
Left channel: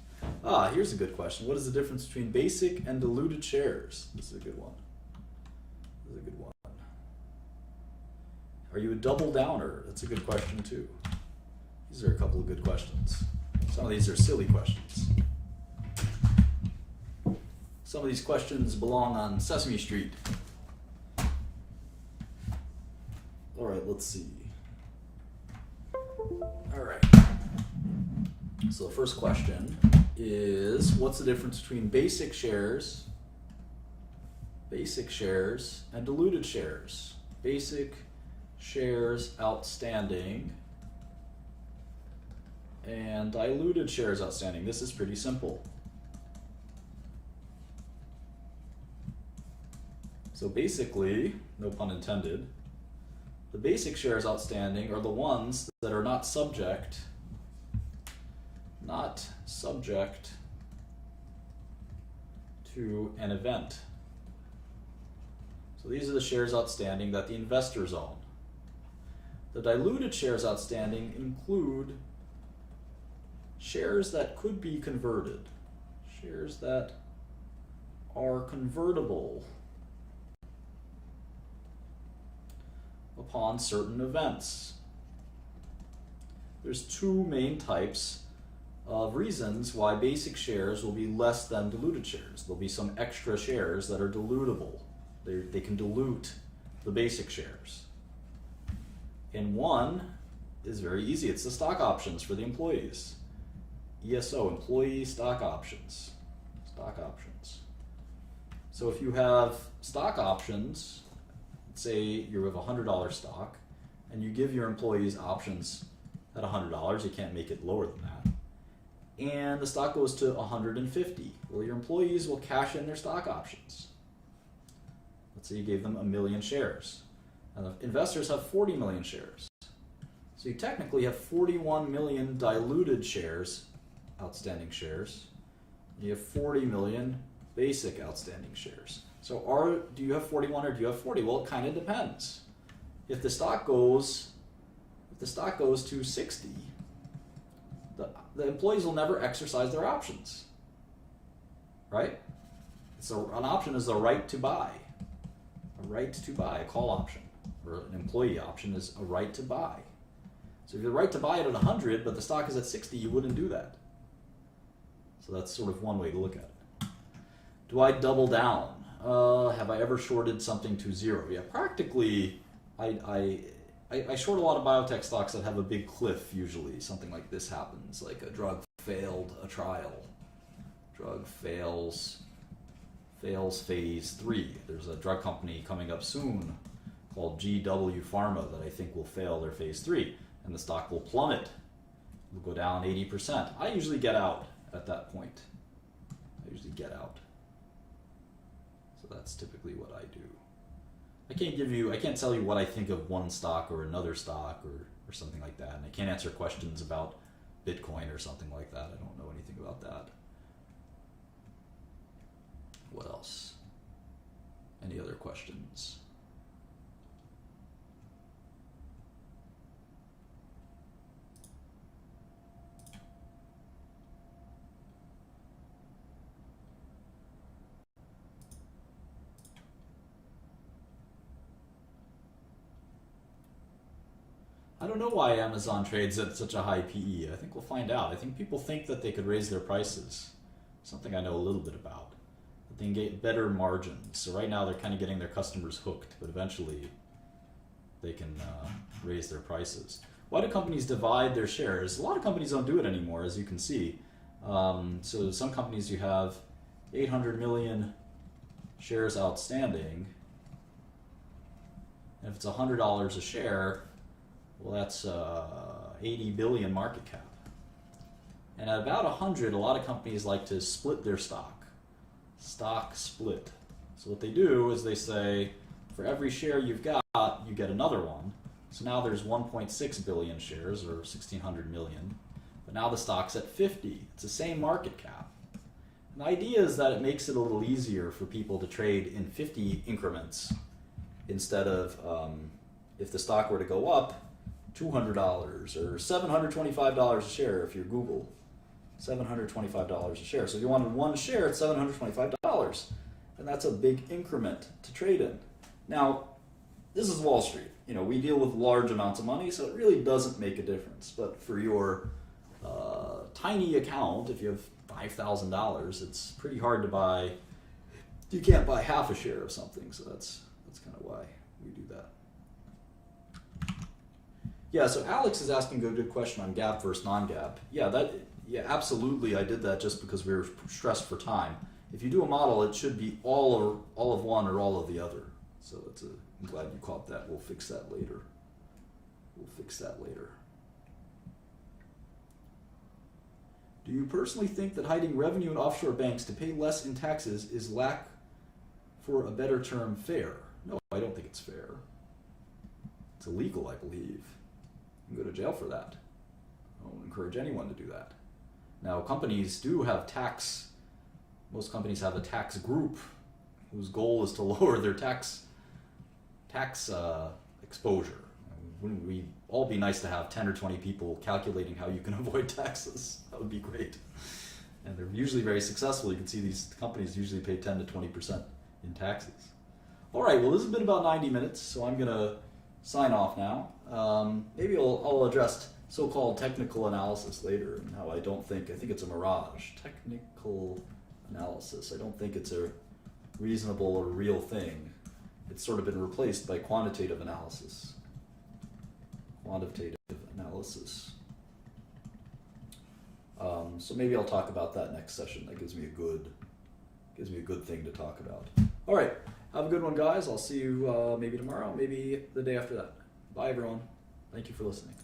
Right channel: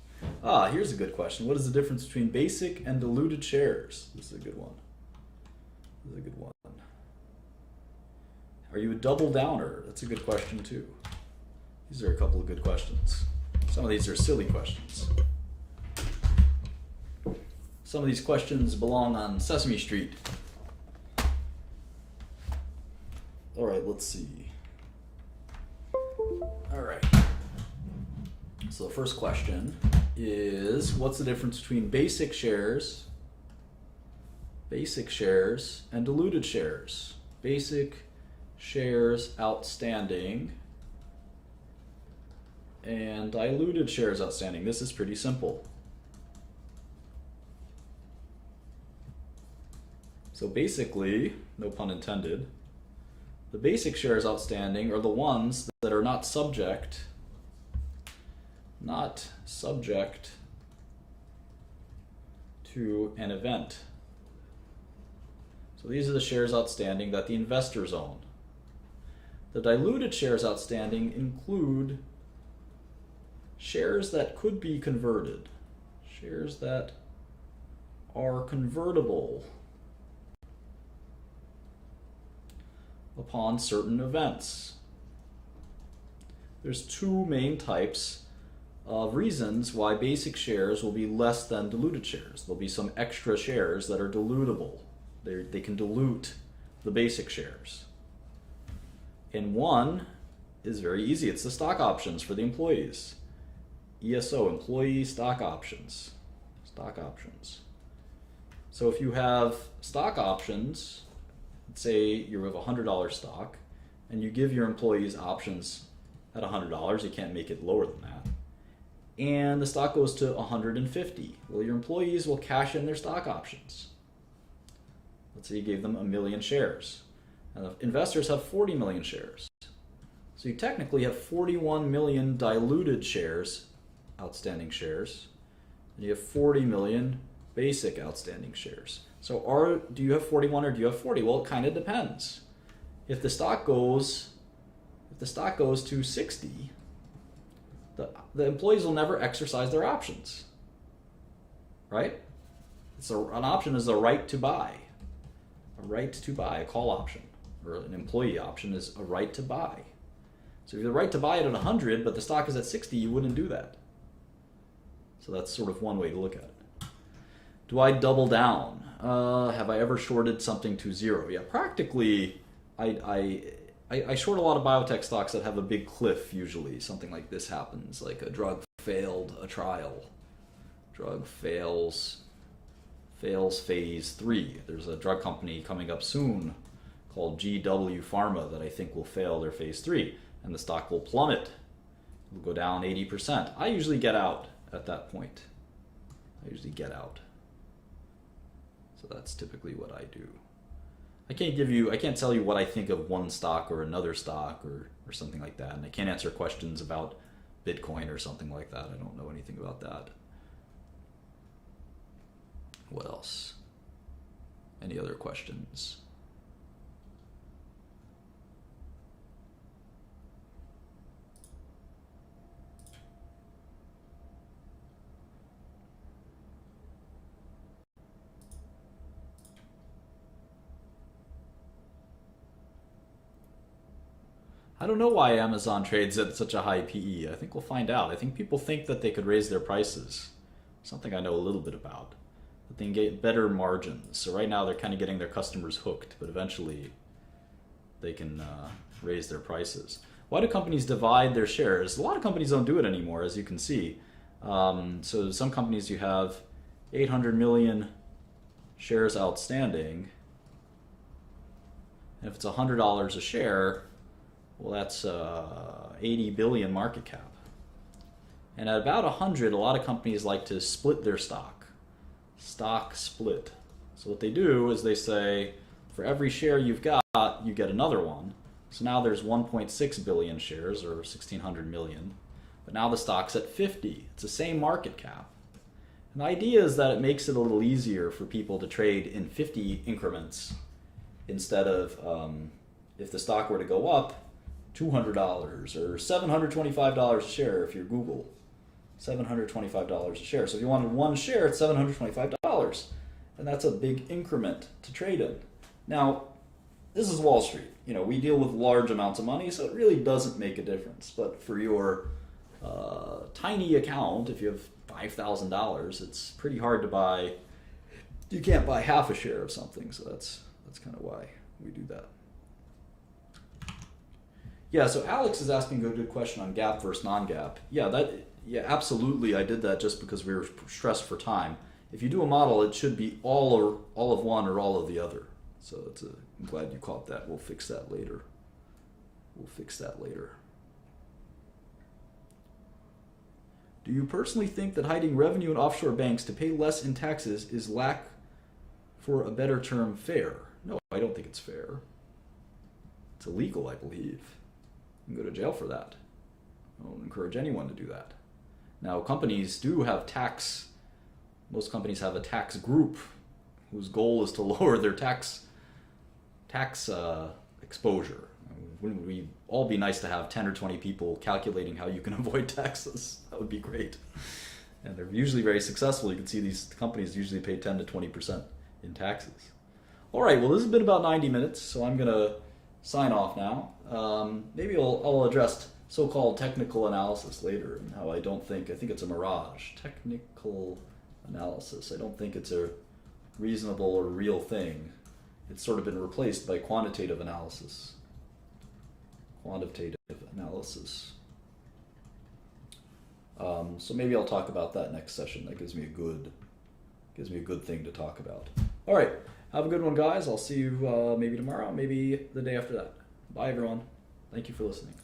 Here's a good question. What is the difference between basic and diluted shares? This is a good one. This is a good one. Are you a double downer? That's a good question too. These are a couple of good questions. Some of these are silly questions. Some of these questions belong on Sesame Street. All right, let's see. All right. So the first question is, what's the difference between basic shares and diluted shares? Basic shares outstanding and diluted shares outstanding. This is pretty simple. So basically, no pun intended, the basic shares outstanding are the ones that are not subject to an event. So these are the shares outstanding that the investors own. The diluted shares outstanding include shares that could be converted, shares that are convertible upon certain events. There's two main types of reasons why basic shares will be less than diluted shares. There'll be some extra shares that are dilutable. They can dilute the basic shares. And one is very easy. It's the stock options for the employees. ESO, employee stock options. Stock options. So if you have stock options, say you have $100 stock, and you give your employees options at $100, you can't make it lower than that. And the stock goes to $150. Well, your employees will cash in their stock options. Let's say you gave them 1 million shares. And the investors have 40 million shares. So you technically have 41 million diluted shares, outstanding shares, and you have 40 million basic outstanding shares. So do you have 41 or do you have 40? Well, it kind of depends. If the stock goes to 60, the employees will never exercise their options, right? So an option is a right to buy. A right to buy, a call option, or an employee option is a right to buy. So if you have the right to buy it at 100, but the stock is at 60, you wouldn't do that. So that's sort of one way to look at it. Do I double down? Have I ever shorted something to zero? Yeah, practically, I short a lot of biotech stocks that have a big cliff usually. Something like this happens, like a drug failed a trial. Drug fails phase 3. There's a drug company coming up soon called GW Pharma that I think will fail their phase 3, and the stock will plummet. It will go down 80%. I usually get out at that point. So that's typically what I do. I can't tell you what I think of one stock or another stock or something like that, and I can't answer questions about Bitcoin or something like that. I don't know anything about that. What else? Any other questions? I don't know why Amazon trades at such a high PE. I think we'll find out. I think people think that they could raise their prices. Something I know a little bit about. That they can get better margins. So right now they're kind of getting their customers hooked, but eventually they can raise their prices. Why do companies divide their shares? A lot of companies don't do it anymore, as you can see. So some companies you have 800 million shares outstanding. And if it's $100 a share, well, that's 80 billion market cap. And at about 100, a lot of companies like to split their stock. Stock split. So what they do is they say, for every share you've got, you get another one. So now there's 1.6 billion shares, or 1,600 million. But now the stock's at 50. It's the same market cap. And the idea is that it makes it a little easier for people to trade in 50 increments instead of, if the stock were to go up, $200 or $725 a share if you're Google. $725 a share. So if you wanted one share, it's $725. And that's a big increment to trade in. Now, this is Wall Street. You know, we deal with large amounts of money, so it really doesn't make a difference. But for your tiny account, if you have $5,000, it's pretty hard to buy. You can't buy half a share of something, so that's kind of why we do that. Yeah, so Alex is asking a good question on GAAP versus non-GAAP. Yeah, absolutely. I did that just because we were stressed for time. If you do a model, it should be all of one or all of the other. So I'm glad you caught that. We'll fix that later. Do you personally think that hiding revenue in offshore banks to pay less in taxes is, lack for a better term, fair? No, I don't think it's fair. It's illegal, I believe. You can go to jail for that. I don't encourage anyone to do that. Now, companies do have tax. Most companies have a tax group whose goal is to lower their tax exposure. Wouldn't we all be nice to have 10 or 20 people calculating how you can avoid taxes? That would be great. And they're usually very successful. You can see these companies usually pay 10 to 20% in taxes. All right, well, this has been about 90 minutes, so I'm going to sign off now. Maybe I'll address so-called technical analysis later, and how I think it's a mirage. Technical analysis. I don't think it's a reasonable or real thing. It's sort of been replaced by quantitative analysis. So maybe I'll talk about that next session. That gives me a good thing to talk about. All right, have a good one, guys. I'll see you maybe tomorrow, maybe the day after that. Bye, everyone. Thank you for listening.